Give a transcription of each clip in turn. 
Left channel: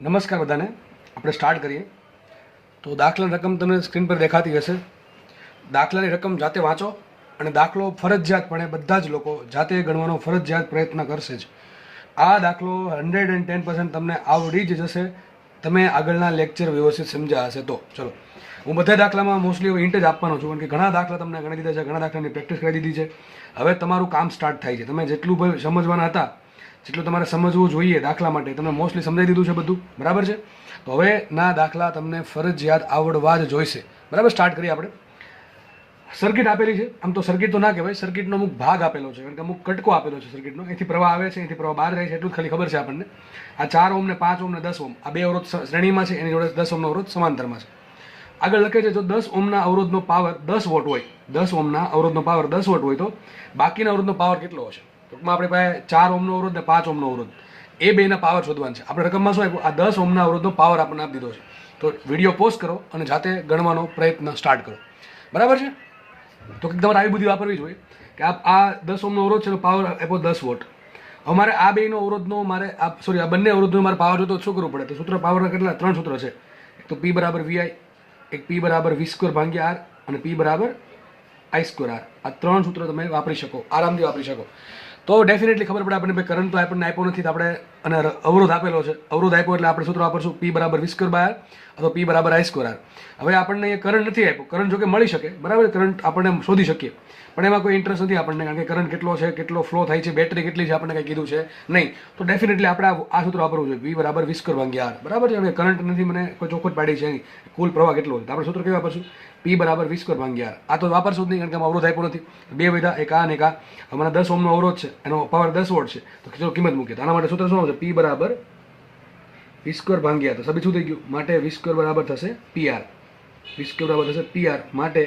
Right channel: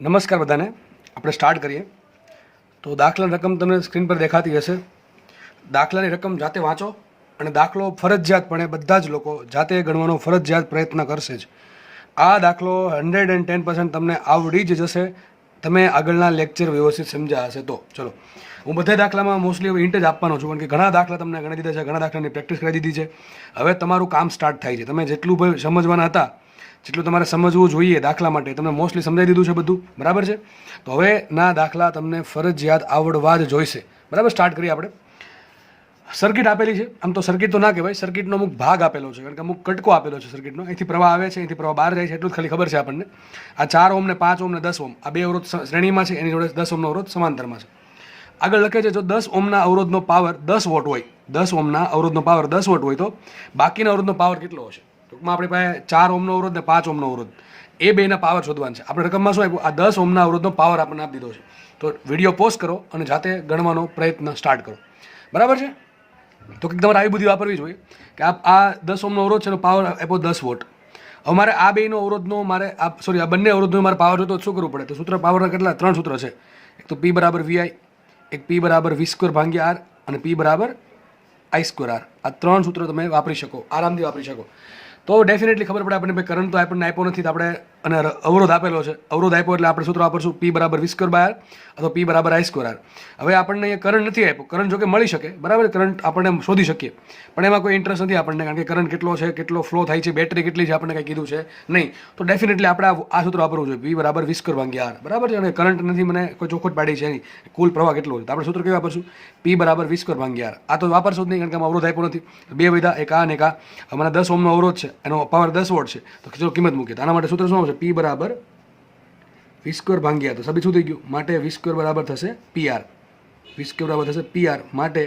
નમસ્કાર બધાને. આપણે સ્ટાર્ટ કરીએ. તો દાખલાની રકમ તમને સ્ક્રીન પર દેખાતી હશે. દાખલાની રકમ જાતે વાંચો અને દાખલો ફરજિયાતપણે બધા જ લોકો જાતે ગણવાનો ફરજિયાત પ્રયત્ન કરશે જ. આ દાખલો 110% તમને આવડી જ જશે તમે આગળના લેક્ચર વ્યવસ્થિત સમજ્યા હશે તો. ચલો, હું બધા દાખલામાં મોસ્ટલી હિન્ટ જ આપવાનો છું, કારણ કે ઘણા દાખલા તમને ગણી દીધા છે, ઘણા દાખલાની પ્રેક્ટિસ કરી દીધી છે. હવે તમારું કામ સ્ટાર્ટ થાય છે. તમે જેટલું સમજવાના હતા, જેટલું તમારે સમજવું જોઈએ દાખલા માટે, તમને મોસ્ટલી સમજાવી દીધું છે બધું, બરાબર છે. તો હવે ના દાખલા તમને ફરજિયાત આવડવા જ જોઈશે, બરાબર. સ્ટાર્ટ કરીએ આપણે. સર્કિટ આપેલી છે. આમ તો સર્કિટ તો ના કહેવાય, સર્કિટનો અમુક ભાગ આપેલો છે, કારણ કે અમુક કટકો આપેલો છે સર્કિટનો. અહીંથી પ્રવાહ આવે છે, અહીંથી પ્રવાહ બહાર જાય છે, એટલું જ ખાલી ખબર છે આપણને. આ 4 ઓમ ને 5 ઓમ ને 10 ઓમ આ બે અવરોધ શ્રેણીમાં છે, એની જોડે 10 ઓમનો અવરોધ સમાંતરમાં છે. આગળ લખે છે, જો 10 ઓમના અવરોધનો પાવર 10 વોટ હોય, 10 ઓમના અવરોધનો પાવર 10 વોટ હોય તો બાકીના અવરોધનો પાવર કેટલો હશે? ટૂંકમાં આપણી પાસે 4 ઓમનો અવરોધ ને 5 ઓમનો અવરોધ, એ બેના પાવર શોધવાનું છે. આપણે રકમમાં શું આપ્યું? આ 10 ઓમના અવરોધનો પાવર આપણને આપી દીધો છે. તો વિડીયો પોઝ કરો અને જાતે ગણવાનો પ્રયત્ન સ્ટાર્ટ કરો, બરાબર છે. તો કંઈક તમારે આવી બધી વાપરવી જોઈએ કે આ 10 ઓમનો અવરોધ છે, એનો પાવર આપ્યો 10 વોટ. હવે મારે આ બેનો અવરોધનો આ બંને અવરોધનો મારે પાવર જોતો શું કરવું પડે? તો સૂત્ર પાવરના કેટલા? 3 સૂત્ર છે. એક તો P બરાબર VI, એક P બરાબર V² ભાગ્યા R અને P બરાબર I² R. આ 3 સૂત્ર તમે વાપરી શકો, આરામથી વાપરી શકો. તો ડેફિનેટલી ખબર પડે આપણને. કરંટ તો આપણને આપ્યો નથી, તો આપણે અને અવરોધ આપેલો છે. અવરોધ આપ્યો એટલે આપણે સૂત્ર વાપરશું P બરાબર V² R અથવા P બરાબર I² R. હવે આપણને એ કરંટ નથી આપ્યો. કરંટ જો કે મળી શકે, બરાબર, કરંટ આપણે શોધી શકીએ, પણ એમાં કોઈ ઇન્ટરેસ્ટ નથી આપણને, કારણ કે કરંટ કેટલો છે, કેટલો ફ્લો થાય છે, બેટરી કેટલી છે, આપણને કંઈ કીધું છે નહીં. તો ડેફિનેટલી આપણે આ સૂત્ર વાપરવું જોઈએ, P બરાબર V² ભાગ્યા R, બરાબર છે. અને કરંટ નથી, મને કોઈ ચોખવટ પાડી છે નહીં, કુલ પ્રવાહ કેટલો છે, તો આપણે સૂત્ર કયું વાપરશું? P બરાબર V² ભાગ્યા R. આ તો વાપરશું જ નહીં, કારણ કે આમાં અવરોધ આપ્યો નથી. બે વિધા, એક આ અને એક આ. મને 10 ઓમનો અવરોધ છે, એનો પાવર 10 વોટ છે, તો ચલો કિંમત મૂકીએ. તો આના માટે સૂત્ર શું આવશે? P બરાબર V² ભાગ્યા, તો સભી શું થઈ ગયું? માટે V² બરાબર થશે PR. V² બરાબર થશે PR, માટે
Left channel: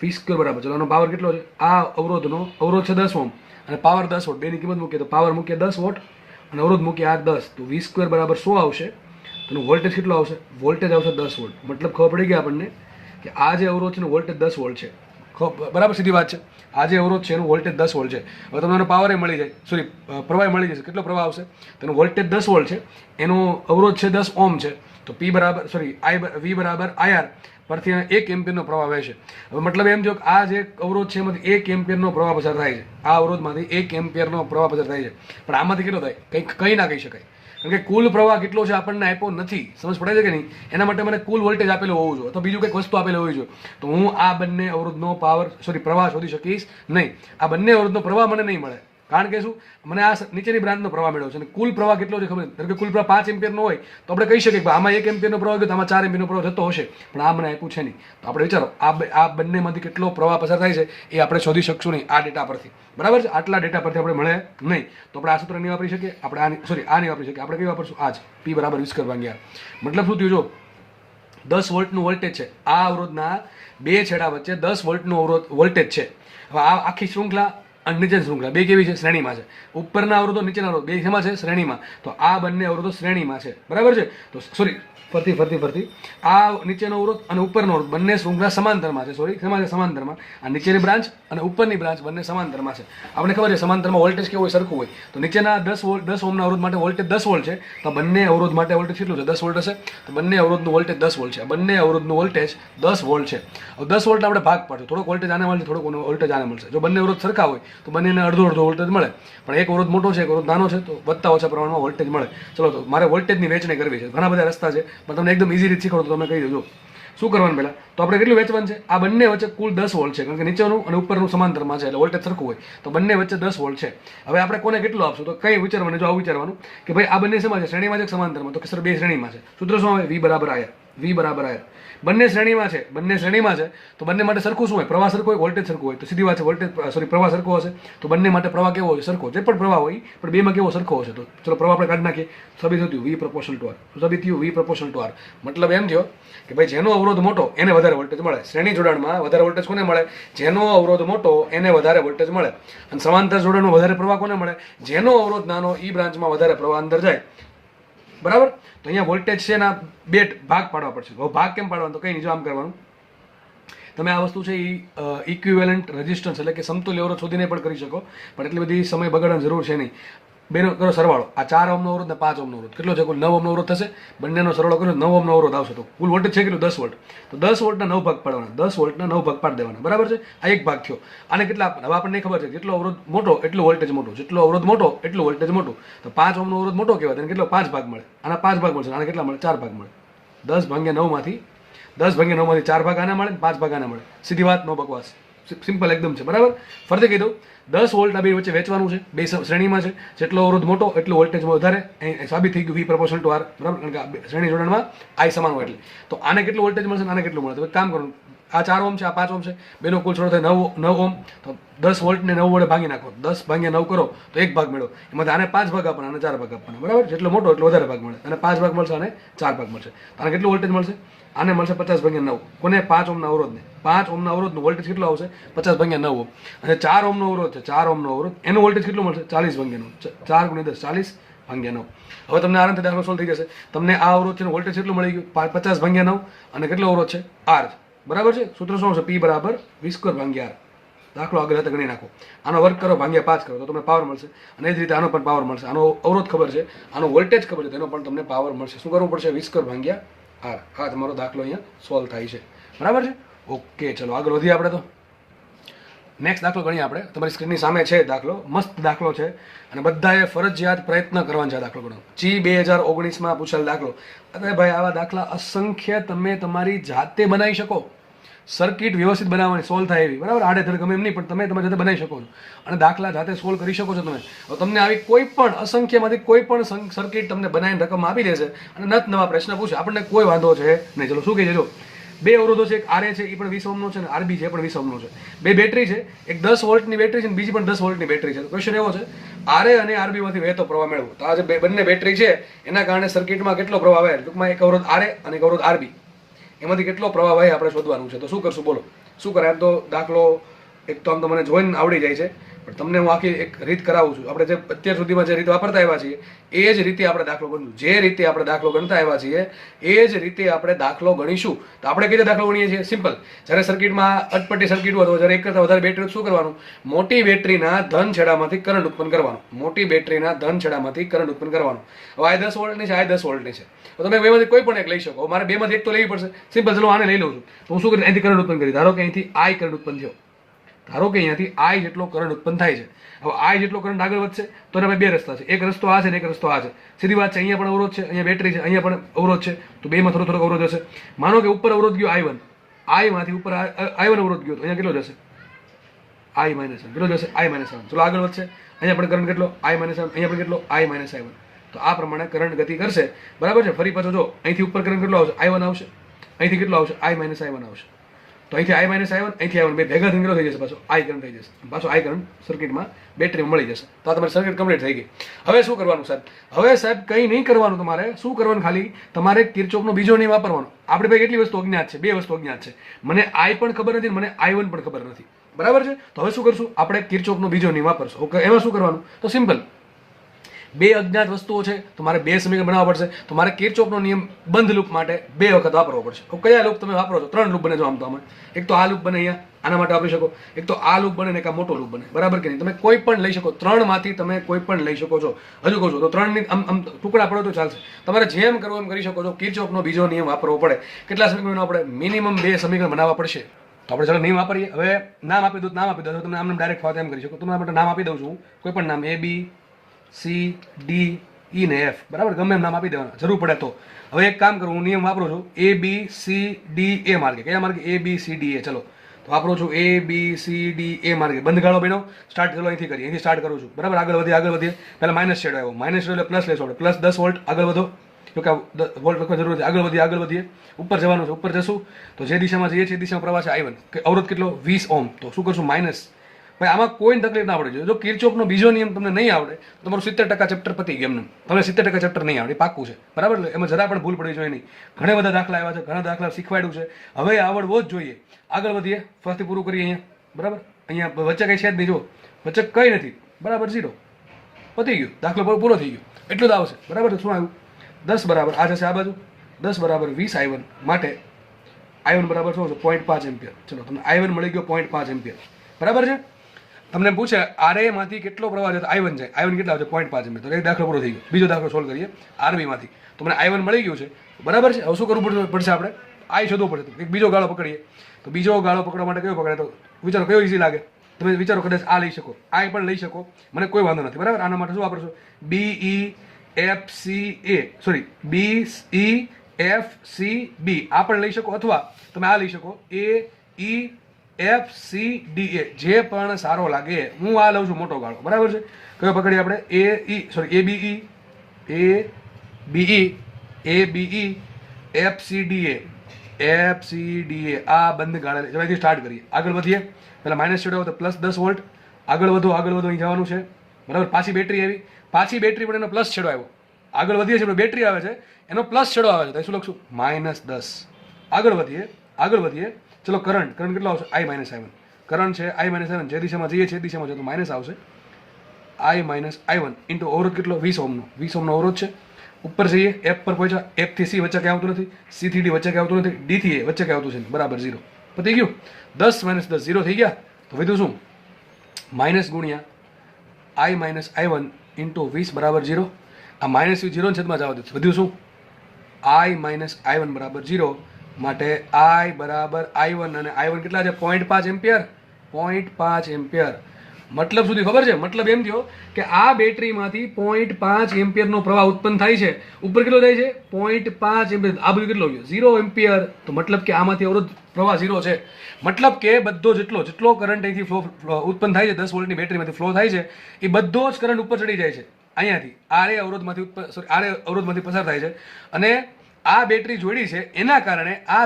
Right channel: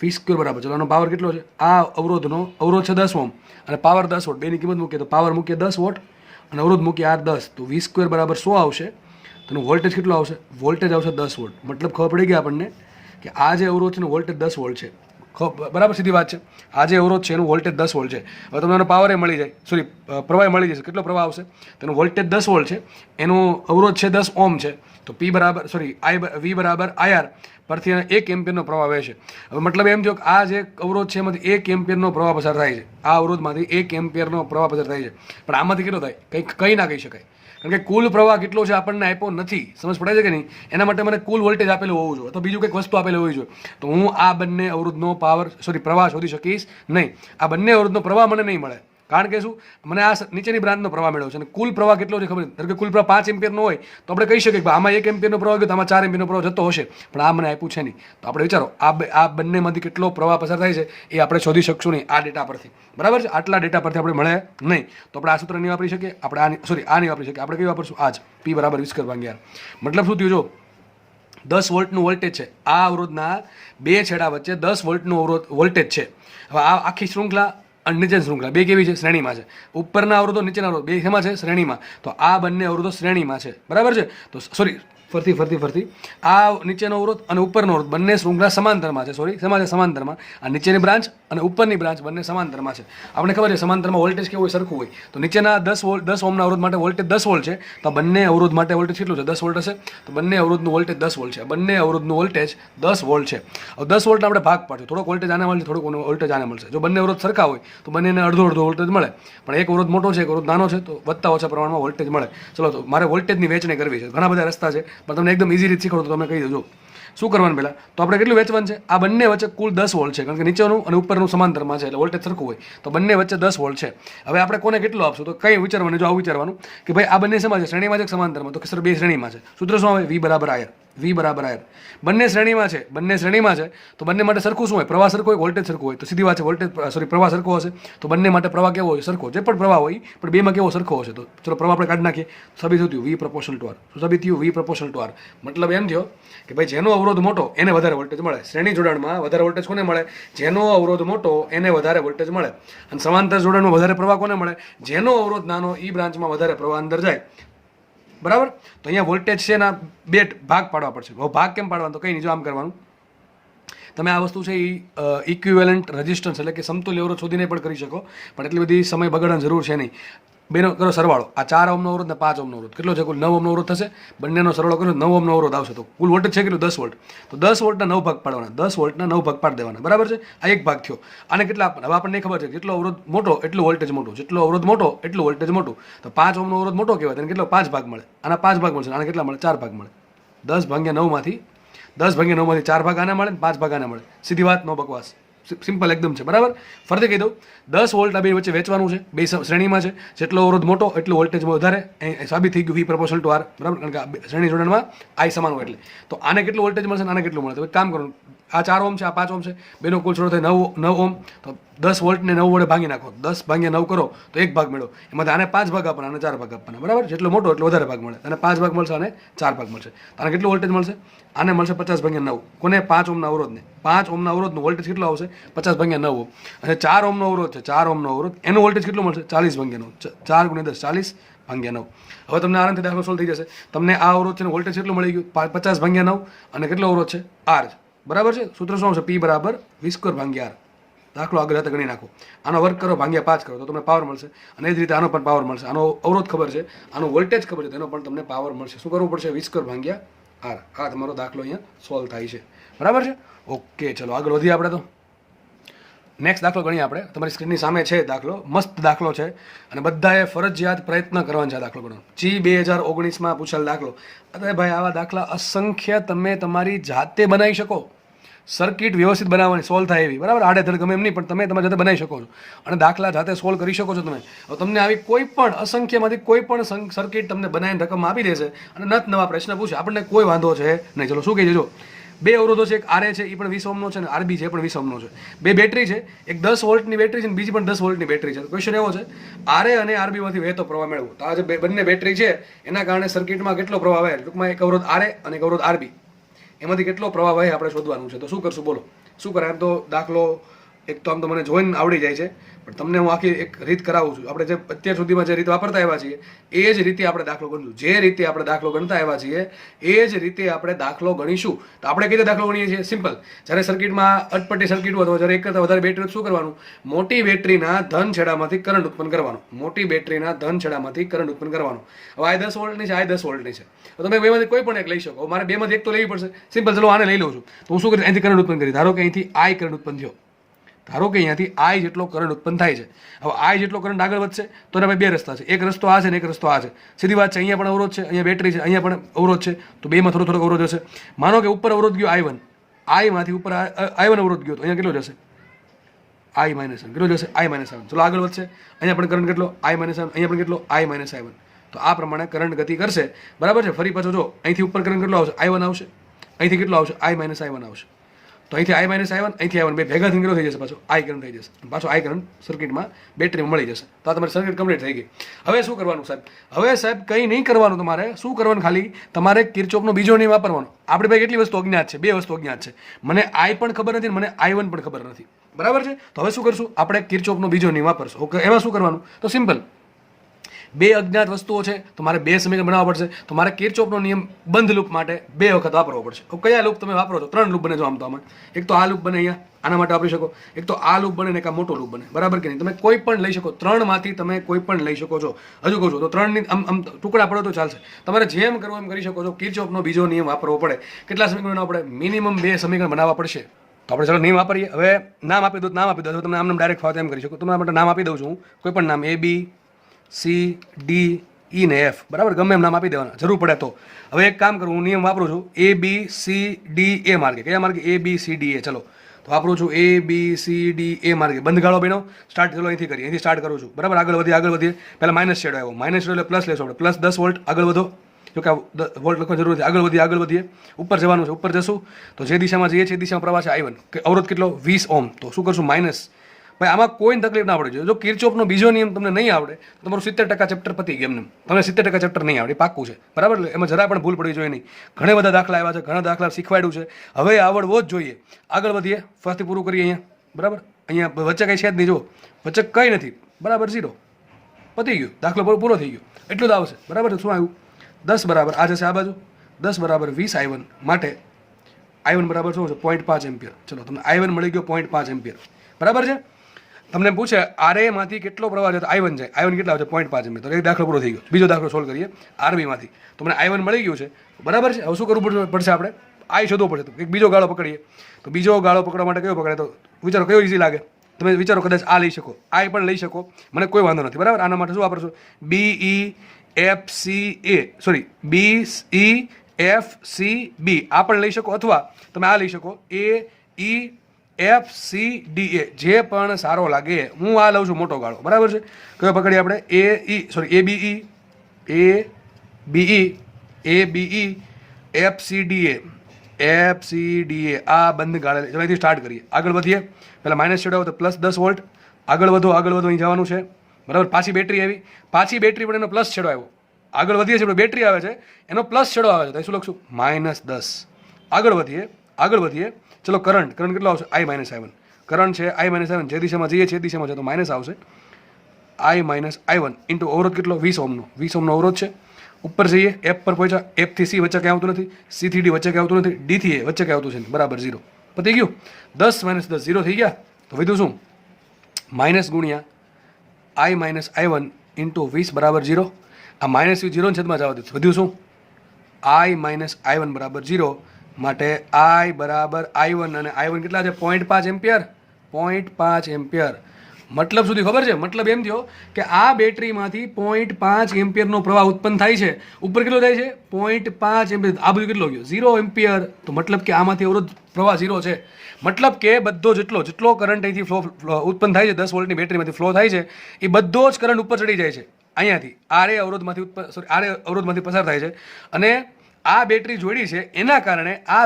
V² બરાબર, ચલો એનો પાવર કેટલો છે? આ અવરોધ છે 10 ઓમ અને પાવર 10 વોટ. બેની કિંમત મૂકીએ તો પાવર મૂકીએ 10 વોટ અને અવરોધ મૂકીએ R 10, તો V² બરાબર 100 આવશે. તો વોલ્ટેજ કેટલો આવશે? વોલ્ટેજ આવશે 10 વોલ્ટ. મતલબ ખબર પડી ગઈ આપણને કે આ જે અવરોધ છે એનું વોલ્ટેજ 10 વોલ્ટ છે. બરાબર, સીધી વાત છે. આ જે અવરોધ છે એનું વોલ્ટેજ 10 વોલ્ટ છે. હવે તમને એનો પાવર મળી જાય, સોરી, પ્રવાહ મળી જશે. કેટલો પ્રવાહ આવશે? તેનું વોલ્ટેજ 10 વોલ્ટ છે, એનું અવરોધ છે 10 ઓમ છે, તો V બરાબર IR પરથી 1 એમ્પિયરનો પ્રવાહ વહેશે. હવે મતલબ એમ થયો કે આ જે અવરોધ છે એમાંથી 1 એમ્પિયરનો પ્રવાહ પસાર થાય છે. આ અવરોધમાંથી 1 એમ્પિયરનો પ્રવાહ પસાર થાય છે, પણ આમાંથી કેટલો થાય? કંઈ ના કહી શકાય, કારણ કે કુલ પ્રવાહ કેટલો છે આપણને આપ્યો નથી. સમજ પડે છે કે નહીં? એના માટે મને કુલ વોલ્ટેજ આપેલું હોવું જોઈએ, તો બીજું કંઈક વસ્તુ આપેલી હોવી જોઈએ. તો હું આ બંને અવરોધનો પ્રવાહ શોધી શકીશ નહીં. આ બંને અવરોધનો પ્રવાહ મને નહીં મળે, કારણ કે શું? મને આ નીચેની બ્રાન્ચનો પ્રવાહ મેળવ્યો છે અને કુલ પ્રવાહ કેટલો છે ખબર નથી. ધારો કે કુલ પ્રવાહ 5 એમ્પિયરનો હોય તો આપણે કહી શકીએ કે આમાં 1 એમ્પિયરનો પ્રવાહ ગયો, તો આમાં 4 એમ્પિયરનો પ્રવાહ જતો હશે, પણ આ મને આપ્યું છે નહીં. તો આપણે વિચારો, આ બંનેમાંથી કેટલો પ્રવાહ પસાર થાય છે એ આપણે શોધી શકશું નહીં આ ડેટા પરથી, બરાબર છે. આટલા ડેટા પરથી આપણે મળે નહીં, તો આપણે આ સૂત્ર નહીં વાપરી શકીએ. આપણે આ નહીં વાપરી શકીએ. આપણે કઈ વાપરશું? આ જ P બરાબર V² ભાગ્યા R. મતલબ શું થયું? જો 10 વોલ્ટનું વોલ્ટેજ છે, આ અવરોધના બે છેડા વચ્ચે 10 વોલ્ટનું વોલ્ટેજ છે. હવે આ આખી શૃંખલા અને નીચેની શૃંખલા બે કેવી છે? શ્રેણીમાં છે. ઉપરના અવરોધો, નીચેના અવરોધ બે શેમાં છે? શ્રેણીમાં. તો આ બંને અવરોધો શ્રેણીમાં છે, બરાબર છે. તો સોરી, ફરતી આ નીચેનો અવરોધ અને ઉપરનો અવરોધ બંને શૃંખલા સમાંતરમાં છે. સોરી, શેમાં છે? સમાંતરમાં. આ નીચેની બ્રાન્ચ અને ઉપરની બ્રાન્ચ બંને સમાંતરમાં છે. આપણે ખબર છે સમાંતરમાં વોલ્ટેજ કેવું હોય? સરખું હોય. તો નીચેના 10 ઓમના અવરોધ માટે વોલ્ટેજ 10 વોલ્ટ છે, તો બંને અવરોધ માટે વોલ્ટેજ કેટલું છે? 10 વોલ્ટ હશે. તો બંને અવરોધનું વોલ્ટેજ 10 વોલ્ટ છે. બંને અવરોધનું વોલ્ટેજ 10 વોલ્ટ છે. હવે 10 વોલ્ટ આપણે ભાગ પાડશું, થોડોક વોલ્ટેજ આને મળશે, થોડોક વોલ્ટેજ આને મળશે. જો બંને અવરોધ સરખા હોય તો બંનેને અડધો વોલ્ટેજ મળે, પણ એક અવરોધ મોટો છે, એક અવરોધ નાનો છે, તો વધતા ઓછા પ્રમાણમાં વોલ્ટેજ મળે. ચલો, તો મારે વોલ્ટેજની વહેંચણી કરવી છે. ઘણા બધા રસ્તા છે, પણ તમને એકદમ ઇઝી રીતે શીખવાડો તો તમે કહી દેજો શું કરવાનું. પહેલાં તો આપણે કેટલું વેચવાનું છે? આ બંને વચ્ચે કુલ 10 વોલ્ટ છે, કારણ કે નીચેનું અને ઉપરનું સમાંતરમાં છે, એટલે વોલ્ટેજ સરખું હોય, તો બંને વચ્ચે 10 વોલ્ટ છે. હવે આપણે કોને કેટલું આપશું? તો કઈ વિચારવાનું? જો આવું વિચારવાનું કે ભાઈ આ બંને શેમાં છે? શ્રેણીમાં છે, સમાંતરમાં? તો કે સર બે શ્રેણીમાં છે. સૂત્ર શું આવે? V બરાબર IR. V બરાબર IR. બંને શ્રેણીમાં છે, તો બંને માટે સરખું શું હોય? પ્રવાહ સરખો હોય, વોલ્ટેજ સરખું હોય. તો સીધી વાત છે, પ્રવાહ સરખો હશે, તો બંને માટે પ્રવાહ કેવો હોય? સરખો. જે પણ પ્રવાહ હોય પણ બેમાં કેવો? સરખો હશે. તો ચલો પ્રવાહ આપણે કાઢી નાખીએ. સાબિત થયું V proportional to R. સાબિત થયું V proportional to R. મતલબ એમ થયો કે ભાઈ જેનો અવરોધ મોટો એને વધારે વોલ્ટેજ મળે. શ્રેણી જોડાણમાં વધારે વોલ્ટેજ કોને મળે? જેનો અવરોધ મોટો એને વધારે વોલ્ટેજ મળે. અને સમાંતર જોડાણમાં વધારે પ્રવાહ કોને મળે? જેનો અવરોધ નાનો ઈ બ્રાન્ચમાં વધારે પ્રવાહ અંદર જાય, બરાબર. તો અહીંયા વોલ્ટેજ છે એના બે ભાગ પાડવા પડશે. હવે ભાગ કેમ પાડવાનો? તો કંઈ નહીં, જો આમ કરવાનું. તમે આ વસ્તુ છે એ ઇક્વિવેલન્ટ રેઝિસ્ટન્સ એટલે કે સમતુલ્ય અવરોધ શોધીને પણ કરી શકો, પણ એટલી બધી સમય બગાડવાની જરૂર છે નહીં. બેનો કરો સરવાળો, આ 4 ઓહમનો અવરોધ ને 5 ઓહમનો અવરોધ કેટલો છે? કુલ 9 ઓહમનો અવરોધ થશે. બંનેનો સરવાળો કરો 9 ઓહમનો અવરોધ આવશે. તો કુલ વોલ્ટેજ છે કેટલું? 10 વોલ્ટ. તો 10 વોલ્ટના 9 ભાગ પાડવાના, 10 વોલ્ટના 9 ભાગ પાડી દેવાના, બરાબર છે. આ એક ભાગ થયો. આને કેટલા? હવે આપણને ખબર છે જેટલો અવરોધ મોટો એટલું વોલ્ટેજ મોટું, જેટલો અવરોધ મોટો એટલું વોલ્ટેજ મોટું. તો 5 ઓહમનો અવરોધ મોટો કહેવાય, તેને કેટલો? 5 ભાગ મળે. આના 5 ભાગ મળશે, આને કેટલા મળે? 4 ભાગ મળે. 10 ભાગ્યા 9 માંથી 4 ભાગ આને મળે, 5 ભાગ આને મળે. સીધી વાત, નો બકવાસ, સિમ્પલ એકદમ છે, બરાબર. ફરીથી કીધું 10 વોલ્ટ આ બે વચ્ચે વેચવાનું છે, બે શ્રેણીમાં છે. જેટલો અવરોધ મોટો એટલું વોલ્ટેજ વધારે. એ સાબિત થઈ ગયું V પ્રપોર્શનલ ટુ R, બરાબર, કારણ કે આ શ્રેણી જોડાણમાં I સમાન હોય એટલે. તો આને કેટલું વોલ્ટેજ મળશે, આને કેટલું મળે? તો કામ કરો, આ 4 ઓહમ છે, આ 5 ઓહમ છે, બેનો કુલ છોડો થાય 9 ઓહમ. તો 10 વોલ્ટને 9 વડે ભાગી નાખો, 10 ભાગ્યા 9 કરો તો 1 ભાગ મેળવો. એમાંથી આને 5 ભાગ આપવાના, આને 4 ભાગ આપવાના, બરાબર. જેટલો મોટો એટલો વધારે ભાગ મળે. અને 5 ભાગ મળશે, આને 4 ભાગ મળશે. આને કેટલું વોલ્ટેજ મળશે? આને મળશે 50 ભાગ્યા 9. કોને? 5 ઓહમના અવરોધને. 5 ઓહમના અવરોધનો વોલ્ટેજ કેટલો આવશે? 50 ભાગ્યા 9 ઓહમ. અને 4 ઓહમનો અવરોધ છે, 4 ઓહમનો અવરોધ, એનો વોલ્ટેજ કેટલો મળશે? 40 ભાગ્યા 9. 4 ગુણ્યા 10 40 ભાગ્યા 9. હવે તમને આરામથી દાખલો સોલ્વ થઈ જશે. તમને આ અવરોધ છે વોલ્ટેજ કેટલું મળી ગયું? 50 ભાગ્યા 9. અને કેટલો અવરોધ છે? R, બરાબર છે. સૂત્ર શું આવશે? P બરાબર V² ભાગ્યા R. દાખલો આગળ હાથે ગણી નાખો. આનો વર્ગ કરો, ભાગ્યા 5 કરો તો તમને પાવર મળશે. અને એ જ રીતે આનો પણ પાવર મળશે. આનો અવરોધ ખબર છે, આનો વોલ્ટેજ ખબર છે, તેનો પણ તમને પાવર મળશે. શું કરવું પડશે? V² ભાગ્યા R. આ તમારો દાખલો અહીંયા સોલ્વ થાય છે, બરાબર છે. ઓકે, ચલો આગળ વધીએ આપણે. તો નેક્સ્ટ દાખલો ગણીએ આપણે. તમારી સ્ક્રીનની સામે છે દાખલો, મસ્ત દાખલો છે અને બધાએ ફરજિયાત પ્રયત્ન કરવાનો છે આ દાખલો ગણવાનો. G 2019માં પૂછેલ દાખલો. અરે ભાઈ, આવા દાખલા અસંખ્ય તમે તમારી જાતે બનાવી શકો. સર્કિટ વ્યવસ્થિત બનાવવાની, સોલ્વ થાય એવી, બરાબર. આડેધડ ગમે એમ નહીં, પણ તમે તમારી જાતે બનાવી શકો છો અને દાખલા જાતે સોલ્વ કરી શકો છો તમે. હવે તમને આવી કોઈ પણ અસંખ્યમાંથી કોઈ પણ સર્કિટ તમને બનાવીને રકમ આપી દેશે અને નત નવા પ્રશ્ન પૂછે, આપણને કોઈ વાંધો છે નહીં. ચલો શું કહીએ? જો બે અવરોધો છે, એક RA છે, એ પણ 20 ઓહમનો છે, અને RB છે, એ પણ 20 ઓહમનો છે. બે બેટરી છે, એક 10 વોલ્ટની બેટરી છે અને બીજી પણ 10 વોલ્ટની બેટરી છે. ક્વેશ્ચન એવો છે, RA અને RB માંથી વહેતો પ્રવાહ મેળવો. તો આ જે બંને બેટરી છે એના કારણે સર્કિટમાં કેટલો પ્રવાહ વહે? ટૂંકમાં એક અવરોધ RA અને એક અવરોધ RB, એમાંથી કેટલો પ્રવાહ વહે આપણે શોધવાનું છે. તો શું કરશું બોલો? શું કરાય? એમ તો દાખલો એક તો આમ તો મને જોઈને આવડી જાય છે, પણ તમને હું આખી એક રીત કરાવું છું. આપણે જે અત્યાર સુધીમાં જે રીત વાપરતા આવ્યા છીએ એ જ રીતે આપણે દાખલો ગણીશું. જે રીતે આપણે દાખલો ગણતા આવ્યા છીએ એ જ રીતે આપણે દાખલો ગણીશું. તો આપણે કઈ રીતે દાખલો ગણીએ છીએ? સિમ્પલ. જ્યારે સર્કિટમાં અટપટી સર્કિટ હોય તો જ્યારે એક કરતાં વધારે બેટરી શું કરવાનું? મોટી બેટરીના ધન છેડામાંથી કરંટ ઉત્પન્ન કરવાનો. મોટી બેટરીના ધન છેડામાંથી કરંટ ઉત્પન્ન કરવાનો. હવે આ 10 વોલ્ટની છે, આ 10 વોલ્ટની છે, તો તમે બેમાંથી કોઈ પણ એક લઈ શકો. મારે બેમાંથી એક તો લેવી પડશે. સિમ્પલ. ચલો આને લઈ લઉં છું. તો હું શું કરીશ? અહીંથી કરંટ ઉત્પન્ન કરી. ધારો કે અહીંથી I કરંટ ઉત્પન્ન થયો. ધારો કે અહીંયાથી I જેટલો કરંટ ઉત્પન્ન થાય છે. હવે I જેટલો કરંટ આગળ વધશે તો એના બે રસ્તા છે. એક રસ્તો આ છે ને એક રસ્તો આ છે. સીધી વાત છે. અહીંયા પણ અવરોધ છે, અહીંયા બેટરી છે, અહીંયા પણ અવરોધ છે. તો બેમાં થોડો થોડો અવરોધ હશે. માનો કે ઉપર અવરોધ ગયો I1, I માંથી ઉપર I1 અવરોધ ગયો તો અહીંયા કેટલો જશે? I -1. કેટલો જશે? I -1. ચલો આગળ વધશે. અહીંયા પણ કરંટ કેટલો? I -1. અહીંયા પણ કેટલો? I -I1. તો આ પ્રમાણે કરંટ ગતિ કરશે, બરાબર છે. ફરી પાછો જો અહીંથી ઉપર કરંટ કેટલો આવશે? I1 આવશે. અહીંથી કેટલો આવશે? I -I1 આવશે. તો અહીંથી I -I1, અહીંથી I1 બે ભેગા થઈને કેટલો થઈ જશે? પાછો I કરંટ થઈ જશે. પાછો I કરંટ સર્કિટમાં બેટરીમાં મળી જશે. તો આ તમારી સર્કિટ કમ્પ્લીટ થઈ ગઈ. હવે શું કરવાનું સાહેબ? હવે સાહેબ કંઈ નહીં કરવાનું. તમારે શું કરવાનું? ખાલી તમારે કિર્ચોફનો બીજો નિયમ વાપરવાનો. આપણે ભાઈ કેટલી વસ્તુ અજ્ઞાત છે? બે વસ્તુ અજ્ઞાત છે. મને I પણ ખબર નથી, મને I1 પણ ખબર નથી, બરાબર છે. તો હવે શું કરશું? આપણે કિર્ચોફનો બીજો નિયમ વાપરશું. ઓકે, એમાં શું કરવાનું? તો સિમ્પલ. બે અજ્ઞાત વસ્તુઓ છે તો મારે બે સમીકરણ બનાવવા પડશે. તો મારે કિર્ચોફનો નિયમ બંધ લૂપ માટે બે વખત વાપરવો પડશે. તો કયા લૂપ તમે વાપરો છો? 3 લૂપ બને જો આમ તો આમાં. એક તો આ લૂપ બને અહીંયા, આના માટે વાપરી શકો. એક તો આ લૂપ બને ને એક આ મોટો લૂપ બને, બરાબર કે નહીં? તમે કોઈ પણ લઈ શકો. 3 માંથી તમે કોઈ પણ લઈ શકો છો. હજુ કહું છું તો 3 ની આમ ટુકડા પડો તો ચાલશે. તમારે જેમ કરવું એમ કરી શકો છો. કિર્ચોફનો બીજો નિયમ વાપરવો પડે. કેટલા સમીકરણ બનાવવા પડે? મિનિમમ 2 સમીકરણ બનાવવા પડશે. તો આપણે ચાલો નિયમ વાપરીએ. હવે નામ આપી દો, નામ આપી દો. તમને આમ ડાયરેક્ટ ફાવે એમ કરી શકો. તમારા માટે નામ આપી દઉં છું. કોઈ પણ નામ A, B, C, D, E ને F, બરાબર, ગમે એમ નામ આપી દેવાના જરૂર પડે તો. હવે એક કામ કરું, હું નિયમ વાપરું છું A, B, C, D, A માર્ગે. કયા માર્ગે? A, B, C, D, A. ચલો તો વાપરું છું A, B, C, D, A માર્ગે. બંધ ગાળો બનો. સ્ટાર્ટ કરો અહીંથી કરીએ. અહીંથી સ્ટાર્ટ કરું છું, બરાબર. આગળ વધીએ. પહેલાં માઇનસ છેડો આવ્યો. માઇનસ એટલે પ્લસ લેશો આપણે. Plus 10 volt. આગળ વધો. જો કે વોલ્ટ લખવાની જરૂર છે. આગળ વધીએ. ઉપર જવાનું છે. ઉપર જશું તો જે દિશામાં જઈએ છીએ એ દિશામાં પ્રવાહ છે I1. કે અવરોધ કેટલો? 20 ઓહમ. તો શું કરશું? માઇનસ. ભાઈ આમાં કોઈ તકલીફ ના પડે જોઈએ. જો કિર્ચોફનો બીજો નિયમ તમને નહીં આવડે તો તમારું 70% ચેપ્ટર પતી ગયું. એમને તમને 70% ચેપ્ટર નહીં આવડે, પાક્કું છે, બરાબર. એમાં જરા પણ ભૂલ પડી જોઈએ નહીં. ઘણા બધા દાખલા આવ્યા છે, ઘણા દાખલા શીખવાડ્યું છે. હવે આવડવો જ જોઈએ. આગળ વધીએ. ફરીથી પૂરું કરીએ અહીંયા, બરાબર. અહીંયા વચ્ચે કંઈ છે જ નહીં. જો વચ્ચે કંઈ નથી, બરાબર. 0 પતી ગયું. દાખલો પૂરો થઈ ગયો. એટલું જ આવશે, બરાબર. શું આવ્યું? 10 બરાબર આ જશે આ બાજુ. 10 બરાબર 20 I1 માટે I1 બરાબર શું છે? 0.5 એમ્પિયર. ચલો તમને I1 મળી ગયો 0.5 એમ્પિયર, બરાબર છે. તમને પૂછે આરએ માંથી કેટલો પ્રવાહ જતો I1 જાય, I1 કેટલા આવશે 0.5 એમ્પિયર, તો એક દાખલો પૂરો થઈ ગયો. બીજો દાખલો સોલ્વ કરીએ આરબી માંથી. તો મને I1 મળી ગયું છે, બરાબર છે. હવે શું કરવું પડશે આપણે? I શોધવો પડશે. તો એક બીજો ગાળો પકડીએ. તો બીજો ગાળો પકડવા માટે કયો પકડાય? તો વિચારો કયો ઇઝી લાગે. તમે વિચારો કદાચ આ લઈ શકો, I પણ લઈ શકો, મને કોઈ વાંધો નથી, બરાબર. આના માટે શું વાપરશો? BEFCB આ પણ લઈ શકો, અથવા તમે આ લઈ શકો AEFCDA, જે પણ સારો લાગે. હું આ લઉં છું મોટો ગાળો, બરાબર છે. કયો પકડીએ આપણે? ABE FCDA આ બંધ ગાળે અહીંથી સ્ટાર્ટ કરીએ. આગળ વધીએ, પહેલાં માઇનસ છેડો તો +10 વોલ્ટ. આગળ વધો અહીં જવાનું છે, બરાબર. પાછી બેટરી આવી, પાછી બેટરી પણ એનો પ્લસ છેડો આવ્યો. આગળ વધીએ છીએ, બેટરી આવે છે, એનો પ્લસ છેડો આવે છે, તો શું લખશું? -10. આગળ વધીએ. ચલો કરંટ કેટલો આવશે? I-I1. કરંટ છે I-I1, જે દિશામાં જઈએ છીએ એ દિશામાં છે, તો માઇનસ આવશે. I-I1 ઇન્ટુ અવરોધ કેટલો? 20 ઓહ્મનો અવરોધ છે. ઉપર જઈએ, F પર પહોંચ્યા. F થી C વચ્ચે કંઈ આવતું નથી, C થી D વચ્ચે કંઈ આવતું નથી, D થી A વચ્ચે કંઈ આવતું છે, બરાબર 0. પતી ગયું. 10 - 10 0 થઈ ગયા. તો વધ્યું શું? માઇનસ ગુણ્યા I-I1 ઇન્ટુ 20 બરાબર 0. આ માઇનસ 0 છેદમાં જવા દે. વધ્યું શું? I-I1 બરાબર 0. માટે I બરાબર I1, અને I1 કેટલા છે? 0.5 એમ્પિયર. 0.5 એમ્પિયર. મતલબ સુધી ખબર છે? મતલબ એમ થયો કે આ બેટરીમાંથી 0.5 એમ્પિયરનો પ્રવાહ ઉત્પન્ન થાય છે. ઉપર કેટલો થાય છે? 0.5 એમ્પિયર. આ બધું કેટલો ગયો? 0 એમ્પિયર. તો મતલબ કે આમાંથી અવરોધ પ્રવાહ 0 છે. મતલબ કે બધો જેટલો કરંટ અહીંથી ફ્લો ઉત્પન્ન થાય છે, 10 વોલ્ટની બેટરીમાંથી ફ્લો થાય છે, એ બધો જ કરંટ ઉપર ચડી જાય છે અહીંયાથી. આરે અવરોધમાંથી પસાર થાય છે. અને આ બેટરી જોડી છે, એના કારણે આ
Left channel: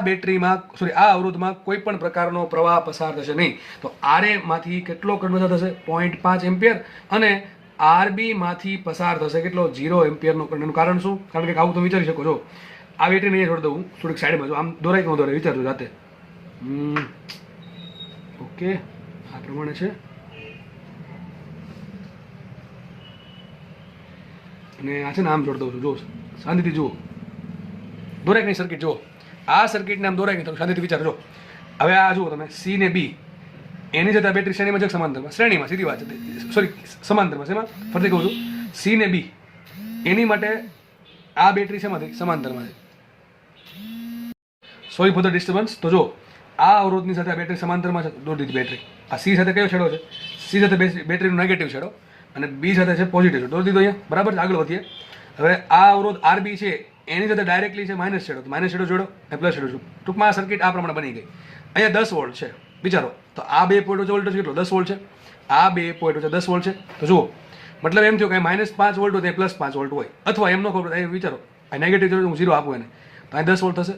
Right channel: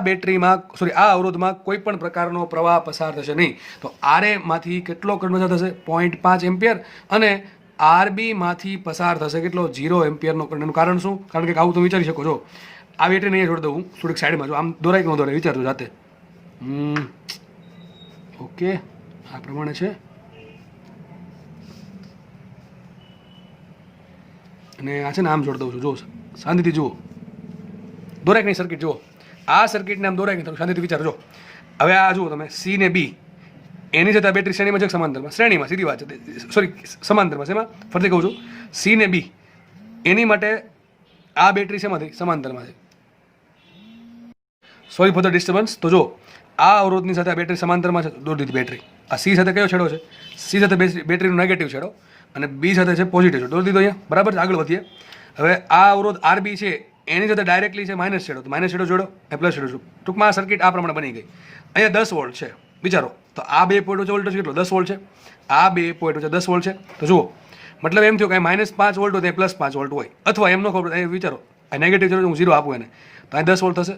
અવરોધમાં કોઈ પણ પ્રકારનો પ્રવાહ પસાર થશે નહીં. તો આરએમાંથી કેટલો કરંટ પસાર થશે? 0.5 એમ્પિયર. અને આરબીમાંથી પસાર થશે કેટલો? 0 એમ્પિયરનો કરંટ. એનું કારણ શું? કારણ કે આવું તમે વિચારી શકો છો. આ બેટરીને અહીંયા છોડી દઉં થોડીક સાઈડમાં, જો આમ દોરાય કે ન દોરાય વિચારજો જાતે. ઓકે, આ પ્રમાણે છે. અને આ છે ને આમ જોડી દઉં છું, જો શાંતિથી જુઓ. દોરાય કઈ સર્કિટ જુઓ. આ સર્કિટને આમ દોરાય નહીં, તો શાંતિથી વિચારજો. હવે આ જુઓ તમે, C ને B એની જતા બેટરી શ્રેણીમાં છે, સમાંતરમાં? શ્રેણીમાં, સીધી વાત છે. સમાંતરમાં છે. એમાં ફરીથી કહું છું, C ને B એની માટે આ બેટરી શેમાંથી? સમાંતરમાં છે. Sorry for the disturbance. તો જો આ અવરોધની સાથે આ બેટરી સમાંતરમાં છે, દોરી દીધી બેટરી. આ C સાથે કયો છેડો છે? C સાથે બેટરીનો નેગેટિવ છેડો, અને B સાથે છે પોઝિટિવ છેડો. દોરી દીધો અહીંયા, બરાબર. આગળ વધીએ. હવે આ અવરોધ RB છે, એની સાથે ડાયરેક્ટલી છે માઇનસ છેડો, તો માઇનસ છેડો જોડો, પ્લસ છેડો જોડો. ટૂંકમાં આ સર્કિટ આ પ્રમાણે બની ગઈ. અહીંયા 10 વોલ્ટ છે, વિચારો. તો આ 2 પોઈન્ટ વચ્ચે વોલ્ટેજ કેટલો? 10 વોલ્ટ છે. આ 2 પોઈન્ટ વચ્ચે 10 વોલ્ટ છે. તો જુઓ, મતલબ એમ થયો કે -5 વોલ્ટ હોય તો +5 વોલ્ટ હોય, અથવા એમનો ખબર. વિચારો, આ નેગેટિવ છેડો હું 0 આપું એને, તો આ 10 વોલ્ટ થશે.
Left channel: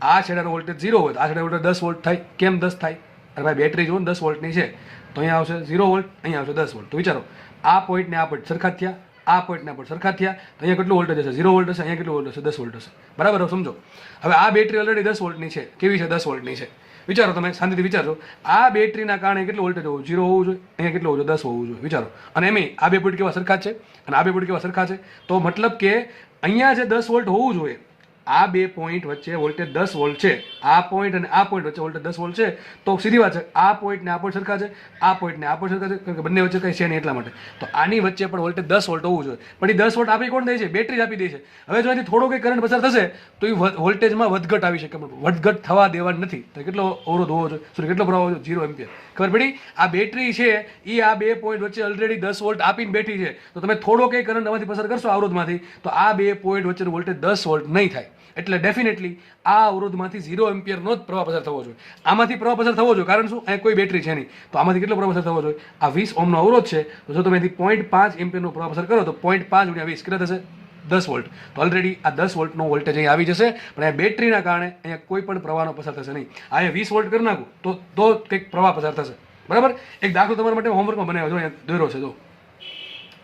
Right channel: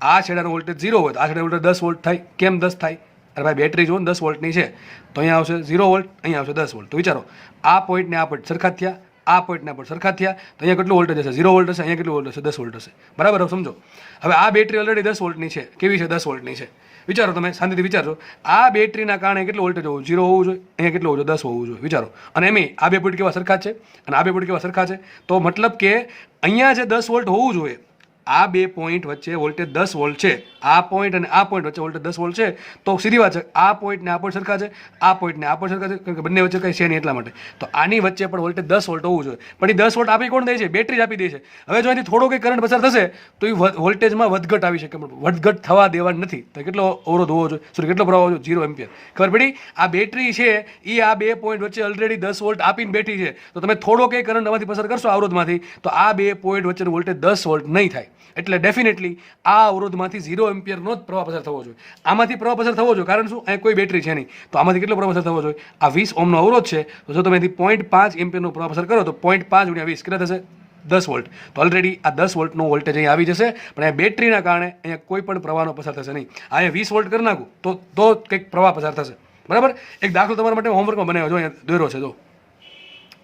આ છેડાનો વોલ્ટેજ 0 હોય તો આ છેડાનો વોલ્ટેજ 10 વોલ્ટ થાય. કેમ 10 થાય? અરે ભાઈ, બેટરી જુઓ ને 10 વોલ્ટની છે, તો અહીંયા આવશે 0 વોલ્ટ, અહીંયા આવશે 10 વોલ્ટ. તો વિચારો, આ પોઈન્ટ ને આ પોઈન્ટ સરખા જ થયા, આ પોઈન્ટના પર સરખા થયા, તો અહીંયા કેટલું વોલ્ટેજ હશે? 0 વોલ્ટ હશે. અહીંયા કેટલું વોલ્ટ હશે? 10 વોલ્ટ હશે. બરાબર, હવે સમજો. હવે આ બેટરી ઓલરેડી 10 વોલ્ટની છે. કેવી છે? 10 વોલ્ટની છે. વિચારો, તમે શાંતિથી વિચારજો. આ બેટરીના કારણે કેટલું વોલ્ટેજ હોવું? 0 હોવું જોઈએ. અહીંયા કેટલું હોવું જોઈએ? 10 હોવું જોઈએ. વિચારો. અને એમ આ બે પોઈન્ટ કેવા સરખા છે, અને આ બે પોઈન્ટ કેવા સરખા છે. તો મતલબ કે અહીંયા જે 10 વોલ્ટ હોવું જોઈએ, આ બે પોઈન્ટ વચ્ચે વોલ્ટેજ 10 વોલ્ટ છે. આ પોઈન્ટ અને આ પોઈન્ટ વચ્ચે વોલ્ટેજ 10 વોલ્ટ છે. તો સીધી વાત છે, આ પોઈન્ટ ને આ પોઈન્ટ સરખા છે, આ પોઈન્ટ ને આ પોઈન્ટ સરખા છે, કારણ કે બંને વચ્ચે કંઈ છે નહીં એટલા માટે. તો આની વચ્ચે પણ વોલ્ટેજ 10 વોલ્ટ હોવું જોઈએ. પણ એ 10 વોલ્ટ આપી કોણ દે છે? બેટરી જ આપી દે છે. હવે જો એની થોડો કંઈ કરંટ પસાર થશે તો એ વોલ્ટેજમાં વધઘટ આવી શકે. વધઘટ થવા દેવા નથી. તો કેટલો અવરોધ હોવો જોઈએ? સોરી, કેટલો પ્રવાહ હોવો જોઈએ? 0 એમ્પિયર. ખબર પડી? આ બેટરી છે એ આ બે પોઈન્ટ વચ્ચે ઓલરેડી 10 વોલ્ટ આપીને બેઠી છે. તો તમે થોડો કંઈ કરંટ આમાંથી પસાર કરશો અવરોધમાંથી, તો આ બે પોઈન્ટ વચ્ચેનું વોલ્ટેજ 10 વોલ્ટ નહીં થાય. એટલે ડેફિનેટલી આ અવરોધમાંથી 0 એમ્પિયરનો જ પ્રવાહ પસાર થવો જોઈએ. આમાંથી પ્રવાહ પસાર થવો જોઈએ, કારણ શું? અહીં કોઈ બેટરી છે નહીં. તો આમાંથી કેટલો પ્રવાહ પસાર થવો જોઈએ? આ 20 ઓહ્મનો અવરોધ છે, તો જો તમે 0.5 એમ્પિયરનો પ્રવાહ પસાર કરો તો 0.5 × 20 કેટલા થશે? 10 વોલ્ટ. તો ઓલરેડી આ 10 વોલ્ટનો વોલ્ટેજ અહીં આવી જશે, પણ આ બેટરીના કારણે અહીંયા કોઈ પણ પ્રવાહનો પસાર થશે નહીં. અહીંયા 20 વોલ્ટ કરી નાખું તો કંઈક પ્રવાહ પસાર થશે. બરાબર. એક દાખલો તમારા માટે હોમવર્કમાં બનાવ્યો, જો અહીંયા દોર્યો છે. જો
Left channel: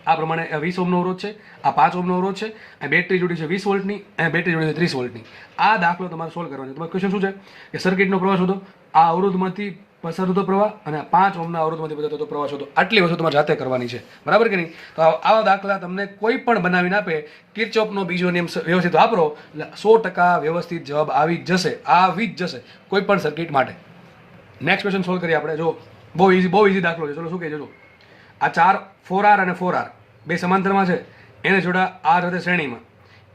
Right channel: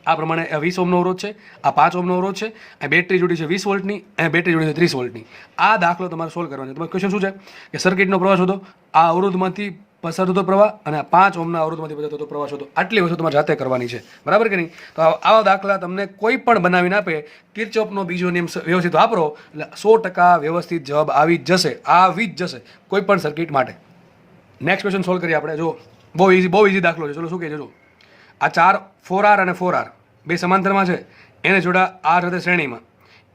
આ પ્રમાણે 20 ઓહ્મનો અવરોધ છે, આ 5 ઓહ્મનો અવરોધ છે, આ બેટરી જોડી છે 20 વોલ્ટની, અને બેટરી જોડી છે 30 વોલ્ટની. આ દાખલો તમારે સોલ્વ કરવાનો છે. તમારો ક્વેશ્ચન શું છે કે સર્કિટનો પ્રવાહ શોધો, આ અવરોધમાંથી પસાર થતો પ્રવાહ અને આ 5 ઓહ્મના અવરોધમાંથી પસાર થતો પ્રવાહ શોધો. આટલી વસ્તુ તમારે જાતે કરવાની છે. બરાબર કે નહીં? તો આવા દાખલા તમને કોઈ પણ બનાવીને આપે, કિર્ચોફનો બીજો નિયમ વ્યવસ્થિત વાપરો એટલે 100% વ્યવસ્થિત જવાબ આવી જ જશે. આવી જ જશે કોઈ પણ સર્કિટ માટે. નેક્સ્ટ ક્વેશ્ચન સોલ્વ કરીએ આપણે. જો બહુ ઇઝી દાખલો છે. ચલો, શું કહે છે? જો આ 4R અને 4R બે સમાંતરમાં છે, એને જોડા R સાથે શ્રેણીમાં,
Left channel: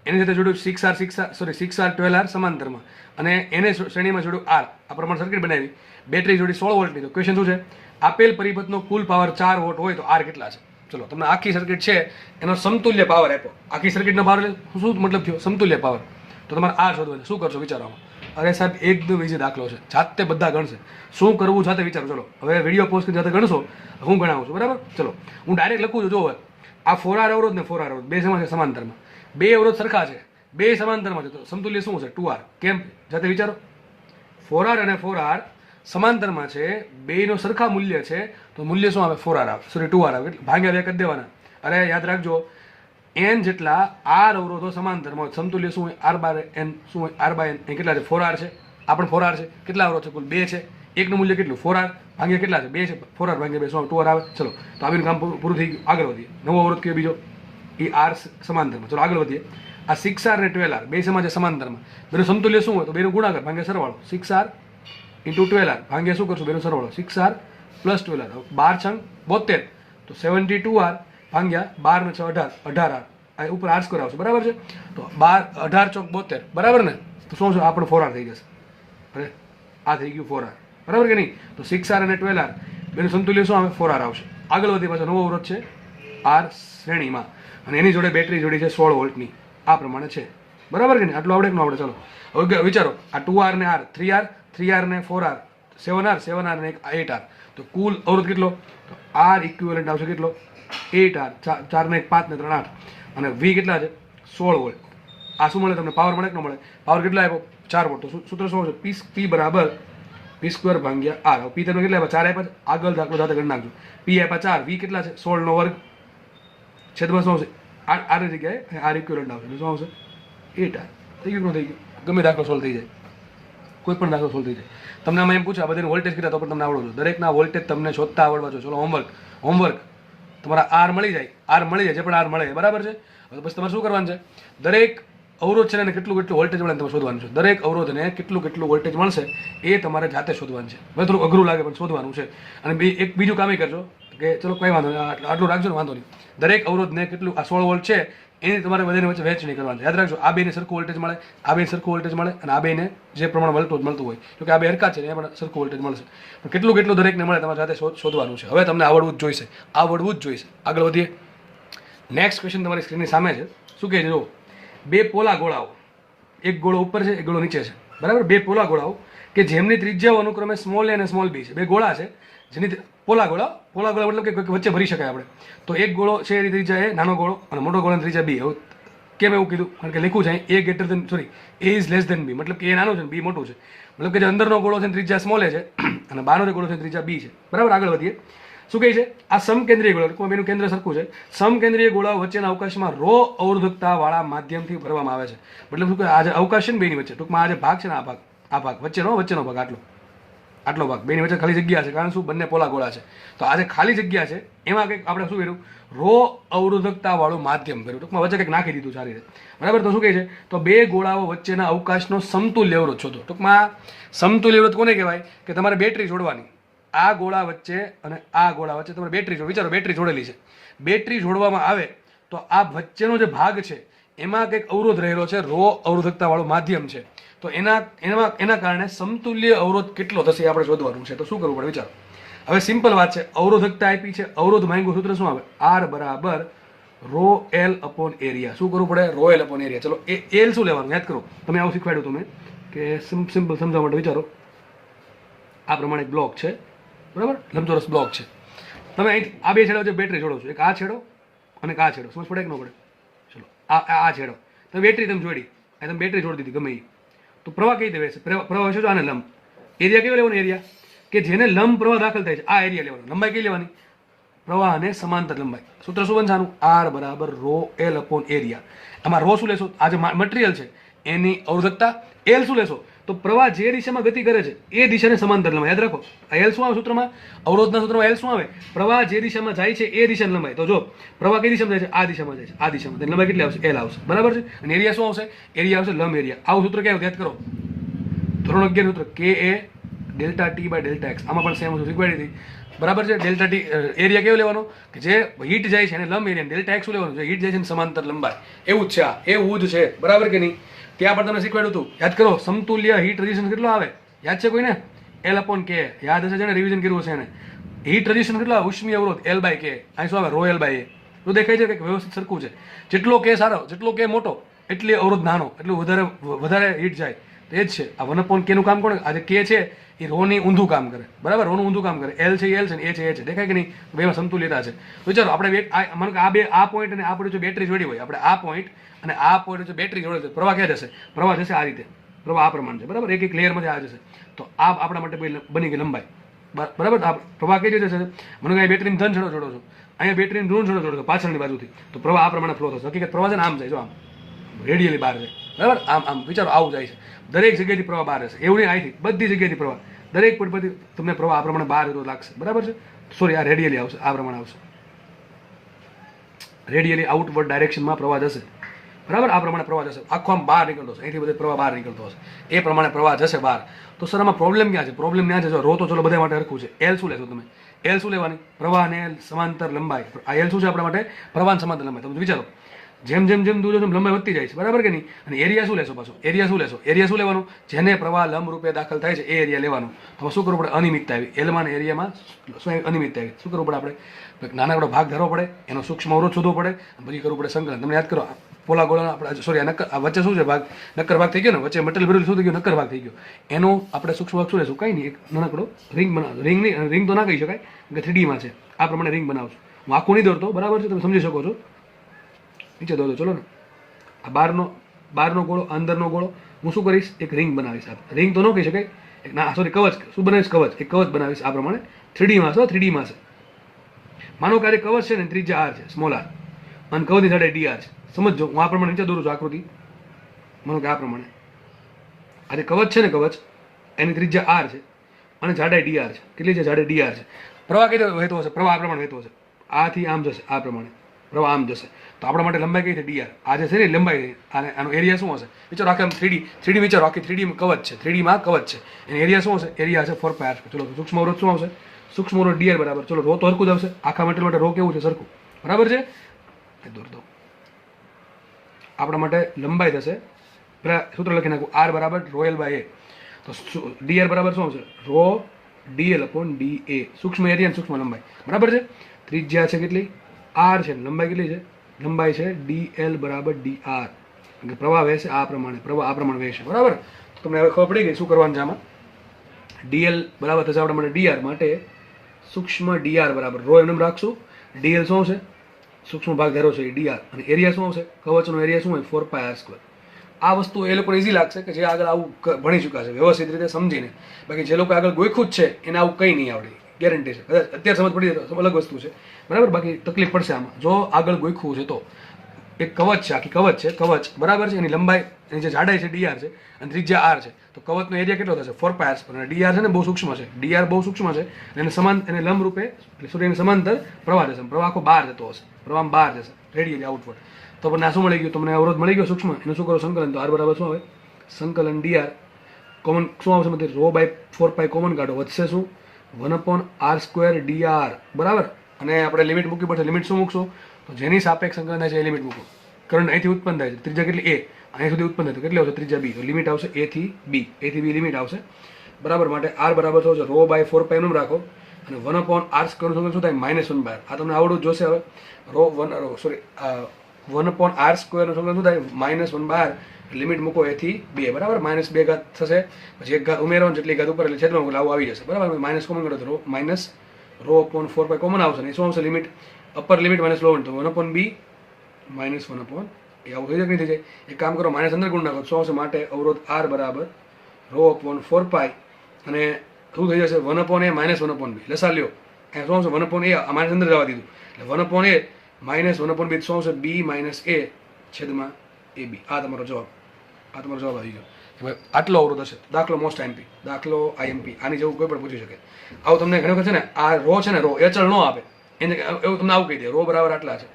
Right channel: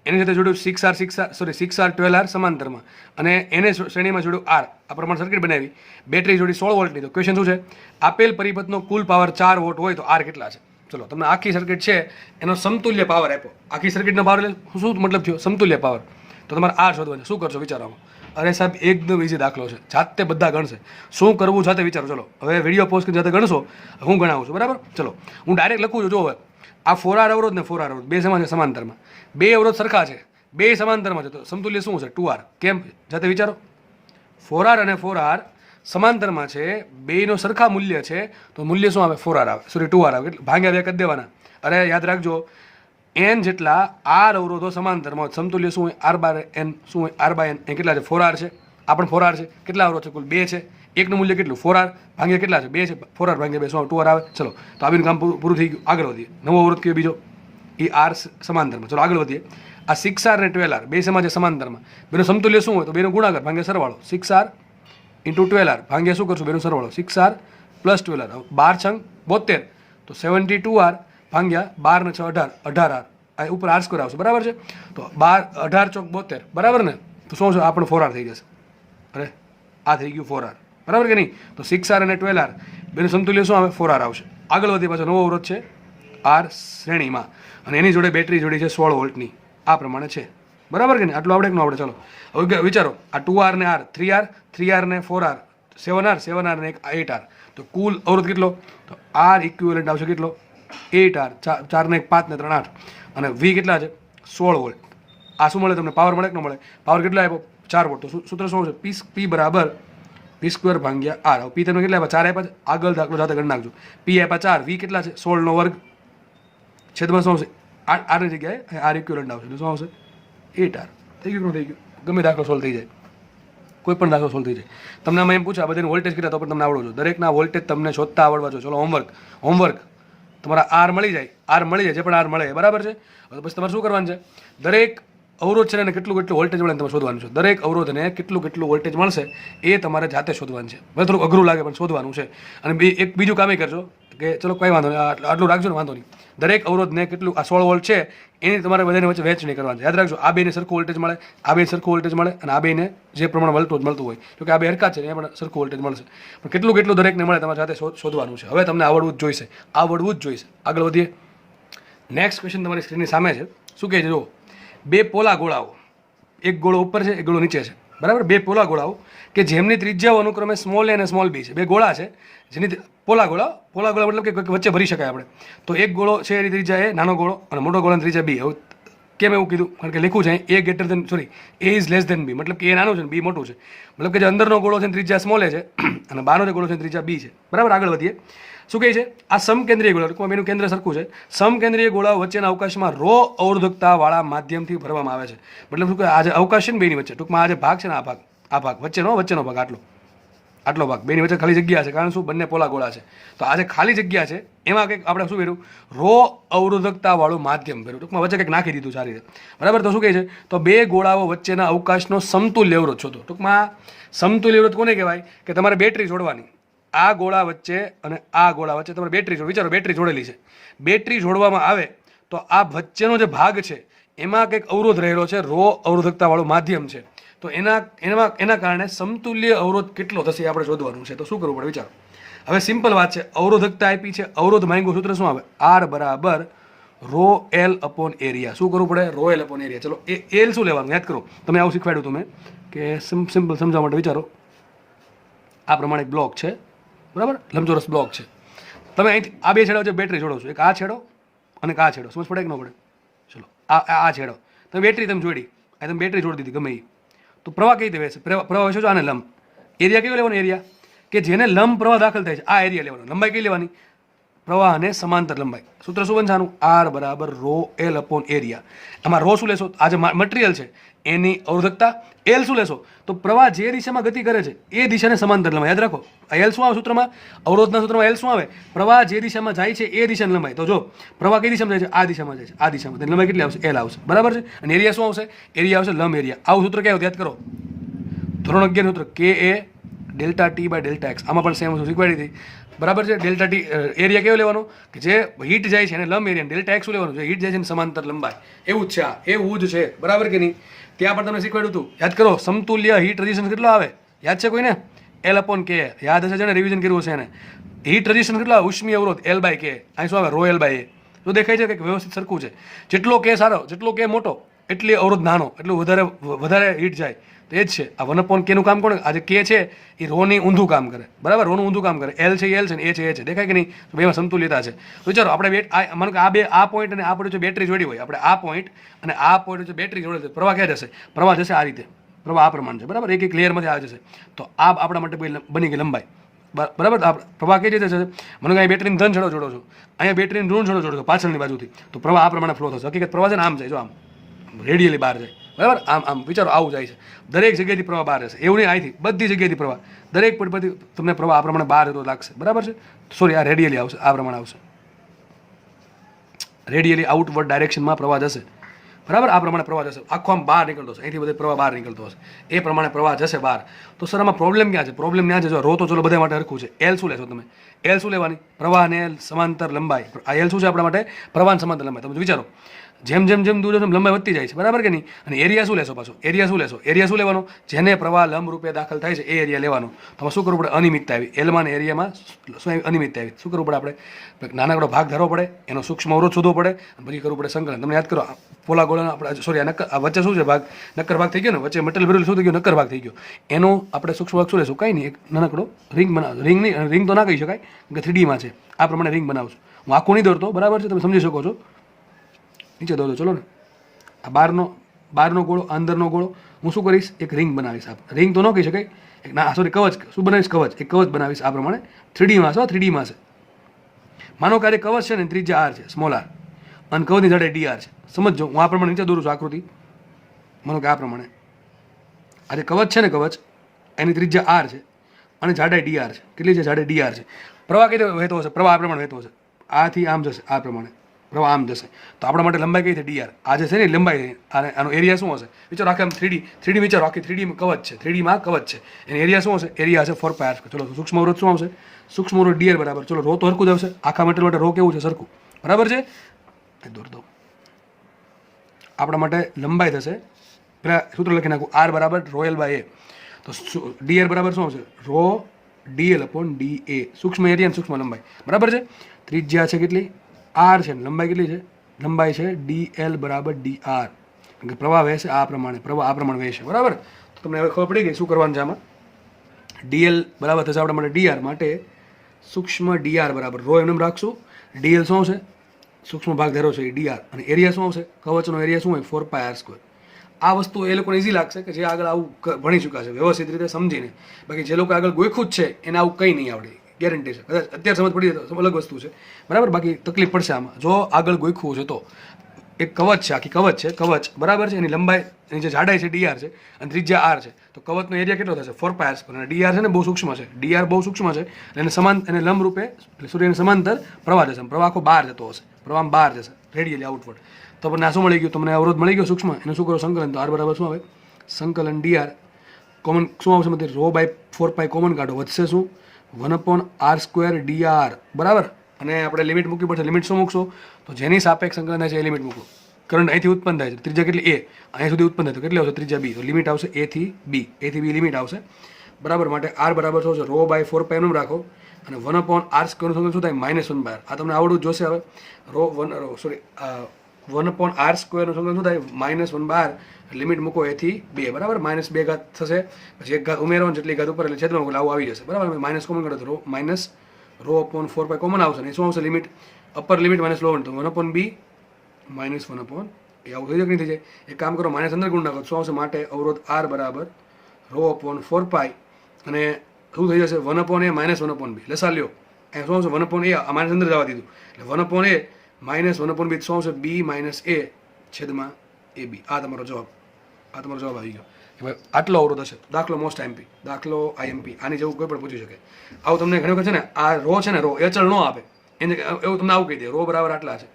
એની સાથે જોડ્યું 6R 12R સમાંતરમાં, અને એને શ્રેણીમાં જોડ્યું R. આ પ્રમાણે સર્કિટ બનાવી, બેટરી જોડી 16 વોલ્ટની. તો ક્વેશ્ચન શું છે? આપેલ પરિપથનો કુલ પાવર 4 વોટ હોય તો R કેટલા છે? ચલો, તમને આખી સર્કિટ છે એનો સમતુલ્ય પાવર આપ્યો. આખી સર્કિટનો પાવર શું મતલબ થયો? સમતુલ્ય પાવર. તો તમારે R શોધવાનું. શું કરશો વિચારવામાં? અરે સાહેબ, એકદમ ઇઝી દાખલો છે, જાતે બધા ગણશે. શું કરવું જાતે વિચારો. ચલો, હવે વિડીયો પોઝ કરીને જાતે ગણશો, હું ગણાવું છું, બરાબર? ચલો, હું ડાયરેક્ટ લખું છું. જો હવે આ 4R અવરોધ ને 4R અવરોધ બે સમાન છે, સમાંતરમાં. બે અવરોધ સરખા છે, બે સમાંતરમાં છે, તો સમતુલ્ય શું છે? 2R. કેમ? જાતે વિચારો. 4R અને 4R સમાંતરમાં છે, બેનો સરખા મૂલ્ય છે, તો મૂલ્ય શું આવે? 4R આવે, સોરી 2R આવે. ભાગ્યા બે કરી દેવાના. અરે યાદ રાખજો, n જેટલા R અવરોધો સમાંતરમાં હોય, સમતુલ્ય શું હોય? R/n. શું હોય? R/n. એ કેટલા છે? 4R છે. આ પણ 4R છે. કેટલા અવરોધ છે? કુલ 2 છે. એકનું મૂલ્ય કેટલું? 4R ભાગ્યા કેટલા છે? 2 છે. 4R ભાગ્યા 2 શું આવે? 2R આવે. ચલો, તો આવીને કામ પૂરું થઈ ગયું. આગળ વધીએ. નવો અવરોધ કયો બીજો? એ R સમાંતરમાં. ચલો આગળ વધીએ. આ 6R અને 12R બે સમાન છે, સમાંતરમાં. બેનો સમતુલ્ય શું હોય? તો બેનો ગુણાકાર ભાગ્યા સરવાળો. 6R × 12R ભાગ્યા શું કરશું? બેનો સરવાળો. 6R + 12R. 12 છંગ 72, તો 72R ભાગ્યા 12 ને 6 18, 18R. આ ઉપર R² આવશે, બરાબર છે? તો 12 18 ચોક 72, બરાબર ને? તો શું છે? આપણે 4R થઈ જશે. અરે આ થઈ ગયું 4R, બરાબર કે નહીં? તો 6R અને 12R બેનું સમતુલ્ય શું આવે? 4R આવશે. આગળ વધી પાછો નવો અવરોધ છે R શ્રેણીમાં, અને એની જોડે બેટરી જોડી છે 16 વોલ્ટની. આ પ્રમાણે છે, બરાબર કે નહીં? આટલું આવડે કે ન આવડે? ચલો હવે વિચારો, આ 2R ને R, 3R ને 4R, 7R ને 8R. તો કુલ અવરોધ કેટલો? તો R ઇક્વિવેલન્ટ આવશે કેટલો? 8R. 4 ને 1 5 ને 3 8, અને V કેટલા છે? 16 વોલ્ટ. આ શું મળે તમને? પાવર મળે કે ન મળે? પાવર કેટલો આપ્યો? 4 વોટ. તો સૂત્ર શું છે? P બરાબર P² ભાગ્યા R. P તમે કેટલા આપ્યા? 4 આપ્યા. આગળ દાખલો સાથે કરી નાખજો. P આપ્યા 4, V કેટલા છે? 16 નો વર્ગ, છેદમાં શું આવશે? R ની જગ્યાએ R ઇક્વિવેલન્ટ આવશે, એટલે શું આવશે? 8R. થઈ ગયું? થઈ ગયું? ગમે દાખલો સોલ્વ થઈ જાય, કોઈ પણ દાખલો સોલ્વ થઈ જાય. તમને આમાં એમ પૂછે આ બધાની વોલ્ટેજ કેટલા, તો પણ તમને આવડવું જોઈએ. દરેકના વોલ્ટેજ તમને શોધતા આવડવા જોઈએ. ચલો હોમવર્ક તમારા R મળી જાય, જે પણ R મળે, બરાબર છે? હવે પછી તમારે શું કરવાનું છે? દરેક અવરોધ છે ને કેટલું વોલ્ટેજ મળે તમારે શોધવાનું છે. દરેક અવરોધને કેટલું વોલ્ટેજ મળશે એ તમારે જાતે શોધવાનું છે. હવે થોડું અઘરું લાગે પણ શોધવાનું છે. અને એક બીજું કામ એ કરજો કે ચલો કંઈ વાંધો નહીં, આટલું રાખજો ને, વાંધો નહીં. દરેક અવરોધને કેટલું, આ 16 વોલ્ટ છે, એની તમારે બધાની વચ્ચે વહેંચણી કરવાની છે. યાદ રાખજો, આ બેને સરખું વોલ્ટેજ મળે, આ બેને સરખું વોલ્ટેજ મળે, અને આ બેને જે પ્રમાણે મળતું હોય, તો કે આ બે હરકત છે એ પણ સરખું વોલ્ટેજ મળશે. પણ કેટલું દરેકને મળે તમારે સાથે શોધવાનું છે. હવે તમને આવડવું જ જોઈશે. આગળ વધીએ. નેક્સ્ટ ક્વેશ્ચન તમારી સ્ક્રીનની સામે છે. શું કહે છે? જો, બે પોલા ગોળાઓ, એક ગોળો ઉપર છે, એક ગોળો નીચે છે, બરાબર? બે પોલા ગોળાઓ કે જેમની ત્રિજ્યાઓ અનુક્રમે સ્મોલ a અને સ્મોલ b છે. બે ગોળા છે જેની પોલા ગોળા મતલબ કે વચ્ચે ભરી શકાય આપણે. તો એક ગોળો છે એની ત્રિજ્યા એ, નાનો ગોળો, અને મોટો ગોળાની ત્રિજ્યા b. હવે કેમ એવું કીધું? કારણ કે લખ્યું છે a is less than b, મતલબ કે એ નાનું છે ને b મોટું છે. મતલબ કે જે અંદરનો ગોળો છે ત્રિજ્યા સ્મોલ a છે, અને બહારનો જે ગોળો છે ત્રિજ્યા b છે, બરાબર? આગળ વધીએ. શું કહે છે? આ સમકેન્દ્રીય ગોળા, એનું કેન્દ્ર સરખું છે. સમકેન્દ્રીય ગોળાઓ વચ્ચેના અવકાશમાં ρ અવરોધકતા વાળા માધ્યમથી ભરવામાં આવે છે. મતલબ શું કે આ જે અવકાશ છે ને બેની વચ્ચે, ટૂંકમાં આ જે ભાગ છે ને, આ ભાગ વચ્ચેનો ભાગ, આટલો ભાગ, બેની વચ્ચે ખાલી જગ્યા છે. કારણ શું? બંને પોલા ગોળા છે. તો આ જે ખાલી જગ્યા છે એમાં કંઈક આપણે શું કર્યું? ρ અવરોધકતા વાળું માધ્યમ કર્યું. ટૂંકમાં વચ્ચે કંઈક નાખી દીધું સારી રીતે, બરાબર? તો શું કહે છે? તો બે ગોળાઓ વચ્ચેના અવકાશનો સમતુલ્ય અવરોધ શોધો. ટૂંકમાં સમતુલ્ય અવરોધ કોને કહેવાય? કે તમારે બેટરી જોડવાની, આ ગોળા વચ્ચે અને આ ગોળા વચ્ચે તમારે બેટરી વિચારો, બેટરી જોડેલી છે. બેટરી જોડવામાં આવે તો આ વચ્ચેનો જે ભાગ છે એમાં કંઈક અવરોધ રહેલો છે, ρ અવરોધકતા વાળું માધ્યમ છે. તો એના કારણે સમતુલ્ય અવરોધ કેટલો થશે આપણે શોધવાનું છે. તો શું કરવું પડે વિચારો. હવે સિમ્પલ વાત છે, અવરોધકતા આપી છે, અવરોધ માંગ્યું, સૂત્ર શું આવે? R બરાબર ρl/એરિયા. શું કરવું પડે? ρl/એરિયા. ચલો એલ શું લેવાનું યાદ કરો. તમે આવું શીખવાડ્યું તમે કે સિમ્પલ સમજાવવા માટે વિચારો. આ પ્રમાણે એક બ્લોક છે, બરાબર? લંબચોરસ બ્લોક છે. તમે અહીંથી આ બે છેડા જે બેટરી જોડો છો, એક આ છેડો અને એક આ છેડો, સમજ પડે કે ન પડે? ચલો આ છેડો તમે બેટરી જોડી, તમે બેટરી જોડી દીધી ગમે એ, તો પ્રવાહ કઈ રીતે વહેશે? પ્રવાહ વહેશે આને લંબ. એરિયા કેવો લેવાનો? એરિયા કે જેને લંબ પ્રવાહ દાખલ થાય છે, આ એરિયા લેવાનો. લંબાઈ કઈ લેવાની? પ્રવાહ અને સમાંતર લંબાઈ. સૂત્ર શું બનશે આનું? R બરાબર ρl/એરિયા. આમાં ρ શું લેશો? આ જે મટીરિયલ છે એની અવરોધકતા. L શું લેશો? તો પ્રવાહ જે દિશામાં ગતિ કરે છે એ દિશાને સમાંતર લંબાઈ. યાદ રાખો, આ L શું આવે સૂત્રમાં? અવરોધના સૂત્રમાં L શું આવે? પ્રવાહ જે દિશામાં જાય છે એ દિશાની લંબાઈ. તો જો પ્રવાહ કઈ દિશામાં જાય છે? આ દિશામાં જાય છે, આ દિશામાં. તેની લંબાઈ કેટલી આવશે? L આવશે, બરાબર છે? અને એરિયા શું આવશે? એરિયા આવશે લંબ એરિયા. આવું સૂત્ર ક્યાં યાદ કરો? ધોરણ 11 સૂત્ર KA ΔT/ΔX. આમાં પણ સેમ શીખવાડી હતી. બરાબર છે. ડેલ્ટા ટી એરિયા કેવો લેવાનો કે જે હીટ જાય છે એને લંબ એરિયા, ડેલ્ટા એક્સ શું લેવાનું, જે હીટ જાય છે એને સમાંતર લંબાઈ. એવું જ છે આ, એવું જ છે, બરાબર કે નહીં. ત્યાં પણ તમને શીખવાડ્યું હતું, યાદ કરો સમતુલ્ય હીટ રેઝિસ્ટન્સ કેટલો આવે, યાદ છે કોઈને? L/K, યાદ હશે, જેને રિવિઝન કર્યું છે એને. હીટ રેઝિસ્ટન્સ કેટલો આવે, ઉષ્મીય અવરોધ L/K, અહીં શું આવે, ρ L/A. તો દેખાય છે કે વ્યવસ્થિત સરખું છે. જેટલો કે સારો, જેટલો કે મોટો એટલી અવરોધ નાનો, એટલું વધારે હીટ જાય. તો એ જ છે આ 1/K નું કામ કોણ, આ જે K છે એ રોની ઊંધું કામ કરે, બરાબર, રોનું ઊંધું કામ કરે. L છે L છે ને એ છે એ છે, દેખાય કે નહીં? બેમાં સમતુલ્યતા છે. તો ચાલો આપણે માનો કે આ પોઈન્ટ અને આ પોઈન્ટ જો બેટરી જોડી હોય, આપણે આ પોઈન્ટ અને આ પોઈન્ટ જો બેટરી જોડે તો પ્રવાહ ક્યાં જશે? પ્રવાહ જશે આ રીતે, પ્રવાહ આ પ્રમાણે છે, બરાબર, એક લેયરમાંથી આ જશે. તો આ આપણા માટે બની ગઈ લંબાઈ, બરાબર. પ્રવાહ કઈ રીતે જશે? મને અહીં બેટરીને ધન છેડો જોડો છો, અહીંયા બેટરીને ઋણ છેડો જોડો છો પાછળની બાજુથી, તો પ્રવાહ આ પ્રમાણે ફ્લો થશે. હકીકત પ્રવાહ છે ને આમ જાય, જો આમ રેડિયલી બહાર જાય, બરાબર, આમ વિચારો આવું જાય છે. દરેક જગ્યાએથી પ્રવાહ બહાર હશે, એવું નહીં અહીંથી, બધી જગ્યાએથી પ્રવાહ, દરેક પરથી તમને પ્રવાહ આ પ્રમાણે બહાર જતો લાગશે, બરાબર છે. સોરી, આ રેડિયલી આવશે, આ પ્રમાણે આવશે, રેડિયલી આઉટવર્ડ ડાયરેક્શનમાં પ્રવાહ જશે, બરાબર, આ પ્રમાણે પ્રવાહ જશે, આખો આમ બહાર નીકળતો હશે, અહીંથી બધે પ્રવાહ બહાર નીકળતો હશે, એ પ્રમાણે પ્રવાહ જશે બહાર. તો સર આમાં પ્રોબ્લેમ ક્યાં છે? પ્રોબ્લેમ ત્યાં છે, જો રો તો ચલો બધા માટે હરખું છે. એલ શું લેશો તમે? એલ શું લેવાની? પ્રવાહ અને એલ સમાંતર લંબાઈ. આ એલ શું છે આપણા માટે? પ્રવાહ સમાંતર લંબાઈ. તમે વિચારો, જેમ દૂર જશે લંબાઈ વધતી જાય છે, બરાબર કે નહીં? અને એરિયા શું લેશો પાછો? એરિયા શું લેશો? એરિયા શું લેવાનો? જેને પ્રવાહ લંબ રૂપે દાખલ થાય છે એ એરિયા લેવાનો. તો શું કરવું પડે? અનિયમિતતા આવી, એલમાં અને એરિયામાં શું આવી? અનિયમિતતા આવી. શું કરવું પડે આપણે? નાનકડો ભાગ ધરવો પડે, એનો સૂક્ષ્મ અવરોધ શોધવો પડે, પછી કરવું પડે સંકલન. તમને યાદ કરો, પોલા ગોળાનો આપણે સોરી આ વચ્ચે શું છે ભાગ? નક્કર ભાગ થઈ ગયો ને, વચ્ચે મટીરિયલ ભરેલું શું થઈ ગયું? નક્કર ભાગ થઈ ગયો. એનો આપણે સૂક્ષ્મ ભાગ શું લેશું? કંઈ નહીં, એક નાનકડો રિંગ બનાવો. રિંગ નહીં, રિંગ તો ના કહી શકાય કે 3Dમાં છે, આ પ્રમાણે રિંગ બનાવશું. હું આખું નહીં દોરતો, બરાબર છે, તમે સમજી શકો છો. નીચે દોરો, ચલો ને. આ બહારનો ગોળો, અંદરનો ગોળો, હું શું કરીશ? એક રિંગ બનાવીશ. રિંગ તો ન કહી શકાય, ના સોરી, કવચ. શું બનાવીશ? કવચ. એક કવચ બનાવીશ આ પ્રમાણે. 3Dમાં છે, 3Dમાં છે. માનો કે આ કવચ છે ને, ત્રિજ્યા R છે, સ્મોલ r, અને કવચની જાડાઈ dr છે. સમજો, હું આ પ્રમાણે નીચે દોરું છું આકૃતિ. માનો કે આ પ્રમાણે આ જે કવચ છે ને, કવચ એની ત્રિજ્યા r છે અને જાડાઈ dr છે. કેટલી છે? જાડાઈ dr છે. પ્રવાહ કેટલો વહેતો હશે? પ્રવાહ આ પ્રમાણે વહેતો હશે, આથી આમ જશે, આ પ્રમાણે પ્રવાહ આમ જશે. તો આપણા માટે લંબાઈ કઈ છે? dr. આ જે છે ને લંબાઈ, આનો એરિયા શું હશે? વિચારો, આખે આમ 3D વિચારો, આખી 3D કવચ છે, 3Dમાં કવચ છે, એનો એરિયા શું હશે? એરિયા હશે 4πr². ચલો, સૂક્ષ્મ અવરોધ શું આવશે? સૂક્ષ્મ અવરોધ dr બરાબર. ચલો, રો તો હરખું જ આવશે, આખા મટીરિયલ માટે રો કેવું છે? સરખું, બરાબર છે. દોર દો. આપણા માટે લંબાઈ થશે, પેલા સૂત્ર લખી નાખું, r બરાબર ρ L/A. તો dr બરાબર શું આવશે? Row dl/da. સૂક્ષ્મ એરિયા સૂક્ષ્મ લંબાઈ, બરાબર છે. ત્રિજ્યા છે કેટલી? r છે. લંબાઈ કેટલી છે? લંબાઈ છે dl બરાબર dr. પ્રવાહ વહેશે આ પ્રમાણે, પ્રવાહ આ પ્રમાણે વહેશે, બરાબર. તમને હવે ખબર પડી ગઈ શું કરવાનું છે આમાં. dl બરાબર થશે આપણા માટે dr, માટે સૂક્ષ્મ dr બરાબર રો એમ રાખશું. dl શું આવશે? સૂક્ષ્મ ભાગ ધારો છે એ dr, અને એરિયા શું આવશે? કવચનો એરિયા શું હોય? 4πr². આ વસ્તુ એ લોકોને ઇઝી લાગશે કે જે આગળ આવું ભણી ચૂક્યા છે, વ્યવસ્થિત રીતે સમજીને. બાકી જે લોકો આગળ ગોખ્યું જ છે એને આવું કંઈ નહીં આવડે, ગેરંટી છે. કદાચ અત્યારે સમજ પડી જાય તો અલગ વસ્તુ છે, બરાબર. બાકી તકલીફ પડશે આમાં જો આગળ ગોખ્યું છે તો. એક કવચ છે, આખી કવચ છે, કવચ, બરાબર છે. એની લંબાઈ, એની જે જાડાઈ છે dr છે અને ત્રિજ્યા r છે. તો કવચનો એરિયા કેટલો થશે? 4πr². અને dr છે ને બહુ સૂક્ષ્મ છે, dr બહુ સૂક્ષ્મ છે, એને એને લંબ રૂપે એટલે સૂર્યને સમાંતર પ્રવાહ જશે. પ્રવાહ આખો બહાર જતો હશે, પ્રવાહ બહાર જશે, રેડિયલી આઉટવર્ડ. તો આપણને શું મળી ગયું? તમને અવરોધ મળી ગયો સૂક્ષ્મ. એનું શું કરો? સંકલન. તો r બરાબર શું આવે? સંકલન dr કોમન શું આવશે? મતલબ ρ/4π કોમન કાઢો, વધશે શું? 1/r² dr, બરાબર. અને આપણે લિમિટ મૂકવી પડશે. લિમિટ શું મૂકશું? તો જેની સાપેક્ષ સંકલન થાય છે એ લિમિટ મૂકો. કરંટ અહીંથી ઉત્પન્ન થાય છે, ત્રિજ્યા કેટલી? a, અહીં સુધી ઉત્પન્ન થાય તો કેટલી આવશે? ત્રિજ્યા b. તો લિમિટ આવશે a થી b લિમિટ આવશે, બરાબર. માટે r બરાબર શું છે? ρ/4π નું રાખો, અને 1/r² સંકલન શું થાય? -1/r. આ તમને આવડવું જોશે હવે. 1/r² નું સંકલન શું થાય? -1/r. લિમિટ મૂકો a થી b, બરાબર. -2 ઘાત થશે, પછી એક ઘાત ઉમેરો, જેટલી ઘાત ઉપર એટલે છેદમાં આવું આવી જશે, બરાબર. માઇનસ કોમન કરો તો -ρ/4π કોમન આવશે, ને શું આવશે? લિમિટ અપર લિમિટ -1/, તો 1/b -1/a. આવું થઈ જાય કે નહીં થઈ જાય? એક કામ કરો, માઇનસ અંદર ગુણ નાખો, શું આવશે? માટે અવરોધ r બરાબર ρ/4π, અને શું થઈ જશે? 1/a -1/b. લસા લ્યો, અહીંયા શું આવશે? 1/a, આ માઇનસ અંદર જવા દીધું એટલે 1/a -1/b શું આવશે? b - a છેદમાં ab. આ તમારો જવાબ, આ તમારો જવાબ આવી ગયો. હવે આટલો અવરોધ હશે. દાખલો મોસ્ટ IMP, દાખલો IMP, આની જેવું કોઈ પણ પૂછી શકે. આવું તમને ઘણી વખત છે ને, આ રો છે ને, રો એ ચલ ન આપે, એને એવું તમને આવું કહી દે, રો બરાબર આટલા છે,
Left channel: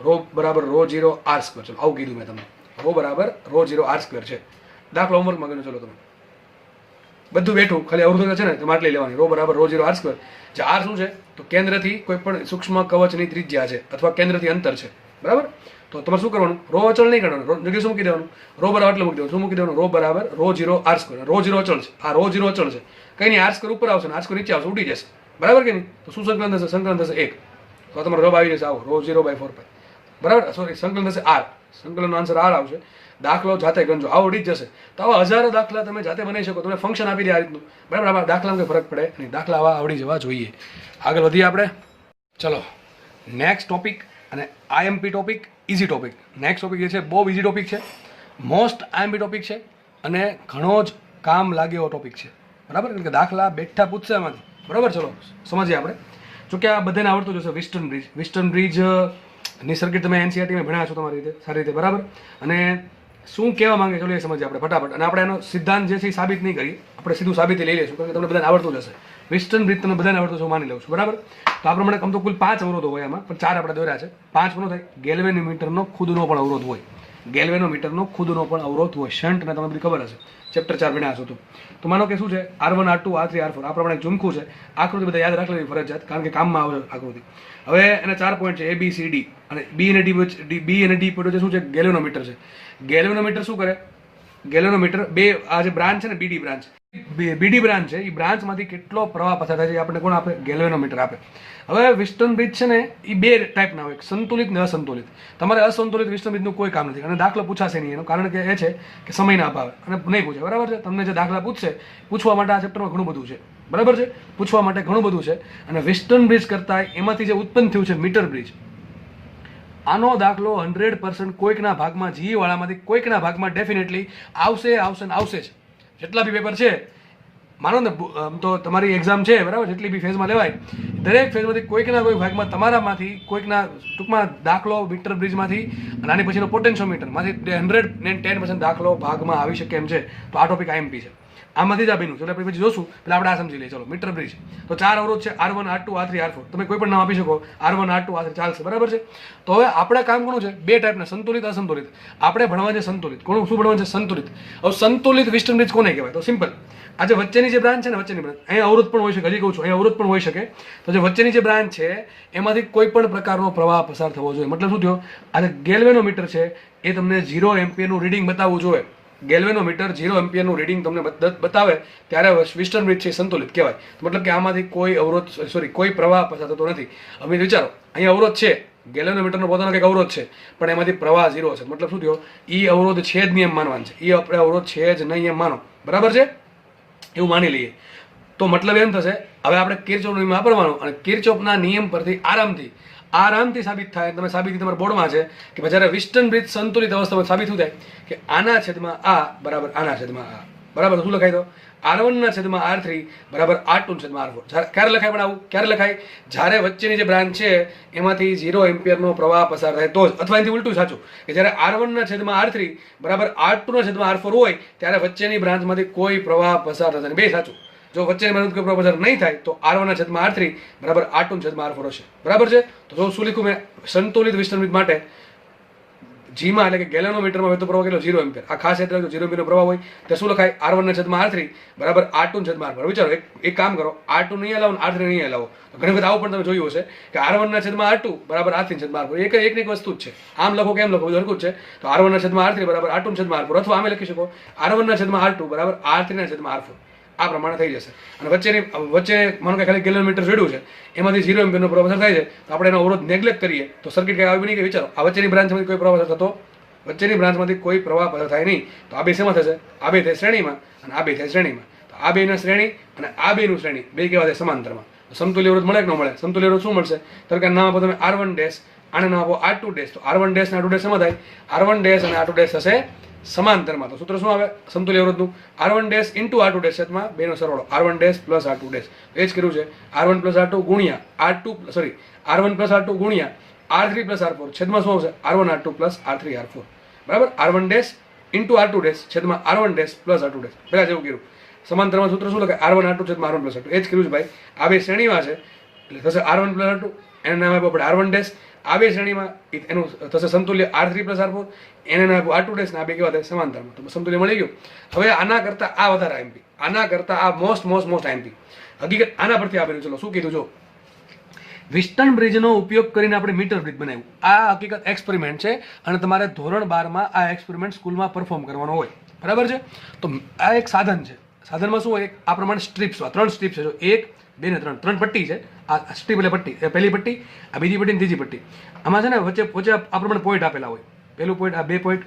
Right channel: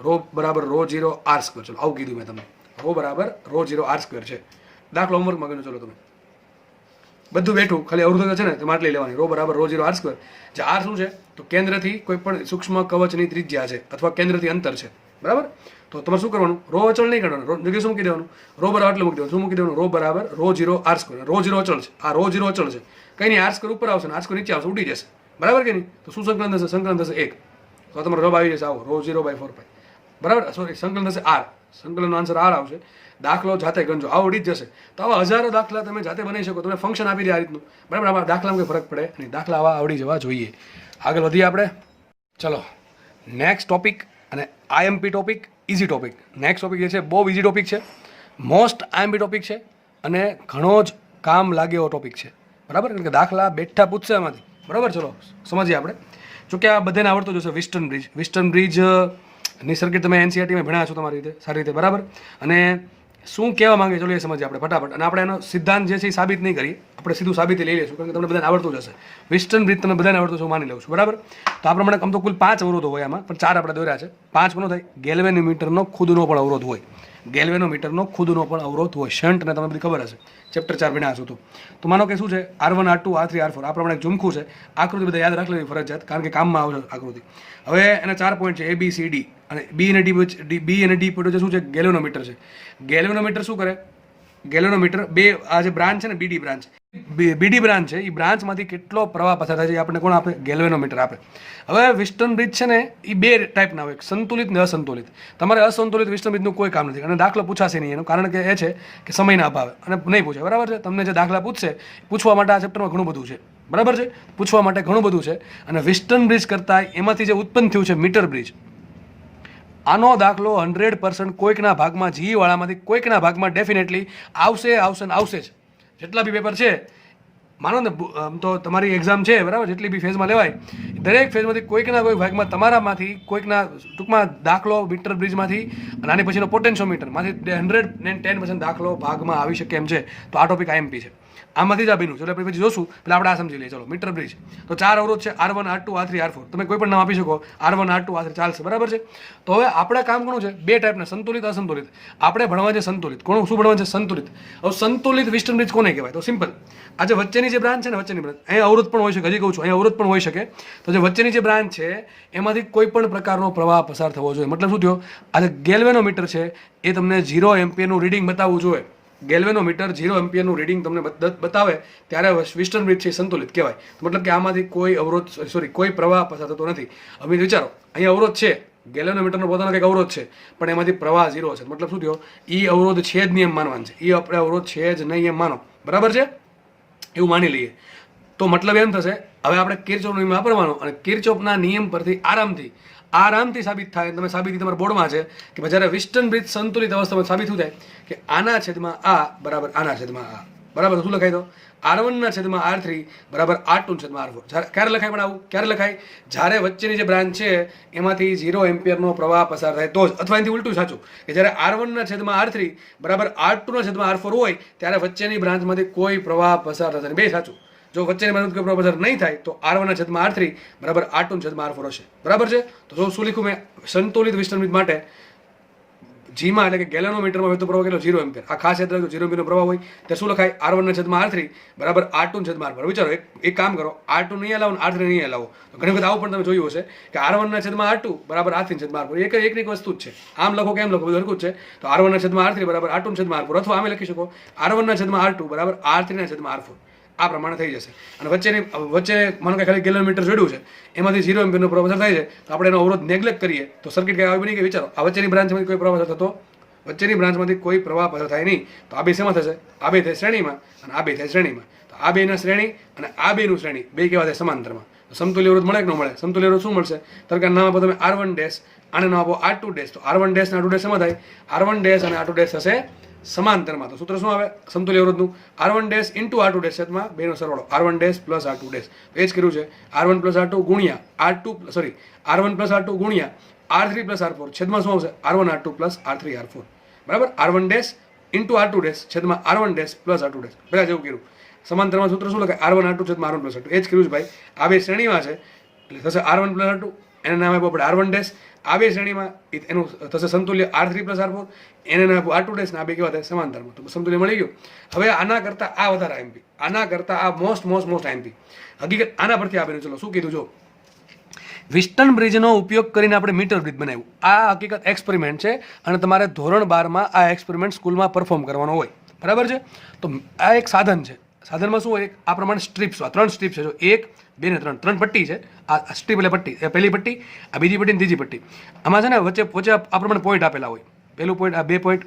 રો બરાબર ρ0r². ચલો આવું કીધું મેં તમને, રો બરાબર ρ0r² છે. દાખલો હોમવર્કમાં ગણો. ચલો તમે બધું બેઠું, ખાલી અવરોધ છે ને તમારે આટલી લેવાની. રો બરાબર ρ0r². જે r શું છે? તો તો કેન્દ્રથી કોઈ પણ સૂક્ષ્મ કવચની ત્રિજ્યા છે અથવા કેન્દ્રથી અંતર છે, બરાબર. તો તમારે શું કરવાનું, રો અચળ નહીં કરવાનું, જગ્યાએ શું મૂકી દેવાનું, રો બરાબર આટલું મૂકી દેવાનું. શું મૂકી દેવાનું, રો બરાબર રો 0 r સ્ક્વેર. રો 0 અચળ છે, આ રો 0 અચળ છે, કંઈ નહીં, r સ્ક્વેર ઉપર આવશે ને r સ્ક્વેર નીચે આવશે, ઉડી જશે, બરાબર કે નહીં. તો શું સંકલન થશે, સંકલન થશે 1. તો તમારો રબ આવી જશે આવો, રો 0/4π, બરાબર. સોરી, સંકલન થશે r, સંકલનનો આન્સર r આવશે. દાખલો જાતે ગણજો, આવો ઉડી જ જશે. તો આવા હજારો દાખલા તમે જાતે બનાવી શકો, તમે ફંક્શન આપી દે આ રીતનું, બરાબર. આમાં દાખલામાં કોઈ ફરક પડે નહીં, દાખલા આવા આવડી જવા જોઈએ. આગળ વધીએ આપણે. ચલો નેક્સ્ટ ટોપિક, અને IMP topic, easy topic. Next topic જે છે બહુ ઇઝી ટોપિક છે, મોસ્ટ આઈએમપી ટોપિક છે, અને ઘણો જ કામ લાગે એવો ટોપિક છે, બરાબર. કારણ કે દાખલા બેઠા પૂછશે એમાંથી, બરાબર. ચલો સમજીએ આપણે. જોકે આ બધાને આવડતું જશે. વિસ્ટર્ન બ્રિજ, વિસ્ટર્ન બ્રિજની સર્કિટ તમે એનસીઆરટીમાં ભણ્યા છો તમારી રીતે, સારી રીતે, બરાબર. અને શું કહેવા માંગે ચલો એ સમજીએ આપણે ફટાફટ. અને આપણે એનો સિદ્ધાંત જે છે એ સાબિત નહીં કરીએ, આપણે સીધું સાબિતી લઈ લઈશું, કારણ કે તમને બધાને આવડતું જશે. વિસ્ટર્ન બ્રિજ તમને બધાને આવડતું છે, હું માની લઉં છું, બરાબર. તો આ પ્રમાણે આમ તો કુલ 5 અવરોધો હોય આમાં, પણ 4 આપણે દોર્યા છે. 5 કોનો થાય, ગેલ્વેનોમીટરનો ખુદનો પણ અવરોધ હોય, ગેલ્વેનોમીટરનો ખુદનો પણ અવરોધ હોય. શન્ટ ને તમને બધી ખબર હશે, ચેપ્ટર 4 ભણ્યા છો તો માનો કે શું છે, R1 R2 R3 R4 આ પ્રમાણે ઝુમખું છે. આકૃતિ બધા યાદ રાખી લેવી ફરજિયાત, કારણ કે કામમાં આવશે આકૃતિ. હવે એના 4 પોઈન્ટ છે, A B C D, અને B અને D પોઈન્ટ શું છે, ગેલ્વેનોમીટર છે. ગેલ્વેનોમીટર શું કરે, ગેલ્વેનોમીટર બે આ જે બ્રાન્ચ છે ને, બીડી બ્રાન્ચ, બીડી બ્રાન્ચ છે, એ બ્રાન્ચમાંથી કેટલો પ્રવાહ પસાર થાય છે એ આપણને કોણ આપે, ગેલ્વેનોમીટર આપે. હવે વિસ્ટર્ન બ્રિજ છે ને એ 2 ટાઈપના હોય, સંતુલિત ને અસંતુલિત. તમારે અસંતુલિત વિસ્ટર્ન બ્રિજનું કોઈ કામ નથી, અને દાખલો પૂછાશે નહીં. એનું કારણ કે એ છે કે સમયના અભાવે, અને નહીં પૂછે, બરાબર છે. તમને જે દાખલા પૂછશે, પૂછવા માટે આ ચેપ્ટરમાં ઘણું બધું છે, બરાબર છે. પૂછવા માટે ઘણું બધું છે. અને વિસ્ટર્ન બ્રિજ કરતાં એમાંથી જે ઉત્પન્ન થયું છે મીટર બ્રિજ, આનો દાખલો 100% કોઈકના ભાગમાં, જીવાળામાંથી કોઈકના ભાગમાં ડેફિનેટલી આવશે ને આવશે જ. જેટલા બી પેપર છે, માનો ને આમ તો તમારી એક્ઝામ છે, બરાબર, જેટલી બી ફેઝમાં લેવાય, દરેક ફેઝમાંથી કોઈકના કોઈ ભાગમાં, તમારામાંથી કોઈકના, ટૂંકમાં દાખલો મીટર બ્રિજમાંથી અને આની પછીનો પોટેન્શિયોમીટરમાંથી 110% દાખલો ભાગમાં આવી શકે એમ છે. તો આ ટોપિક આઈએમપી છે, આમાંથી જ આ બન્યું. ચલો પછી જોશું, પેલા આપણે આ સમજી લઈએ. ચલો મીટર બ્રિજ, તો 4 અવરોધ છે, R1 R2 R3 R4. તમે કોઈ પણ નામ આપી શકો, R1 R2 R3 ચાલશે, બરાબર છે. તો હવે આપણે કામ કોનું છે, 2 ટાઈપના, સંતુલિત અસંતુલિત. આપણે ભણવા છે સંતુલિત. કોણ શું ભણવા છે, સંતુલિત. હવે સંતુલિત વિસ્ટર્ન બ્રિજ કોને કહેવાય, તો સિમ્પલ, આ જે વચ્ચેની જે બ્રાન્ચ છે ને, વચ્ચેની બ્રાન્ચ, અહીં અવરોધ પણ હોઈ શકે, હજી કહું છું, અહીં અવરોધ પણ હોઈ શકે. તો જે વચ્ચેની જે બ્રાન્ચ છે એમાંથી કોઈ પણ પ્રકારનો પ્રવાહ પસાર થવો જોઈએ. મતલબ શું થયો, આ જે ગેલ્વેનોમીટર છે એ તમને 0 એમ્પિયરનું રીડિંગ બતાવવું જોઈએ. ગેલ્વેનોમીટર 0 એમ્પિયરનું રીડિંગ તમને બતાવે ત્યારે વિસ્ટર્ન બ્રિજ છે સંતુલિત કહેવાય. મતલબ કે આમાંથી કોઈ અવરોધ, કોઈ પ્રવાહ પસાર થતો નથી. હવે વિચારો, અહીં અવરોધ છે, ગેલ્વેનોમીટરનો પોતાનો કંઈક અવરોધ છે, પણ એમાંથી પ્રવાહ 0 છે. મતલબ શું થયો, એ અવરોધ છે જ નહીં એમ માનવાનું છે, એ આપણે અવરોધ છે જ નહીં એમ માનો, બરાબર છે, એવું માની લઈએ. તો મતલબ એમ થશે, હવે આપણે કિર્ચોફનો નિયમ વાપરવાનો, અને કિર્ચોફના નિયમ પરથી આરામથી સાબિત થાય. તમે સાબિતી તમારા બોર્ડમાં છે કે જ્યારે વિસ્ટર્ન બ્રિજ સંતુલિત અવસ્થામાં સાબિત શું થાય કે આના છેદમાં આ બરાબર આના છેદમાં આ, બરાબર. શું લખાય, તો R1 છેદમાં R3 બરાબર R2 છેદમાં R4. ક્યારે લખાય, પણ આવું ક્યારે લખાય, જ્યારે વચ્ચેની જે બ્રાન્ચ છે એમાંથી 0 એમ્પિયરનો પ્રવાહ પસાર થાય તો જ, અથવા એનાથી ઉલટું સાચું, કે જ્યારે R1 છેદમાં R3 બરાબર R2 છેદમાં R4 હોય ત્યારે વચ્ચેની બ્રાન્ચમાંથી કોઈ પ્રવાહ પસાર થતા નહીં. બે સાચું. જો વચ્ચેની બ્રાન્ચ કોઈ પ્રવાહ પસાર નહીં થાય તો R1 છેદમાં R3 બરાબર R2 છેદમાં R4 હશે, બરાબર છે. તો જો શું લીખું મેં, સંતુલિત વિસ્ટર્ન બ્રિજ માટે જીમાં, એટલે કે ગેલ્વેનોમીટરમાં વહેતો પ્રવાહ કેટલો, 0 એમ્પિયર. આ ખાસ યાદ રાખજો, 0 એમ્પિયરનો પ્રવાહ હોય તો શું લખાય, R1 છેદમાં R3 બરાબર R2 છેદમાં R4. વિચારો, એક કામ કરો, R2 નહીં હલાવો ને R3 નહીં હલાવો. ઘણી વખત આવું પણ તમે જોયું હશે કે R1 છેદમાં R2 બરાબર R3 છેદમાં R4, એકની વસ્તુ જ છે. આમ લખો કે એમ લખો, બધું હરખું જ છે. તો R1 છેદમાં R3 બરાબર R2 છેદમાં R4, અથવા આમે લખી શકો R1 છેદમાં R2 બરાબર R3 છેદમાં R4. આ પ્રમાણે થઈ જશે. અને વચ્ચે માનો કે ખાલી ગેલ્વેનોમીટર જોડ્યું છે, એમાંથી 0 એમ્પિયરનો પ્રવાહ પસાર થાય છે, તો આપણે એનો અવરોધ નેગ્લેક્ટ કરીએ તો સર્કિટ કઈ આવી બની કે, વિચારો, આ વચ્ચેની બ્રાન્ચમાંથી કોઈ પ્રવાહ થતો, વચ્ચેની બ્રાન્ચમાંથી કોઈ પ્રવાહ પસાર થાય નહીં. તો આ બે શેમાં થશે, આ બે થાય શ્રેણીમાં, અને આ બે થાય શ્રેણીમાં. તો આ બેના શ્રેણી અને આ બેનું શ્રેણી, બે કેવા થાય, સમાંતરમાં. તો સમતુલ્ય અવરોધ મળે કે ન મળે, સમતુલ્ય અવરોધ શું મળશે, તરકા નામ આપો તમે R1 ડેશ, આને નામ આપો R2 ડેશ. તો R1 ડેશ અને R2 ડેશ શેમાં થાય, R1 ડેશ અને R2 ડેશ થશે સમાંતરમાં. તો સૂત્ર શું આવે સમતુલ્ય અવરોધનું, R1 dash into R2 dash છેદમાં બેનો સરવાળો, R1 dash plus R2 dash. એ જ કર્યું છે, R1 પ્લસ R2 ગુણ્યા R1 પ્લસ R2 ગુણ્યા R3 પ્લસ R4 છેદમાં શું આવશે, R1 R2 plus R3 R4 બરાબર. R1 dash into R2 dash છેદમાં R1 dash plus R2 dash. પહેલા જેવું કર્યું, સમાંતરમાં સૂત્ર શું લખાય, R1 R2 છેદમાં R1 પ્લસ R2. એ જ કર્યું છે ભાઈ. આ બે શ્રેણીમાં છે એટલે થશે R1 પ્લસ R2, એને નામ આપ્યું આપણે R1 ડેશ. આ બે શ્રેણીમાં એનું થશે સમતુલ્ય R3 પ્લસ R4, એને નામ આપ્યું R2 ડેશ, ને આ બે કેવા થાય, સમાંતરમાં. તો સમતુલ્ય મળી ગયું. હવે આના કરતાં આ વધારે આઈએમપી, આના કરતાં આ મોસ્ટ આઈએમપી. હકીકત આના પરથી આપેલું. ચલો શું કીધું, જો વિસ્ટન બ્રિજનો ઉપયોગ કરીને આપણે મીટર બ્રિજ બનાવ્યું. આ હકીકત એક્સપેરિમેન્ટ છે અને તમારે ધોરણ 12માં આ એક્સપેરિમેન્ટ સ્કૂલમાં પરફોર્મ કરવાનો હોય, બરાબર છે. તો આ એક સાધન છે. સાધનમાં શું હોય, આ પ્રમાણે સ્ટ્રીપ્સ, 3 સ્ટ્રીપ્સ છે. જો 1, 2 ને 3 પટ્ટી છે. આ સ્ટ્રીપ એટલે પટ્ટી, એ પહેલી પટ્ટી, આ બીજી પટ્ટી ને ત્રીજી પટ્ટી. આમાં છે ને વચ્ચે વચ્ચે આ પ્રમાણે પોઈન્ટ આપેલા હોય. પહેલું પોઈન્ટ, આ 2 પોઈન્ટ,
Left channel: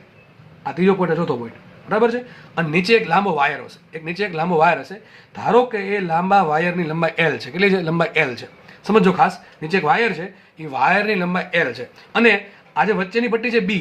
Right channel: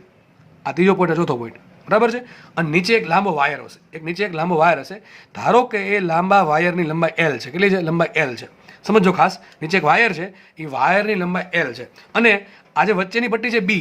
આ ત્રીજો પોઈન્ટ, આ ચોથો પોઈન્ટ, બરાબર છે. અને નીચે એક લાંબો વાયર હશે, નીચે એક લાંબો વાયર હશે. ધારો કે એ લાંબા વાયરની લંબાઈ L છે. કેટલી છે? લંબાઈ L છે. સમજો ખાસ, નીચે એક વાયર છે, એ વાયરની લંબાઈ L છે. અને આ જે વચ્ચેની પટ્ટી છે B,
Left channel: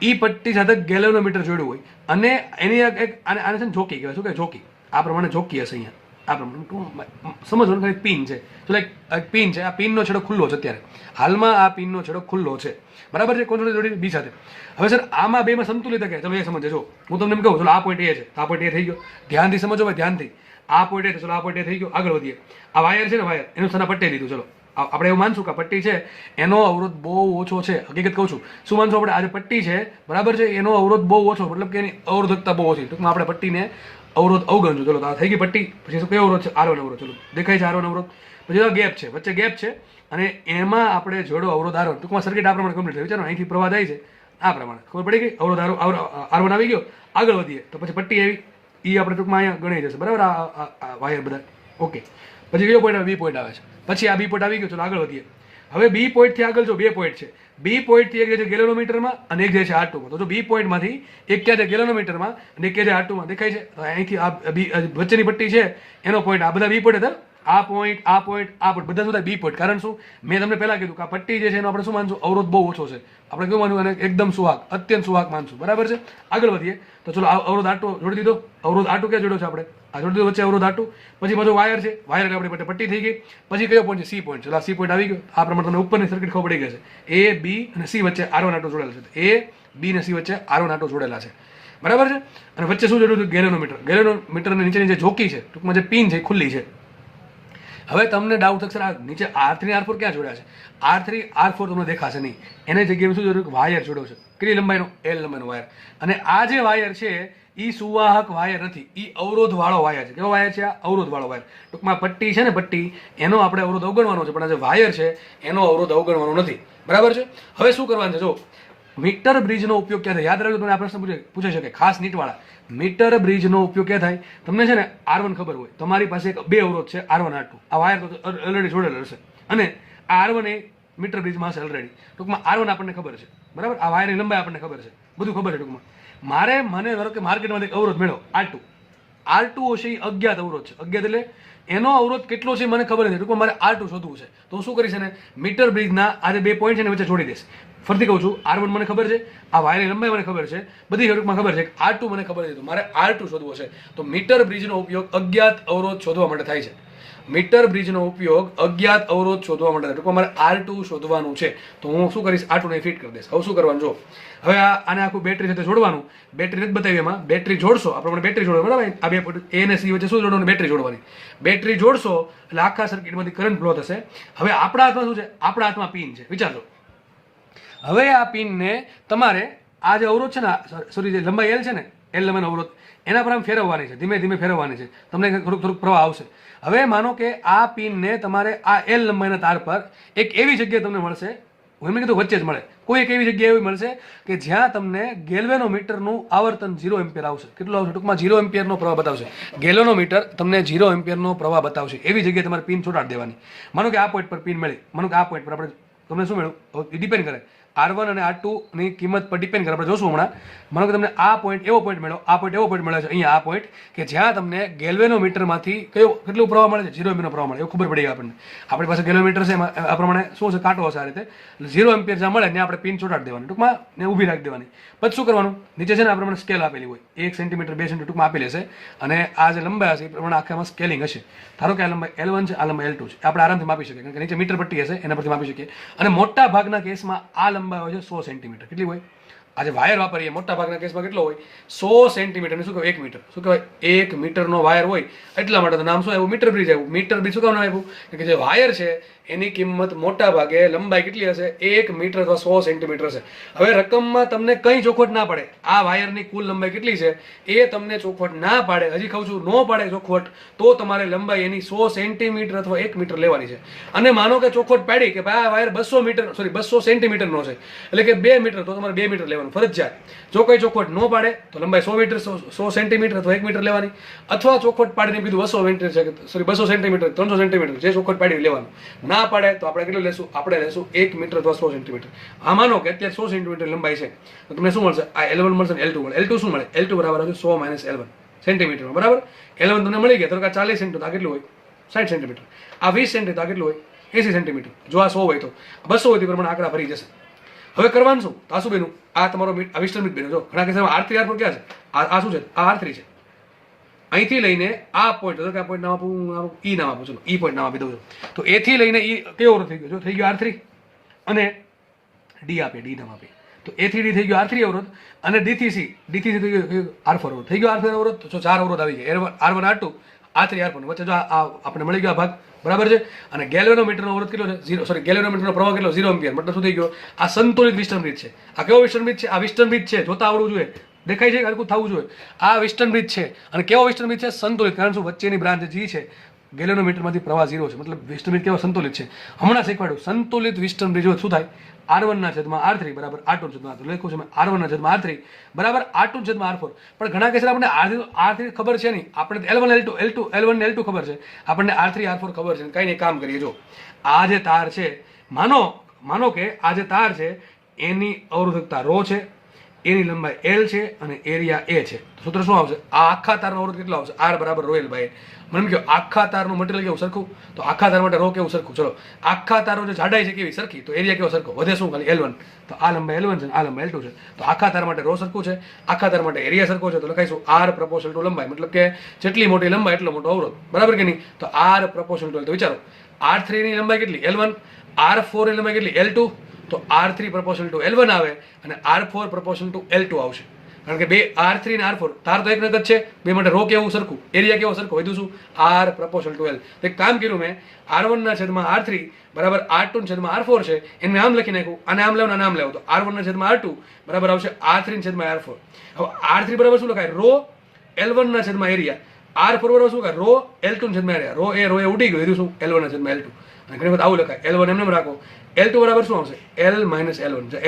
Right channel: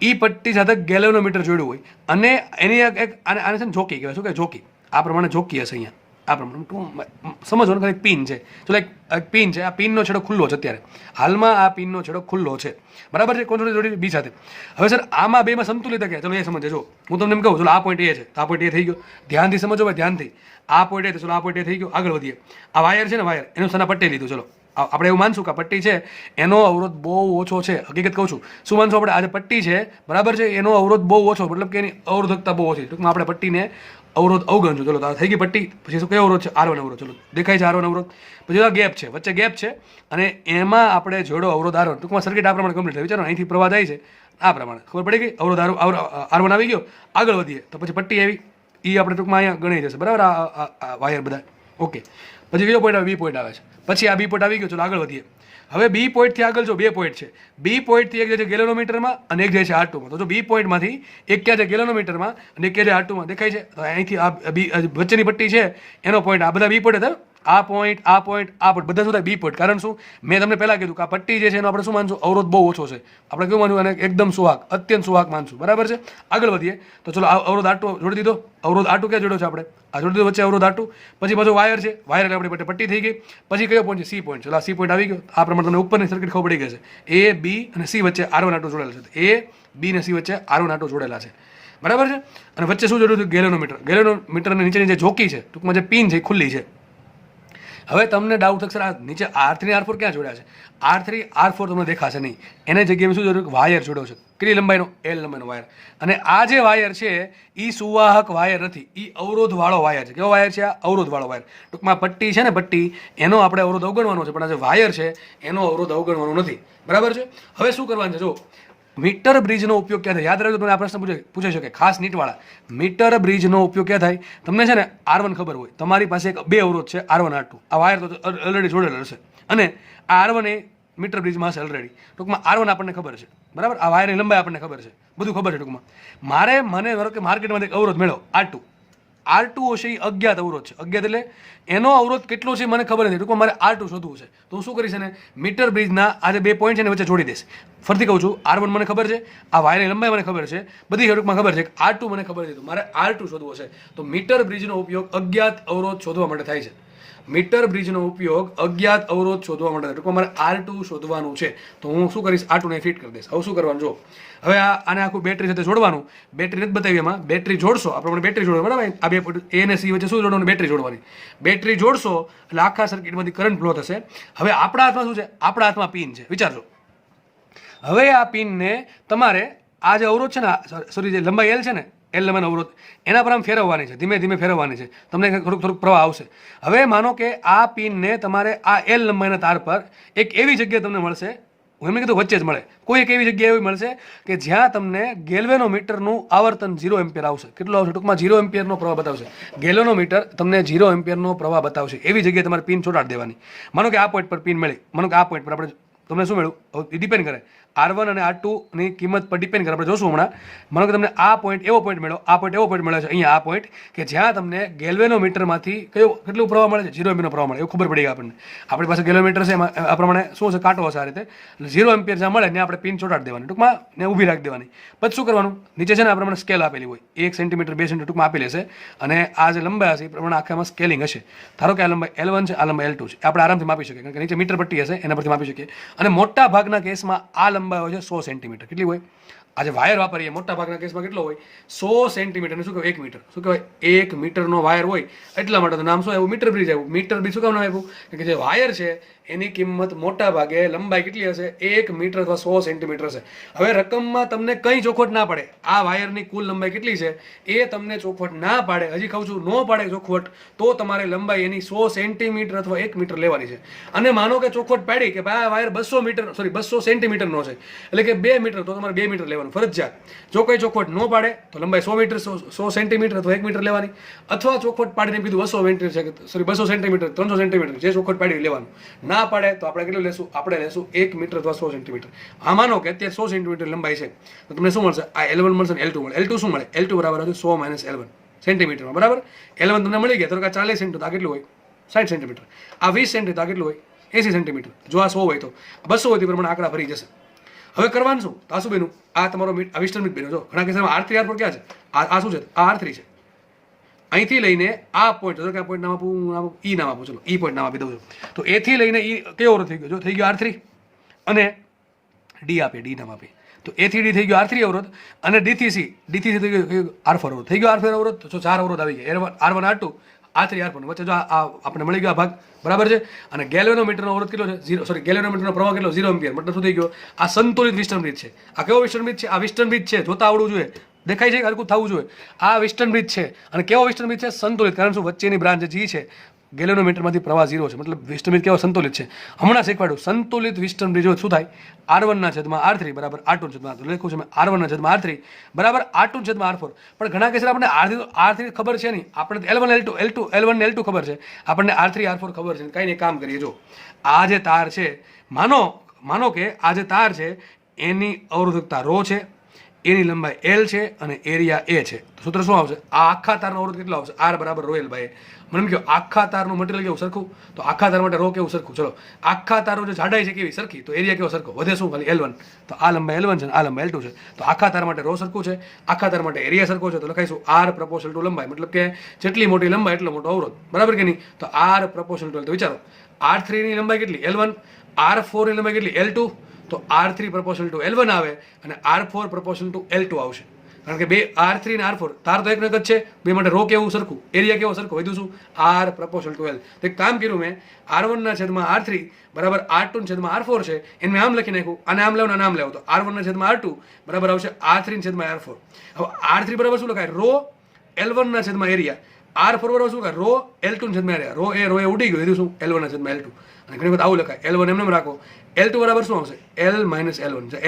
એ પટ્ટી સાથે ગેલેનોમીટર જોડ્યું હોય અને એની એક આને છે ને જોકી કહેવાય. શું કે જોકી? આ પ્રમાણે જોકી હશે અહીંયા. આ પ્રમાણે સમજવાનું, એક પિન છે. તો એક પિન છે. આ પિનનો છેડો ખુલ્લો છે અત્યારે હાલમાં. આ પિનનો છેડો ખુલ્લો છે, બરાબર છે. કોણ જોડી? બી સાથે. હવે સર આમાં બેમાં સંતુલિત કે ચલો એ સમજે. જો હું તમને એમ કહું, ચલો આ પોઈન્ટ એ છે, આ પોઈન્ટ એ થઈ ગયો. ધ્યાનથી સમજો ભાઈ, ધ્યાનથી. આ પોઈન્ટ એ, ચલો આ પોઈન્ટ એ થઈ ગયો. આગળ વધીએ. આ વાયર છે ને, વાયર એનું સના પટ્ટી લીધું. ચલો આપણે એવું માનશું કે આ પટ્ટી છે એનો અવરોધ બહુ ઓછો છે. હકીકત કહું છું, શું માનશું આપણે? આ જે પટ્ટી છે, બરાબર છે, એનો અવરોધ બહુ ઓછો, મતલબ કે એની અવરોધકતા બહુ ઓછી. ટૂંકમાં આપણે પટ્ટીને અવરોધ અવગણશું. ચલો તો આ થઈ ગઈ પટ્ટી. પછી શું કયો અવરોધ છે? R1 અવરોધ. ચલો દેખાય છે R1 અવરોધ. પછી ગેપ છે, વચ્ચે ગેપ છે અને એમાં આપણે જોડો અવરોધ R1. ટૂંકમાં સર્કિટ આ પ્રમાણે કમ્પ્લીટ થઈ. વિચારો અહીંથી પ્રવાહ થાય છે આ પ્રમાણે, ખબર પડી ગઈ? અવરોધ R1 આવી ગયો. આગળ વધીએ તો પછી પટ્ટી આવી, એ આપણે ટૂંકમાં અહીંયા ગણાઈ જશે, બરાબર. આ વાયર બધા ઓકે. પછી કયો પોઈન્ટ આવે? બી પોઈન્ટ આવે છે. પછી આ બી પોઈન્ટ આવી ગયો. ચલો આગળ વધીએ. હવે બી પોઈન્ટથી આગળ જો 2 પોઈન્ટ છે. બી પોઈન્ટથી એક જાય છે ગેલેનોમીટરમાં અને એક જાય છે R2માં. તો જો બી પોઈન્ટમાંથી એક ક્યાં છે? ગેલેનોમીટરમાં અને એક ક્યાં છે? R2માં. દેખાય છે? અહીંથી આ વચ્ચેની પટ્ટી છે એનો પોઈન્ટ, આ બધા બી પોઈન્ટ હતા. આ પોઈન્ટ, આ પોઈન્ટ, આ પોઈન્ટ, બધા શું બી પોઈન્ટ. કારણ શું? મેં તમને પહેલા કીધું કે આ પટ્ટી જે છે એનો આપણે શું માનશું? અવરોધ બહુ ઓછો છે. આપણે કેવું માનવું? અને એકદમ સુહાગ, અત્યંત સુહાગ માનશું, બરાબર છે. આગળ વધીએ તો ચલો અવરોધ R2 જોડી દીધો. અવરોધ R2 ક્યાં જોડ્યો છે આપણે? આ જોડી દીધો વચ્ચે અવરોધ R2. પછી પાછો વાયર છે, વાયર એટલે આપણી પટ્ટી થઈ ગઈ. પછી કયો પોઈન્ટ છે? C point. ચલો આ સી પોઈન્ટ આવી ગયો. આ પ્રમાણે તમને ઉપરની સર્કિટ ખબર પડી ગઈ છે. A, B અને C વચ્ચે R1 R2 જોડેલા છે. A, B અને C વચ્ચે R1 R2 જોડેલા છે, બરાબર છે. અને વચ્ચે શું જોડ્યું? ગેલેનોમીટર. ગેલેનોમીટરની નીચેની જે જોકી છે, ટૂંકમાં જે પિન છે એ ખુલ્લી છે. હવે તમને ડાઉટ થશે, આ નીચે R3 R4 ક્યાં જોડ્યા છે? R3 R4 તમને દેખાશે નહીં. એને જગ્યાએ શું જોડ્યું? વાયર જોડ્યો છે. કેટલી લંબાઈનો? L લંબાઈનો વાયર. અને આ જે વાયર છે એ સુવાહક વાયર નથી, એ અવરોધવાળો વાયર છે. કેવો વાયર છે? આ અવરોધવાળો વાયર. ટૂંકમાં પટ્ટી છે ને, પટ્ટી, એનો આપણે અવરોધ અવગણવાનો છે, પણ આ જે વાયર છે એનો અવરોધ અવગણવાનો નથી, બરાબર છે. હવે શું કરવાનું છે? જો મીટર બ્રિજનો ઉપયોગ ક્યાં થાય? યાદ રાખજો, તમને આ પ્રશ્ન પૂછાઈ શકે, ખાસ નીટવાળા. મીટર બ્રિજનો ઉપયોગ ક્યાં થાય? તમને છે ને R1 ખબર હોય, તમારી પાસે એક 2 અવરોધ છે R1 R2. આ વાયર તો ઓલરેડી જોડેલો હશે અને આ R1 એ મીટર બ્રિજમાં હશે ઓલરેડી. ટૂંકમાં R1 આપણને ખબર છે, બરાબર. આ વાયરની લંબાઈ આપણને ખબર છે, બધું ખબર છે. ટૂંકમાં મને ધારો કે માર્કેટમાંથી એક અવરોધ મેળવો R2. R2 હશે એ અજ્ઞાત અવરોધ છે. અજ્ઞાત એટલે એનો અવરોધ કેટલો છે મને ખબર નથી. ટૂંકમાં મારે R2 શોધવું છે. તો હું શું કરીશ? ને મીટર બ્રિજના આ જે 2 પોઈન્ટ છે ને વચ્ચે જોડી દઈશ. ફરીથી કહું છું, R1 મને ખબર છે, આ વાયરની લંબાઈ મને ખબર છે, બધી ટૂંકમાં ખબર છે. R2 મને ખબર છે, તો મારે R2 શોધવો છે. તો મીટર બ્રિજનો ઉપયોગ અજ્ઞાત અવરોધ શોધવા માટે થાય છે. મીટર બ્રિજનો ઉપયોગ અજ્ઞાત અવરોધ શોધવા માટે થાય. ટૂંકમાં મારે R2 શોધવાનું છે. તો હું શું કરીશ? R2 ને ફિટ કરી દઈશ. હવે શું કરવાનું? જો હવે આને આખું બેટરી સાથે જોડવાનું. બેટરી નથી બતાવી એમાં. બેટરી જોડશો, આ પ્રમાણે બેટરી જોડો, બરાબર. આ 2 A અને C વચ્ચે શું જોડવાનું? બેટરી જોડવાની. બેટરી જોડશો એટલે આખા સર્કિટમાંથી કરંટ ફ્લો થશે. હવે આપણા હાથમાં શું છે? આપણા હાથમાં પિન છે. વિચારજો, હવે આ પિનને તમારે આ જે અવરોધ છે ને, સોરી, જે લંબાઈ L છે ને, L લંબાઈનો અવરોધ, એના પર આમ ફેરવવાની છે, ધીમે ધીમે ફેરવવાની છે. તમને થોડુંક પ્રવાહ આવશે. હવે માનો કે આ પિનને તમારે આ L લંબાઈના તાર પર એક એવી જગ્યાએ તમને મળશે, હું એમને કીધું વચ્ચે જ મળે, કોઈ એક એવી જગ્યાએ એવી મળશે કે જ્યાં તમને ગેલ્વેનોમીટરનું આવર્તન 0 એમ્પિયર આવશે. કેટલું આવશે? ટૂંકમાં 0 એમ્પિયરનો પ્રવાહ બતાવશે. ગેલ્વેનોમીટર તમને 0 એમ્પિયરનો પ્રવાહ બતાવશે. એવી જગ્યાએ તમારે પિન ચોંટાડી દેવાની. માનો કે આ પોઈન્ટ પર પિન મળી, માનો કે આ પોઈન્ટ પર આપણે, તમને શું મળ્યું? ડિપેન્ડ કરે R1 અને R2 ની કિંમત પર ડિપેન્ડ કરે. આપણે જોશું હમણાં. માનો કે તમને આ પોઈન્ટ એવો પોઈન્ટ મળ્યો, આ પોઈન્ટ એવો પોઈન્ટ મળ્યો છે, અહીંયા આ પોઈન્ટ કે જ્યાં તમને ગેલ્વેનોમીટરમાંથી કેટલું પ્રવાહ મળે છે? 0 એમ્પિયરનો પ્રવાહ મળે. એવું ખબર પડી ગઈ આપણને. આપણી પાસે ગેલ્વેનોમીટર છે, એમાં આ પ્રમાણે શું છે? કાંટો હશે આ રીતે. એટલે 0 એમ્પિયર જ્યાં મળે ને આપણે પિન ચોંટાડી દેવાની, ટૂંકમાં ને ઊભી રાખી દેવાની. પછી શું કરવાનું? નીચે છે ને આ પ્રમાણે સ્કેલ આપેલી હોય, 1 સેન્ટીમીટર 2 સેન્ટીમીટર ટૂંકમાં આપેલી હશે અને આ જે લંબાઈ હશે એ પ્રમાણે આખામાં સ્કેલિંગ હશે. ધારો કે આ લંબાઈ L1 છે, આ લંબાઈ L2 છે. આપણે આરામથી માપી શકીએ, કારણ કે નીચે મીટર પટ્ટી હશે એના પરથી માપી શકીએ. અને મોટા ભાગના કેસમાં આ લંબાઈ હોય છે 100 સેન્ટીમીટર. કેટલી હોય? આજે વાયર વાપરીએ મોટા ભાગના કેસમાં કેટલો હોય? 100 સેન્ટીમીટર. શું કહેવાય? 1 મીટર. શું કહેવાય? 1 મીટરનો વાયર હોય. એટલા માટે તો નામ શું આવ્યું? મીટર બ્રિજ આવ્યું. મીટર બ્રિજ શું કામ આવ્યું? કે જે વાયર છે એની કિંમત મોટા ભાગે લંબાઈ કેટલી હશે 1 મીટર અથવા 100 સેન્ટીમીટર છે. હવે રકમમાં તમને કંઈ ચોખવટ ના પડે, આ વાયરની કુલ લંબાઈ કેટલી છે એ તમને ચોખવટ ના પાડે, હજી કહું છું ન પાડે ચોખવટ, તો તમારે લંબાઈ એની 100 સેન્ટીમીટર અથવા 1 મીટર લેવાની છે. અને માનો કે ચોખવટ પાડી કે ભાઈ આ વાયર 200 સેન્ટીમીટરનો છે, એટલે કે 2 મીટર, તો તમારે 2 મીટર લેવાનું ફરજિયાત. જો કોઈ ચોખવટ ન પાડે તો લંબાઈ 100 મીટર 100 સેન્ટીમીટર અથવા 1 મીટર લેવાની, અથવા ચોખવટ પાડીને કીધું 200 મીટર છે, 200 સેન્ટીમીટર 300 સેન્ટીમીટર, જે ચોખવટ પાડી લેવાનું. ના પાડે તો આપણે કેટલું લેશું? આપણે લેશું 1 મીટર અથવા 100 સેન્ટીમીટર. આ માનો કે અત્યારે 100 સેન્ટીમીટર લંબાઈ છે, તો તમને શું મળશે? આ L1 મળશે ને L2 મળે. L2 શું મળે? L2 બરાબર હશે 100 માઇનસ L1 સેન્ટીમીટરમાં, બરાબર. L1 તમને મળી ગયા, તો આ 40 સેન્ટીમીટર, આ કેટલું હોય? 60 સેન્ટીમીટર. આ 20 સેન્ટીમીટર, આ કેટલું હોય? 80 સેન્ટીમીટર. જો આ 100 હોય તો 200 હોય તે પ્રમાણે આંકડા ભરી જશે. હવે કરવાનું શું? આ શું બેનું? આ તમારો આ વિસ્ટર્ન બીટ બેનું. જો ઘણા કેસમાં R3 R4 ક્યાં છે? આ શું છે? આ R3 છે. અહીંથી લઈને આ પોઈન્ટ, તો કે પોઈન્ટ નામ આપું, ઈ નામ આપું, ચલો ઈ પોઈન્ટ નામ આપી દઉં છું. તો A થી લઈને ઈ કેવો અવરોધ થઈ ગયો? જો થઈ ગયો R3, અને D આપે, D નામ આપે. તો A થી D થઈ ગયો R3 અવરોધ, અને D થી C થઈ ગયો R4 અવરોધ. થઈ ગયો R4 અવરોધ, તો 4 અવરોધ આવી ગયા, R1 R2 R3 R4. વચ્ચે જો આ આપણે મળી ગયો આ ભાગ, બરાબર છે. અને ગેલ્વેનોમીટરનો અવરોધ કેટલો છે? ગેલ્વેનોમીટરનો પ્રવાહ કેટલો? 0 એમ્પિયર. મતલબ શું થઈ ગયો? આ સંતુલિત વિસ્ટર્ન બ્રિજ છે. આ કેવો વિસ્ટર્ન બ્રિજ છે? આ વિસ્ટર્ન બ્રિજ છે, જોતા આવડવું જોઈએ, દેખાય છે, હલકું થવું જોઈએ. આ વિસ્ટર્ન બ્રિજ છે, અને કેવો વિસ્ટર્ન બ્રિજ છે? સંતુલિત. કારણ શું? વચ્ચેની બ્રાન્ચ G છે, ગેલ્વેનોમીટરમાંથી પ્રવાહ 0 છે, મતલબ વિસ્ટર્ન બ્રિજ કેવો? સંતુલિત છે. હમણાં શીખવાડ્યું, સંતુલિત વિસ્ટર્ન બ્રિજ હોય શું થાય? R1/R3 બરાબર R2/R3. લખ્યું છે મેં, R1/R3 બરાબર R2/R4. પણ ઘણા કેસ આપણને R3 ખબર છે નહીં, આપણે L1 ને L2 ખબર છે, આપણને R3 R4 ખબર છે. કંઈ નહીં, કામ કરીએ. જો આ જે તાર છે, માનો કે આ જે તાર છે એની અવરોધકતા ρ છે, એની લંબાઈ L છે, અને એરિયા A છે. સૂત્ર શું આવશે? આ આખા તારનો અવરોધ કેટલો આવશે? R બરાબર ρ L/A. મને કહો આખા તારનું મટીરિયલ કેવું? સરખું. તો આખા તાર માટે ρ કેવું? સરખું. ચલો, આખા તારનો જે જાડાઈ છે કેવી? સરખી. તો એરિયા કેવો? સરખો. વધે શું? ખાલી L1. તો આ લંબાઈ L1 છે, આ લંબાઈ L2 છે. તો આખા તાર માટે ρ સરખું છે, આખા તાર માટે એરિયા સરખો છે. તો લખાઈશું R પ્રપોર્શનલ ટુ લંબાઈ, મતલબ કે જેટલી મોટી લંબાઈ એટલો મોટો અવરોધ, બરાબર કે નહીં? તો R પ્રપોર્શનલ ટુ. તો વિચારો, R3 ની લંબાઈ કેટલી? L1. R4 ની લંબાઈ કેટલી? L2. તો R3 પ્રપોર્શનલ ટુ L1 આવે, અને R4 પ્રપોર્શનલ ટુ L2 આવશે. કારણ કે બે R3 અને R4 તાર તો એક જ છે, બે માટે ρ કેવું? સરખું. એરિયા કેવો? સરખો. વધુ શું? R proportional two L. એક કામ કર્યું મેં, R1/R3 બરાબર R2/R4 છે, એને આમ લખી નાખ્યું, અને આમ લેવું, અને આમ લેવું. તો R1/R2 બરાબર આવશે R3/R4. હવે R3 બરાબર શું લખાય? ρ L1/એરિયા. R4 બરાબર શું લખાય? ρ L2/એરિયા. ρ એ ઉડી ગયું, શું? L1/L2. અને ઘણી વખત આવું લખાય, L1 એમને રાખો. L2 બરાબર શું આવશે? L-L1.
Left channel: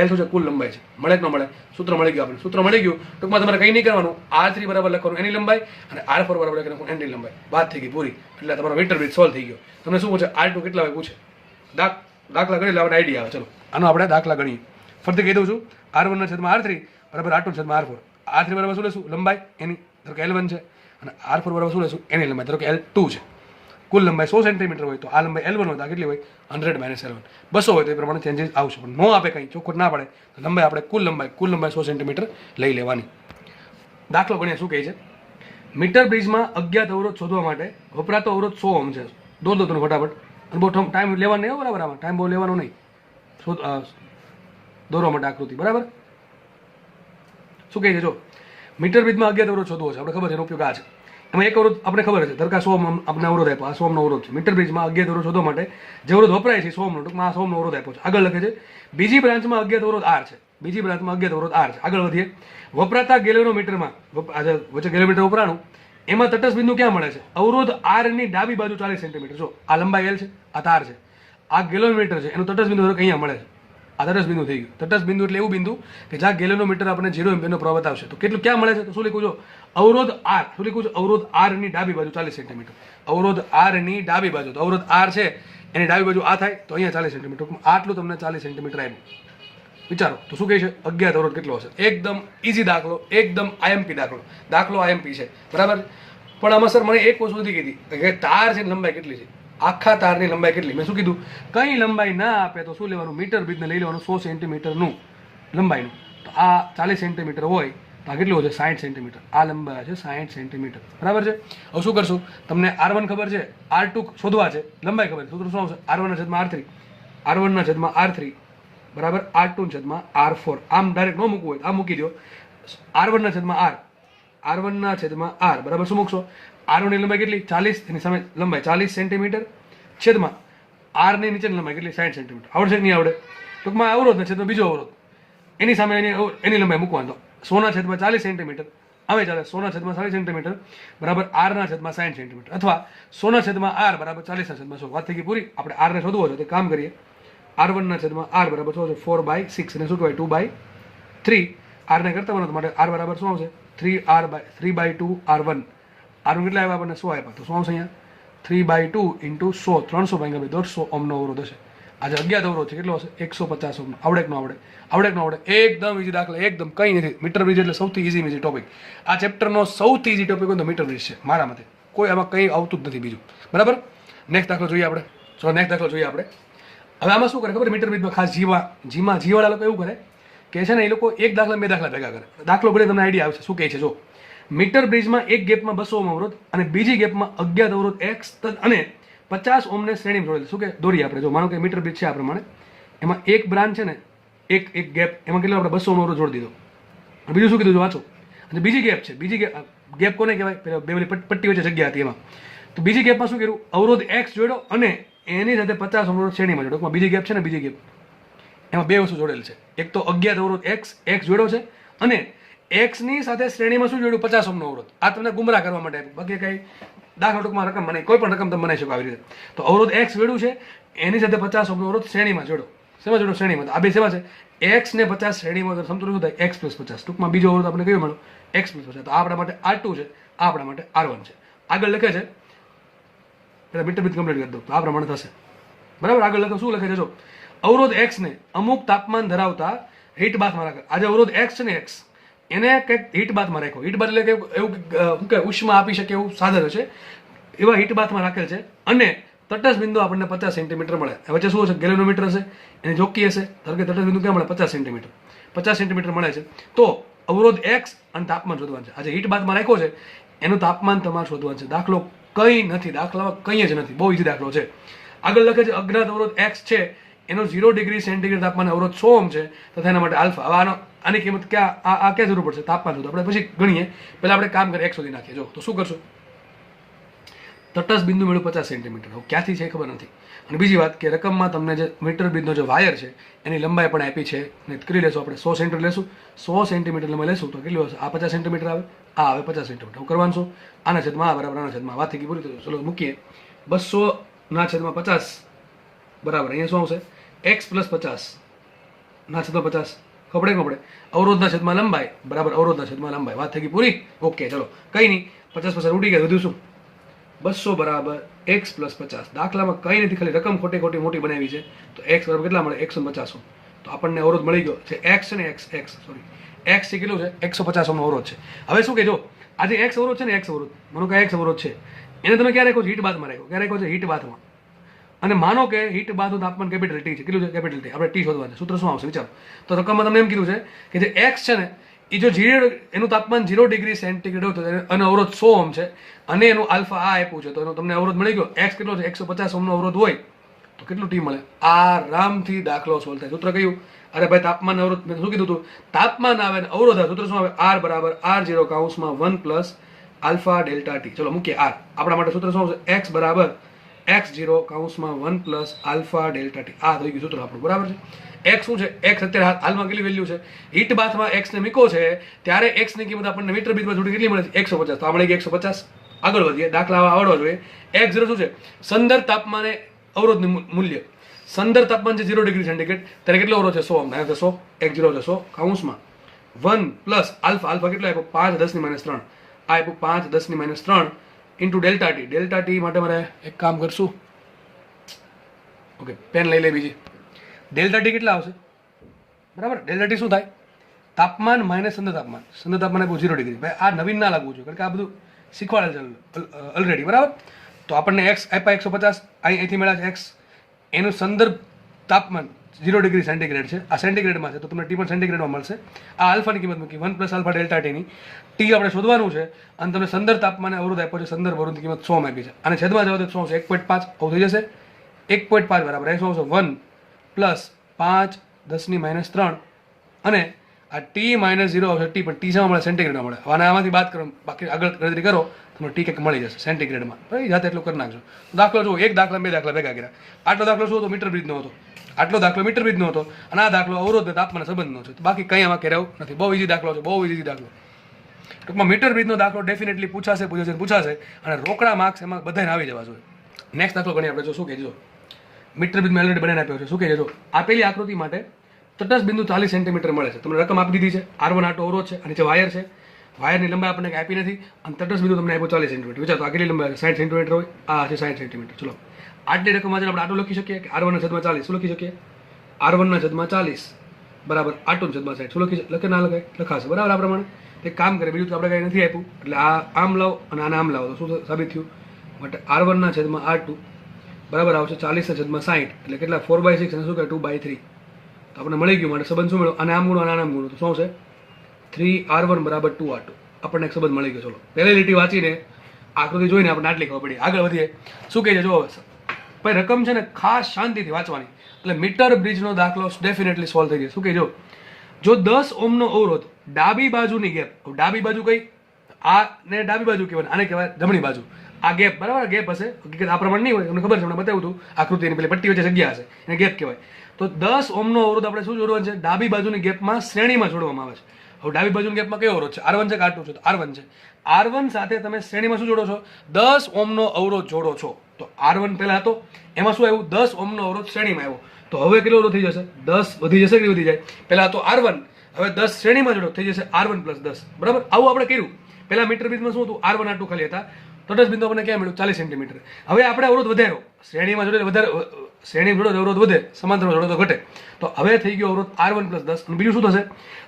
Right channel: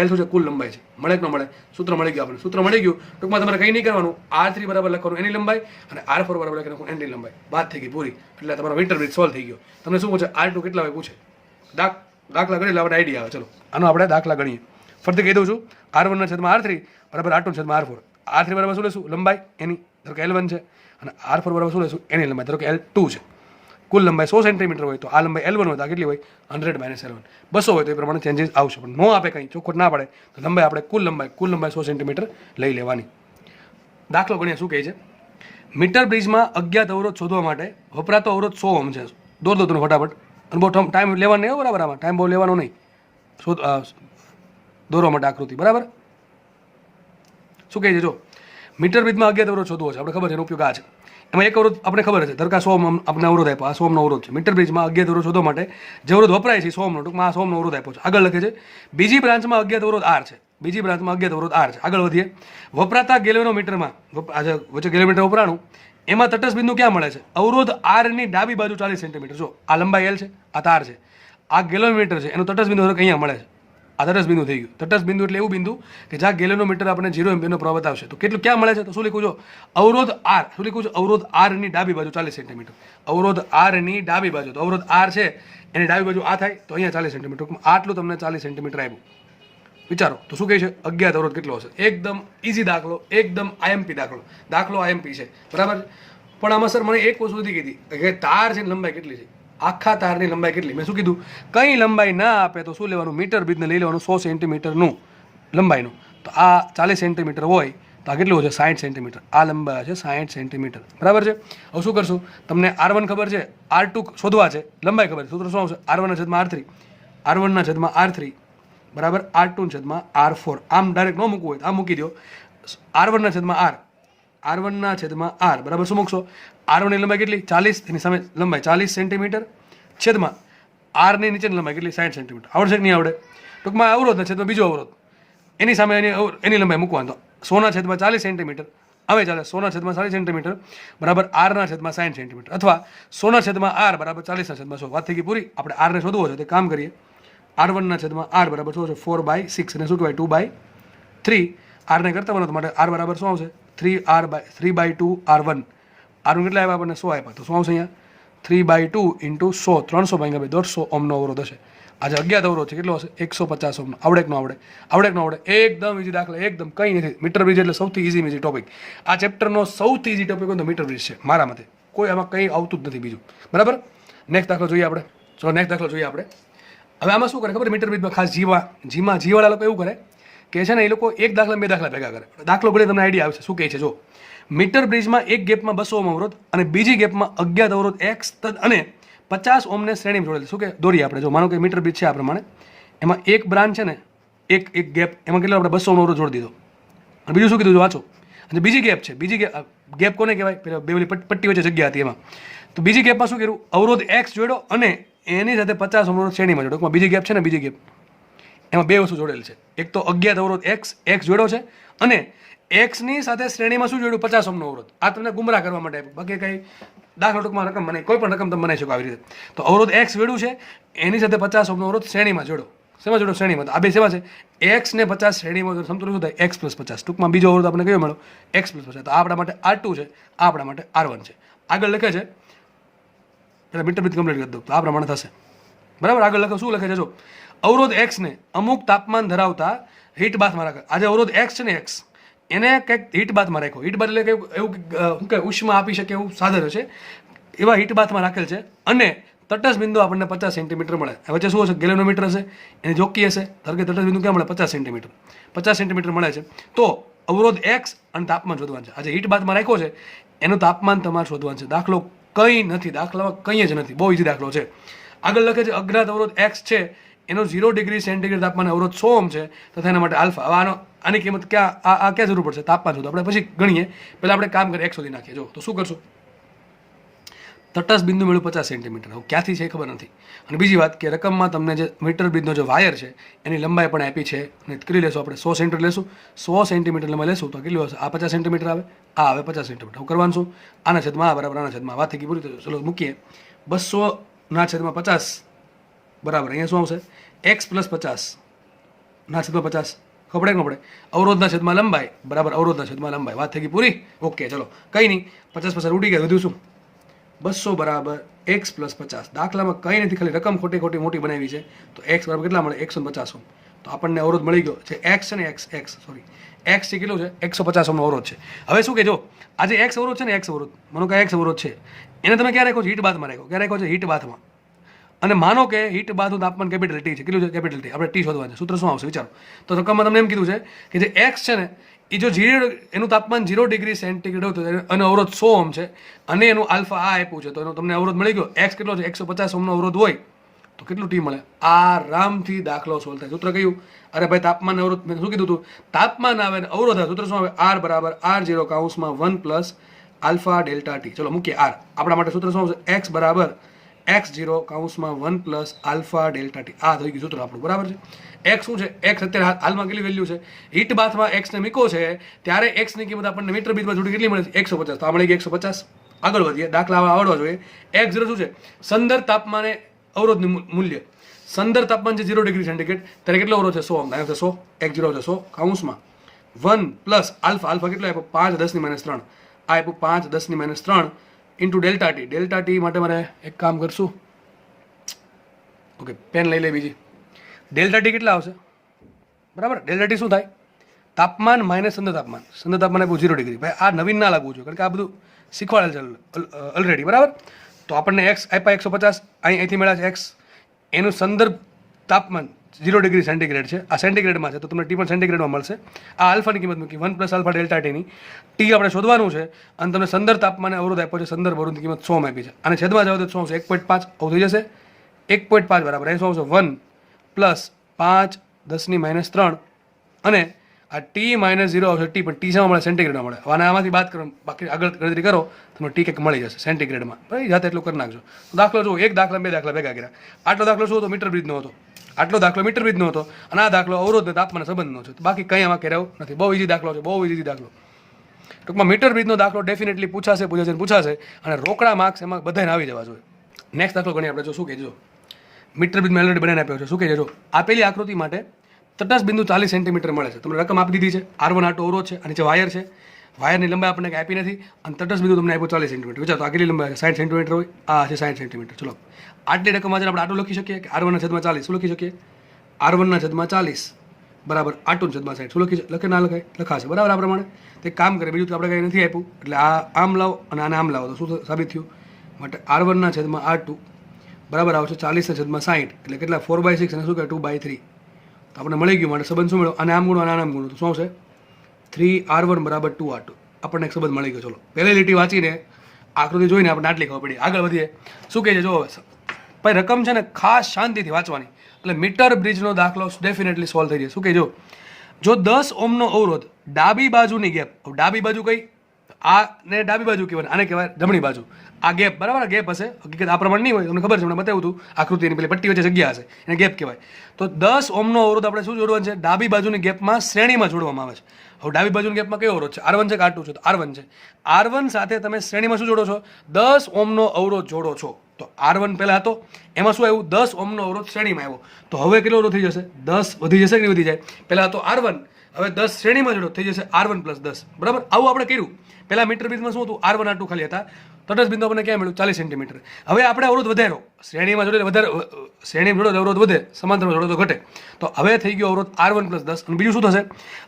L શું છે? કુલ લંબાઈ છે. મળે કે ન મળે? સૂત્ર મળી ગયું આપણે. સૂત્ર મળી ગયું. ટૂંકમાં તમારે કંઈ નહીં કરવાનું, R3 બરાબર લખવાનું એની લંબાઈ, અને R4 બરાબર લખવાનું એની લંબાઈ. વાત થઈ ગઈ પૂરી. એટલે તમારો મીટર બ્રિજ સોલ્વ થઈ ગયો. તમને શું પૂછે? R2 કેટલા હોય પૂછે? દાખલા ગણી એટલે આપણે આઈડિયા આવે. ચલો આનો આપણે દાખલા ગણીએ. ફરીથી કહી દઉં છું, R1/R3 બરાબર R2/R4. R3 બરાબર શું લેશું? લંબાઈ એની, ધારો કે L1 છે, અને R4 બરાબર શું લેશું? એની લંબાઈ, ધારો કે L2 છે. કુલ લંબાઈ 100 સેન્ટીમીટર હોય, તો આ લંબાઈ L1 હોય તો આ કેટલી હોય? 100 - L1. 200 હોય તો એ પ્રમાણે ચેન્જીસ આવશે. પણ ન આપે કંઈ, ચોખ્ખું ના પડે, તો લંબાઈ આપણે કુલ લંબાઈ 100 સેન્ટીમીટર લઈ લેવાની. દાખલો ગણીએ. શું કહે છે? મીટર બ્રિજમાં અજ્ઞાત અવરોધ શોધવા માટે વપરાતો અવરોધ 100 ઓહ્મ છે. દોર દો તમે ફટાફટ. અને બહુ ટાઈમ લેવાનો નહીં, બરાબર? આમાં ટાઈમ બહુ લેવાનો નહીં, દોરવા માટે આકૃતિ, બરાબર? શું કહે છે? જો મીટર બ્રિજમાં અજ્ઞાત અવરોધ શોધવો છે, આપણે ખબર છે એનો ઉપયોગ આ છે. એમાં એક અવરોધ આપણે ખબર છે, ધરકા 100 ઓહ્મ આપણે અવરોધ આપ્યો, આ 100 ઓહ્મનો અવરોધ છે. મીટર બ્રિજમાં અજ્ઞાત અવરોધ શોધવા માટે જે અવરોધ વપરાય છે 100 ઓહ્મનો, ટૂંકમાં આ 100 ઓહ્મનો અવરોધ આપ્યો છે. આગળ લખે છે, બીજી બ્રાન્ચમાં અજ્ઞાત અવરોધ R છે. બીજી બ્રાન્ચમાં અજ્ઞાત અવરોધ R છે. આગળ વધીએ. વપરાતા ગેલ્વેનોમીટરમાં, વચ્ચે ગેલ્વેનોમીટર વપરાણું, એમાં તટસ્થ બિંદુ ક્યાં મળે છે? અવરોધ R ની ડાબી બાજુ 40 સેન્ટીમીટર. જો આ લંબાઈ L છે, આ તાર છે, આ ગેલ્વેનોમીટર છે, એનું તટસ્થ બિંદુ અહીંયા મળે છે. આ તટસ્થ બિંદુ થઈ ગયું. તટસ્થ બિંદુ એટલે એવું બિંદુ કે જ્યાં ગેલ્વેનોમીટર આપણે 0 એમ્પિયરનો પ્રવાહ બતાવશે. તો કેટલું ક્યાં મળે છે? તો શું લીખું? જો અવરોધ R, શું લીખું છે? અવરોધ R ની ડાબી બાજુ 40 સેન્ટીમીટર. અવરોધ R ની ડાબી બાજુ, તો અવરોધ R છે એની ડાબી બાજુ આ થાય, તો અહીંયા 40 સેન્ટીમીટર. આટલું તમને 40 સેન્ટીમીટર આવ્યું. વિચારો તો શું કહે છે? અજ્ઞાત અવરોધ કેટલો હશે? એકદમ ઈઝી દાખલો, એકદમ IMP દાખલો IMP છે, બરાબર? પણ આમાં સર મને એક વસ્તુ નથી કીધી કે તાર છે લંબાઈ કેટલી છે, આખા તારની લંબાઈ કેટલી? મેં શું કીધું? કંઈ લંબાઈ ના આપે તો શું લેવાનું? મીટર બ્રિજને લઈ લેવાનું 100 સેન્ટીમીટરનું લંબાઈનું. તો આ 40 સેન્ટીમીટર હોય તો આ કેટલું છે? 60 સેન્ટીમીટર. આ લંબાઈ છે 60 સેન્ટીમીટર, બરાબર છે? હવે શું કરશું? તમને R1 ખબર છે, R2 શોધવા છે, લંબાઈ ખબર છે. સૂત્ર શું આવશે? R1/R3 R1/R3 બરાબર R2/R4. આમ ડાયરેક્ટ ન મૂકવું હોય તો આ મૂકી દો. R1/R બરાબર શું મૂકશો? R1 ની લંબાઈ કેટલી? 40, એની સામે લંબાઈ 40 સેન્ટીમીટર છેદમાં આરની નીચેની લંબાઈ કેટલી 60 સેન્ટીમીટર. આવડશે કે નહીં આવડે? ટૂંકમાં અવરોધના છેદમાં બીજો અવરોધ એની સામે એની લંબાઈ મૂકવાનો. તો 100 ના છેદમાં 40 સેન્ટીમીટર હવે ચાલે 100 ના છેદમાં 40 સેન્ટીમીટર બરાબર r ના છેદમાં 60 સેન્ટીમીટર અથવા 100 ના છેદમાં r બરાબર 40 ના છેદમાં 100. વાત થઈ ગઈ પૂરી. આપણે r ને શોધવો છે તો કામ કરીએ. r1 ના છેદમાં r બરાબર શું છે 4/6 અને શું કહેવાય 2/3. r ને કરતા બનો તો માટે r બરાબર શું આવશે 3/2 r1. r કેટલા આવ્યા આપણને 100 આપ્યા તો શું આવશે અહીંયા 3/2 × 100 300 ભાગ્યા 150 ઓહમનો અવરોધ હશે. આજે અજ્ઞાત અવરોધ છે કેટલો હશે 150 ઓહમનો. આવડે કે ન આવડે? આવડે કે ન આવડે? એકદમ ઈઝી દાખલા, એકદમ કંઈ નથી. મીટર બ્રિજ એટલે સૌથી ઈઝી ટોપિક. આ ચેપ્ટરનો સૌથી ઈઝી ટોપિક હોય તો મીટર બ્રિજ છે મારા મતે. કોઈ આમાં કંઈ આવતું જ નથી બીજું. બરાબર. નેક્સ્ટ દાખલો જોઈએ આપણે. ચલો નેક્સ્ટ દાખલો જોઈએ આપણે. હવે આમાં શું કરે ખબર? મીટર બ્રિજમાં ખાસ જીવાળા લોકો એવું કરે કે છે ને એ લોકો એક દાખલા 2 દાખલા ભેગા કરે. દાખલો ભલે તમને આઈડિયા આવશે શું કહે છે. જો મીટર બ્રિજમાં એક ગેપમાં 200 ઓહમ અવરોધ અને બીજી ગેપમાં અજ્ઞાત અવરોધ x અને 50 ઓહમને શ્રેણી જોડેલી. શું કે દોરીએ આપણે. જો માનો કે મીટર બ્રિજ છે આ પ્રમાણે, એમાં એક બ્રાન્ચ છે ને એક ગેપ, એમાં કેટલો આપણે 200 ઓહમ અવરોધ જોડી દીધો. અને બીજું શું કીધું વાંચો. અને બીજી ગેપ છે. બીજી ગેપ કોને કહેવાય? પેલા બે પટ્ટી વચ્ચે જગ્યા હતી એમાં. તો બીજી ગેપમાં શું કર્યું? અવરોધ x જોડ્યો અને એની સાથે 50 ઓહમ અવરોધ શ્રેણીમાં જોડ્યો. બીજી ગેપ છે ને બીજી ગેપ, એમાં બે વસ્તુ જોડેલી છે. એક તો અજ્ઞાત અવરોધ x જોડ્યો છે અને x ની સાથે શ્રેણીમાં શું જોડ્યું 50 ઓહમનો અવરોધ. આ તમને ગુમરાહ કરવા માટે બાકી કઈ દાખલા ટૂંકમાં રકમ બને કોઈ પણ રકમ તમે બનાવી શકો આવી રીતે. તો અવરોધ x જોડ્યું છે એની સાથે 50 ઓહમનો અવરોધ શ્રેણીમાં જોડો. શેમાં જોડો? શ્રેણીમાં. આ બે શેમાં છે? x ને 50 શ્રેણીમાં સમતુલ્ય શું થાય? x + 50. ટૂંકમાં બીજો અવરોધ આપણે કયો મળ્યો? x + 50. તો આ આપણા માટે r2 છે, આ આપણા માટે r1 છે. આગળ લખે છે એટલે મીટર બ્રિજ કમ્પ્લીટ કરી દો તો આ પ્રમાણે થશે. બરાબર. આગળ લખો શું લખે છે? જો અવરોધ x ને અમુક તાપમાન ધરાવતા હીટ બાથમાં રાખે. આજે અવરોધ x છે ને x એને કંઈક હીટ બાથમાં રાખ્યો. હીટ બાથ એટલે કે એવું શું કે ઉષ્મા આપી શકે એવું સાધન છે, એવા હીટ બાથમાં રાખેલ છે અને તટસ્થ બિંદુ આપણને 50 સેન્ટીમીટર મળે. વચ્ચે શું હશે? ગેલેનોમીટર હશે, એને જોકી હશે. ધારો કે તટસ્થ બિંદુ ક્યાં મળે? 50 સેન્ટીમીટર. 50 સેન્ટીમીટર મળે છે. તો અવરોધ x અને તાપમાન શોધવાનું છે. આજે હીટ બાથમાં રાખ્યો છે એનું તાપમાન તમારે શોધવાનું છે. દાખલો કંઈ નથી, દાખલામાં કંઈ જ નથી, બહુ ઈઝી દાખલો છે. આગળ લખે છે અજ્ઞાત અવરોધ x છે એનો 0 ડિગ્રી સેન્ટીગ્રેડ તાપમાન અવરોધ 100 ઓહમ છે તથા એના માટે આલ્ફા. હવે આની કિંમત ક્યાં જરૂર પડશે? તાપમાન શોધો. આપણે પછી ગણીએ. પહેલાં આપણે કામ કરીએ x શોધી નાખીએ. જો તો શું કરશું? તટસ્થ બિંદુ મળ્યું 50 સેન્ટીમીટર. હવે ક્યાંથી છે ખબર નથી. અને બીજી વાત કે રકમમાં તમને જે મીટર બ્રિજનો જે વાયર છે એની લંબાઈ પણ આપી છે. ને કેટલી લેશું આપણે? 100 સેન્ટીમીટર લેશું. 100 સેન્ટીમીટર લંબાઈ લેશું તો કેટલું હશે? આ 50 સેન્ટીમીટર આવે, આ આવે 50 સેન્ટીમીટર. હું કરવાનું શું? આના છેદમાં આ બરાબર આના છેદમાં. વાત થઈ ગઈ પૂરી. ચલો મૂકીએ. 200 ના છેદમાં 50 બરાબર અહીંયા શું આવશે? x + 50 ના છેદમાં 50. ખબર કે આપણે અવરોધના છેદમાં લંબાઈ બરાબર અવરોધના છેદમાં લંબાઈ. વાત થઈ ગઈ પૂરી. ઓકે ચલો કંઈ નહીં. 50 ઉડી ગયા. વધુ શું? 200 બરાબર x + 50. દાખલામાં કંઈ નથી, ખાલી રકમ ખોટી મોટી બનાવી છે. તો x બરાબર કેટલા મળે? 150 ઓહમ. તો આપણને અવરોધ મળી ગયો છે x છે ને x છે કેટલું છે? 150 ઓહમનો અવરોધ છે. હવે શું કે જો આજે x અવરોધ છે ને x અવરોધ માનો કે x અવરોધ છે એને તમે ક્યાં રાખ્યો છે? હીટ બાથમાં રાખ્યો. ક્યાં રાખ્યો છે? હીટ બાથમાં. અને માનો કે હીટ બાથનું તાપમાન કેપિટલ ટી છે. કેટલું છે? Capital T. આપણે ટી શોધવાનું છે. સૂત્ર શું આવશે વિચારો. તો રકમમાં તમને એમ કીધું છે કે જે x છે ને એ જો એનું તાપમાન 0 ડિગ્રી સેન્ટીગ્રેડ હોય તો એનો અવરોધ 100 ઓહમ છે અને એનું આલ્ફા આ આપ્યું છે તો એનો તમને અવરોધ મળી ગયો. x કેટલો છે? 150 ઓહમનો અવરોધ હોય તો કેટલું ટી મળે? આરામથી દાખલો સોલ્વ થાય. સૂત્ર કયું? અરે ભાઈ તાપમાન અવરોધ મેં શું કીધું હતું? તાપમાન આવે ને અવરોધ આવે. સૂત્ર શું આવે? r બરાબર r0 કૌંસમાં 1 + આલ્ફા ડેલ્ટા ટી. ચલો મૂકીએ r. આપણા માટે સૂત્ર શું આવશે? x બરાબર x0 કૌંસમાં 1 + આલ્ફા ડેલ્ટા ટી. આ થઈ ગયું સૂત્ર આપણું. બરાબર છે. x શું છે? x અત્યારે હાલમાં કેટલી વેલ્યુ છે? હીટ બાથમાં x ને મૂકો છે ત્યારે x ની કિંમત આપણને મીટર બ્રિજમાં જોડી કેટલી મળે છે? 150. તો આ મળી ગઈ 150. આગળ વધીએ. દાખલા આવડવા જોઈએ. x0 શું છે? સંદર્ભ તાપમાને અવરોધનું મૂલ્ય. સંદર્ભ તાપમાન છે 0 ડિગ્રી સેન્ટીગ્રેડ ત્યારે કેટલો અવરોધ છે? 100 ઓહમ. છે 100. x0 છે 100 કૌંસમાં 1 + આલ્ફા. આલ્ફા કેટલો આપ્યો? 5 × 10⁻3. આ આપ્યું 5 × 10⁻3 into delta T. Delta T માટે મારે એક કામ કરશું. ઓકે પેન લઈ લે બીજી. ડેલ્ટા ટી કેટલા આવશે? બરાબર. ડેલ્ટા ટી શું થાય? તાપમાન માઇનસ સંદર્ભ તાપમાન. સંદર્ભ તાપમાન આપ્યું 0 ડિગ્રી. ભાઈ આ નવીન ના લાગવું જોઈએ કારણ કે આ બધું શીખવાડેલ છે ઓલરેડી. બરાબર. તો આપણને x આપ્યા 150 અહીંથી મળ્યા છે x. એનું સંદર્ભ તાપમાન 0 ડિગ્રી સેન્ટીગ્રેડ છે. આ સેન્ટીગ્રેડમાં છે તો તમને ટી પણ સેન્ટીગ્રેડમાં મળશે. આ આલ્ફાની કિંમત મૂકી 1 + આલ્ફા ડેલ્ટા ટીની. ટી આપણે શોધવાનું છે અને તમને સંદર્ભ તાપમાને અવરોધ આપ્યો છે. સંદર્ભ અવરોધની કિંમત 100 માં આપી છે. અને છેદમાં જાવ તો શું આવશે? 1.5 આવું થઈ જશે. 1.5 બરાબર એ શું આવશે? 1 + 5 10⁻3 અને આ ટી -0 આવશે. ટી પણ ટી શેમાં મળે? સેન્ટીગ્રેડમાં મળે. અને આમાંથી બાદ કરો બાકી આગળ ગણતરી કરો તમને ટી કેક મળી જશે સેન્ટીગ્રેડમાં. ભાઈ જાતે એટલું કરી નાખજો. દાખલો જુઓ, એક દાખલા 2 દાખલા ભેગા કર્યા. આટલો દાખલો શું હતો? મીટર બ્રિજનો હતો. આટલો દાખલો મીટર બ્રિજનો હતો અને આ દાખલો અવરોધ અને તાપમાન સંબંધનો છે. બાકી કંઈ આમાં કરાવું નથી. બહુ ઇઝી દાખલો છે, બહુ ઇઝી દાખલો. ટૂંકમાં મીટર બ્રિજનો દાખલો ડેફિનેટલી પૂછાશે અને રોકડા માર્ક્સ એમાં બધાને આવી જવા જોઈએ. નેક્સ્ટ દાખલો ગણી આપણે. જો શું કહેજો, મીટર બ્રિજમાં ઓલરેડી બનાવીને આપ્યો છે. શું કહે છે? આપેલી આકૃતિ માટે તટસ્થ બિંદુ 40 સેન્ટીમીટર મળે છે. તમને રકમ આપી દીધી છે. R1 આટો અવરોધ છે અને નીચે વાયર છે. વાયરની લંબાઈ આપણને કંઈ આપી નથી અને તટસ્થ બિંદુ તમને આપ્યો 40 સેન્ટીમીટર. વિચાર તો આગળની લંબાઈ 60 સેન્ટીમીટર હોય, આ છે 60 સેન્ટીમીટર. ચલો, આટલી રકમ વાંચીને આપણે આટલું લખી શકીએ કે R1/40. શું લખી શકીએ? R1/40 બરાબર R2/60. શું લખે ના લખાય? લખાશે બરાબર. આ પ્રમાણે તે કામ કરે. બીજું તો આપણે કંઈ નથી આપ્યું એટલે આ આમ લાવો અને આને આમ લાવો તો શું સાબિત થયું? માટે R1/R2 બરાબર આવશે 40/60. એટલે કેટલા? 4/6 અને શું કહે 2/3. તો આપણે મળી ગયું. માટે સંબંધ શું મળ્યો? અને આમ ગુણો અને આમ ગુણો તો શું છે? 3R1 બરાબર 2R2. આપણને એક સંબંધ મળી ગયો. ચલો, પહેલી લીટી વાંચીને આકૃતિ જોઈને આપણે આટલી ખબર પડી. આગળ વધીએ. શું કહે છે? જો ભાઈ રકમ છે ને ખાસ શાંતિથી વાંચવાની એટલે મીટર બ્રિજનો દાખલો ડેફિનેટલી સોલ્વ થઈ જાય. શું કહે? જો 10 ઓહ્મનો અવરોધ ડાબી બાજુની ગેપ, ડાબી બાજુ કઈ? આ ને ડાબી બાજુ કહેવાય, આને કહેવાય જમણી બાજુ. આ ગેપ બરાબર, ગેપ હશે. હકીકત આ પ્રમાણે નહીં હોય, તમને ખબર છે, મને બતાવ્યું હતું આકૃતિની પેલી પટ્ટી વચ્ચે જગ્યા હશે એને ગેપ કહેવાય. તો 10 ઓહ્મનો અવરોધ આપણે શું જોડવાનું છે? ડાબી બાજુની ગેપમાં શ્રેણીમાં જોડવામાં આવે છે. હવે ડાબી બાજુની ગેપમાં કયો અવરોધ છે? R1 છે કે R2 છે? તો R1 છે. R1 સાથે તમે શ્રેણીમાં શું જોડો છો? 10 ઓહ્મનો અવરોધ જોડો છો. તો R1 પહેલા હતો, એમાં શું આવ્યું? 10 ઓહ્મનો અવરોધ શ્રેણીમાં આવ્યો. તો હવે કેટલો અવરોધ થઈ જશે? 10 વધી જશે કે વધી જાય? પહેલા હતો R1, હવે 10 શ્રેણીમાં જોડો થઈ જશે R1+10. બરાબર, આવું આપણે કર્યું. પહેલા મીટર બ્રિજમાં શું હતું? R1 R2 ખાલી હતા. તટસ્થ બિંદુ આપણને ક્યાં મળ્યું? 40 સેન્ટીમીટર. હવે આપણે અવરોધ વધારો, શ્રેણીમાં જોડે વધારે, શ્રેણીમાં જોડો અવરોધ વધે, સમાંતરમાં જોડો તો ઘટે. તો હવે થઈ ગયો અવરોધ R1+10. અને બીજું શું થશે?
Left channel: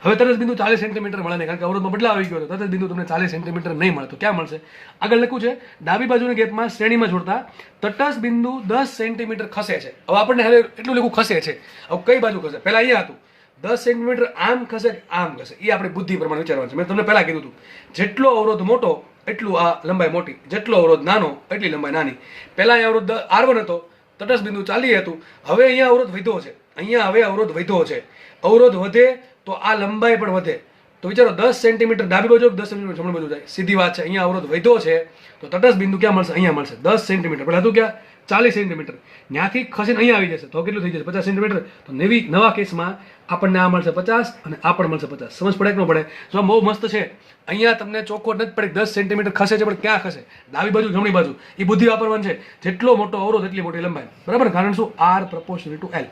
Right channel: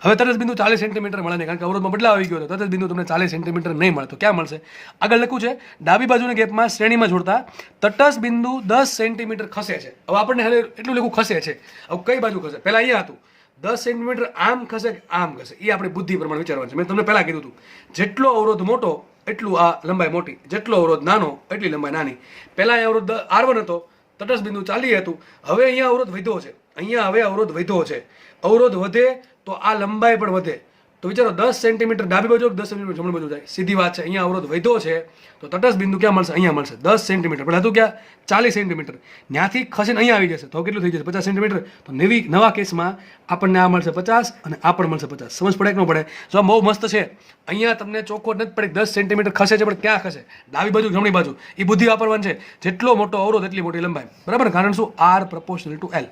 હવે તટસ્થ બિંદુ 40 સેન્ટીમીટર મળે નહીં, કારણ કે અવરોધમાં બદલાવ આવી ગયો. તો તટસ્થ બિંદુ તમને 40 સેન્ટીમીટર નહીં મળે. તો ક્યાં મળશે? આગળ લખ્યું છે ડાબી બાજુની ગેપમાં શ્રેણીમાં જોડતા તટસ્થ બિંદુ 10 સેન્ટીમીટર ખસે છે. હવે આપણને હવે એટલું લખવું ખસે છે. હવે કઈ બાજુ ખસે? પહેલા અહીંયા હતું 10 સેન્ટીમીટર આમ ખસે આમ ખસે. એ આપણે બુદ્ધિ પ્રમાણે વિચારવાનું છે. મેં તમને પહેલા કીધું હતું જેટલો અવરોધ મોટો એટલું આ લંબાઈ મોટી, જેટલો અવરોધ નાનો એટલી લંબાઈ નાની. પહેલા અહીંયા અવરોધ R1 હતો, તટસ્થ બિંદુ 40 હતું. હવે અહીંયા અવરોધ વધ્યો છે. અહીંયા હવે અવરોધ વધ્યો છે. અવરોધ વધે તો આ લંબાઈ પણ વધે. તો વિચારો 10 સેન્ટીમીટર ડાબી બાજુ 10 સેન્ટીમીટર જમણી બાજુ જાય. સીધી વાત છે. અહીંયા અવરોધ વધ્યો છે તો તટસ્થ બિંદુ ક્યાં મળશે? અહીંયા મળશે 10 સેન્ટીમીટર. પહેલા હતું ક્યાં? 40 સેન્ટીમીટર. ત્યાંથી ખસીને અહીંયા આવી જશે તો કેટલું થઈ જશે? 50 સેન્ટીમીટર. તો નવા કેસમાં આપણને આ મળશે 50 અને આ પણ મળશે 50. સમજ પડે કે ન પડે? જો બહુ મસ્ત છે. અહીંયા તમને ચોખ્ખો નથી પડી 10 સેન્ટીમીટર ખસે છે, પણ ક્યાં ખસે? ડાબી બાજુ જમણી બાજુ. એ બુદ્ધિ વાપરવાની છે. જેટલો મોટો અવરોધ એટલી મોટી લંબાઈ. બરાબર, કારણ શું? R proportional to L.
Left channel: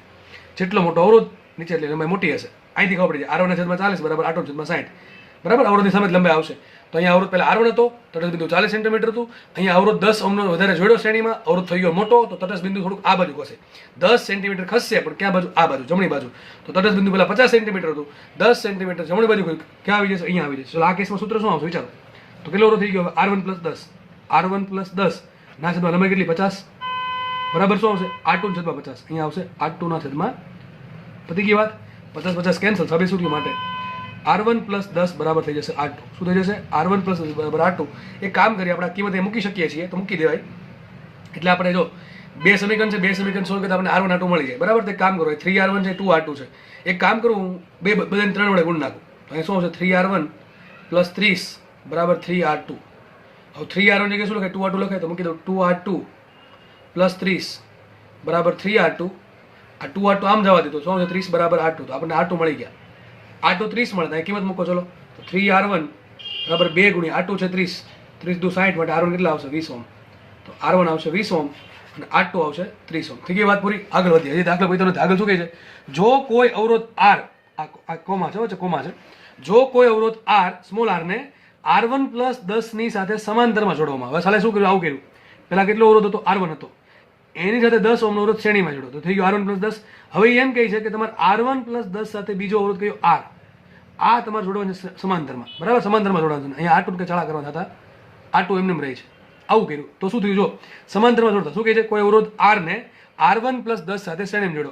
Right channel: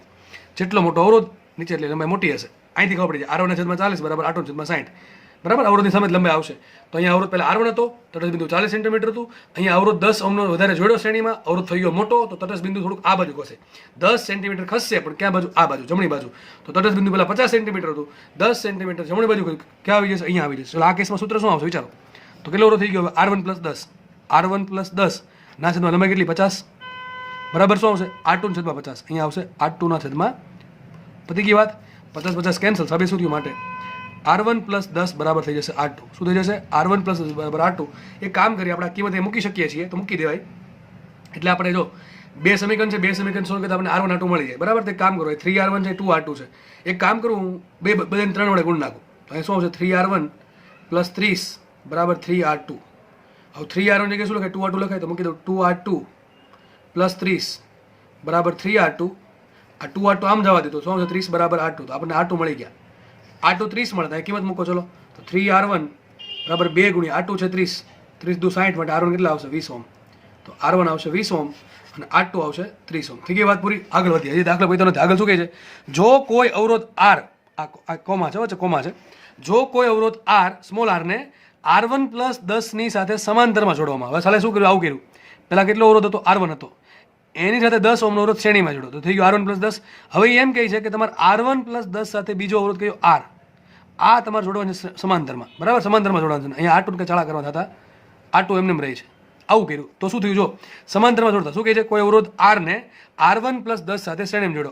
જેટલો મોટો અવરોધ નીચે એટલી લંબાઈ મોટી હશે. અહીંથી ખબર પડી જાય R1/40 બરાબર R2/60. બરાબર, અવરોધની સામે લંબાઈ આવશે. તો અહીંયા અવરોધ પહેલા R1 હતો, તટસ્થ બિંદુ 40 સેન્ટીમીટર હતું. અહીંયા અવરોધ 10 ઓહ્મનો વધારે જોડ્યો શ્રેણીમાં, અવરોધ થઈ ગયો મોટો, તો તટસ્થ બિંદુ થોડુંક આ બાજુ ખસે. 10 સેન્ટીમીટર ખસશે, પણ ક્યાં બાજુ? આ બાજુ, જમણી બાજુ. તો તટસ્થ બિંદુ પહેલા 50 સેન્ટીમીટર હતું, 10 સેન્ટીમીટર જમણી બાજુ ક્યાં આવી જશે? અહીંયા આવી જશે. એટલે આ કેસમાં સૂત્ર શું આવશે? વિચારો તો કેટલો અવરોધ થઈ ગયો? R1+10. R1+10 ના છેદમાં લંબાઈ કેટલી? 50. બરાબર, શું આવશે? R2/50. અહીંયા આવશે R2/. પતી ગઈ વાત. 50 કેન્સલ. સાબિત શું થયું? માટે R1+10 બરાબર થઈ જશે R2. શું થઈ જશે? R1+10 બરાબર R2. એક કામ કરીએ, આપણે આ કિંમત મૂકી શકીએ છીએ તો મૂકી દેવાય. એટલે આપણે જો બે સમીકરણ છે, બે સમીકરણ સોલ્વ કરતા આપણને R1 R2 મળી જાય. બરાબર, તો એક કામ કરો, 3R1 છે, 2R2 છે. એક કામ કરું, હું બધાને 3 વડે ગુણ નાખું. તો અહીં શું આવશે? 3R1 + 30 બરાબર 3R2. હવે 3R1 જગ્યાએ શું લખાય? 2R2 લખાય તો મૂકી દઉં 2R2 + 30 બરાબર 3R2. આ 2R2 આમ જવા દીધો. શું આવશે? 30 બરાબર R2. તો આપણને R2 મળી ગયા. R2 30 મળે. કિંમત મૂકો. ચલો, તો 3R1 બરાબર 2 ગુણ્યા R2 છે 30, 30 દુ 60 માટે R1 કેટલા આવશે? 20 ઓહ્મ. તો R1 આવશે 20 ઓહ્મ અને R2 આવશે 30 ઓહ્મ. થઈ ગઈ વાત પૂરી. આગળ વધીએ. હજી દાખલો પૈતો નથી. આગળ શું કહે છે? જો કોઈ અવરોધ R, આ કોમા છે, વચ્ચે કોમા છે. જો કોઈ અવરોધ R, સ્મોલ r ને R1+10 ની સાથે સમાંતરમાં જોડવામાં આવે. હવે સાલે શું કર્યું? આવું કર્યું. પહેલા કેટલો અવરોધ હતો? R1 હતો. એની સાથે 10 ઓહ્મનો અવરોધ શ્રેણીમાં જોડો તો થઈ ગયો R1+10. હવે એમ કહે છે કે તમારે R1+10 સાથે બીજો અવરોધ કયો? R. આ તમારે જોડવાની સમાંતરમાં. બરાબર, સમાંતરમાં જોડવાનું છે. અહીંયા R2 કે ચાળા કરવા થતા R2 એમને રહે છે. આવું કર્યું તો શું થયું? જો સમાંતરમાં જોડતા શું કહે છે? કોઈ અવરોધ R ને R1+10 સાથે શ્રેણીમાં જોડો.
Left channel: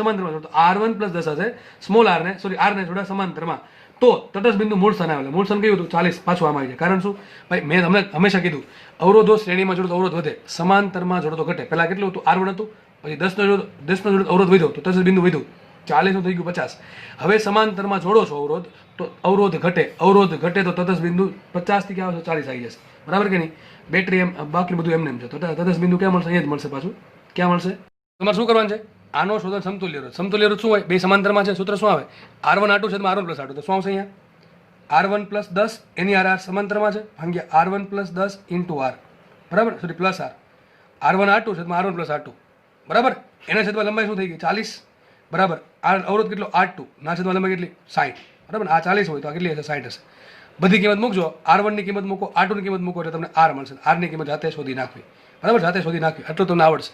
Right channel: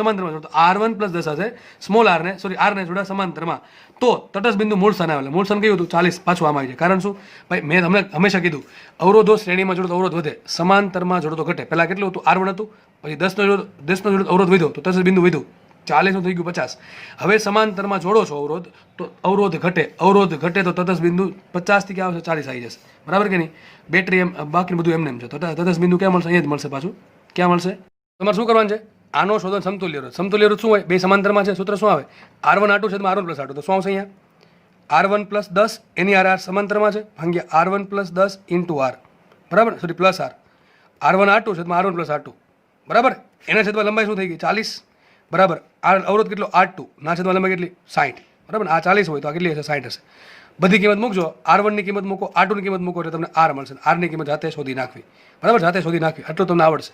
સમાંતરમાં જોડો. R1+10 સાથે સ્મોલ r ને જોડ્યા સમાંતરમાં. તો તટસ્થ બિંદુ મૂળ સ્થાને આવે. મૂળ સ્થાન કયું હતું? 40. પાછું આમાં આવી જાય. કારણ શું? ભાઈ મેં હંમેશા કીધું, અવરોધો શ્રેણીમાં જોડો તો અવરોધ વધે, સમાંતરમાં જોડો તો ઘટે. પહેલા કેટલું હતું? R1 હતું, પછી 10નો જોડો અવરોધ વધ્યો તો તટસ્થ બિંદુ વધ્યું, 40 નું થઈ ગયું 50. હવે સમાંતરમાં જોડો છો અવરોધ તો અવરોધ ઘટે. અવરોધ ઘટે તો તટસ્થ બિંદુ 50 થી ક્યાં આવશે? 40 આવી જશે. બરાબર કે નહીં? બેટરી એમ બાકી બધું એમને એમ છે. તો તટસ્થ બિંદુ ક્યાં મળશે? અહીંયા જ મળશે પાછું. ક્યાં મળશે? તમારે શું કરવાનું છે? આનો શોધો સમતુલ્ય રોધ. સમતુલ્ય રોધ શું હોય? બે સમાંતરમાં છે, સૂત્ર શું આવે? R1 R2 છેદમાં R1 + R2. તો શું આવશે અહીંયા? R1 + 10 એની R સમાંતરમાં છે ભાગ્યા R1 + 10 × R, બરાબર, sorry plus R. R1 R2 છેદમાં R1 + R2, બરાબર. એના છેદમાં લંબાઈ શું થઈ ગઈ? 40, બરાબર. આ અવરોધ કેટલો? R2 ના છેદમાં લંબાઈ કેટલી? 60, બરાબર. આ 40 હોય તો આ કેટલી હશે? 60 હશે. બધી કિંમત મૂકજો. R1 ની કિંમત મૂકો, R2 ની કિંમત મૂકો એટલે તમને R મળશે. R ની કિંમત જાતે શોધી નાખવી, બરાબર, જાતે શોધી નાખવી. આટલું તમને આવડશે.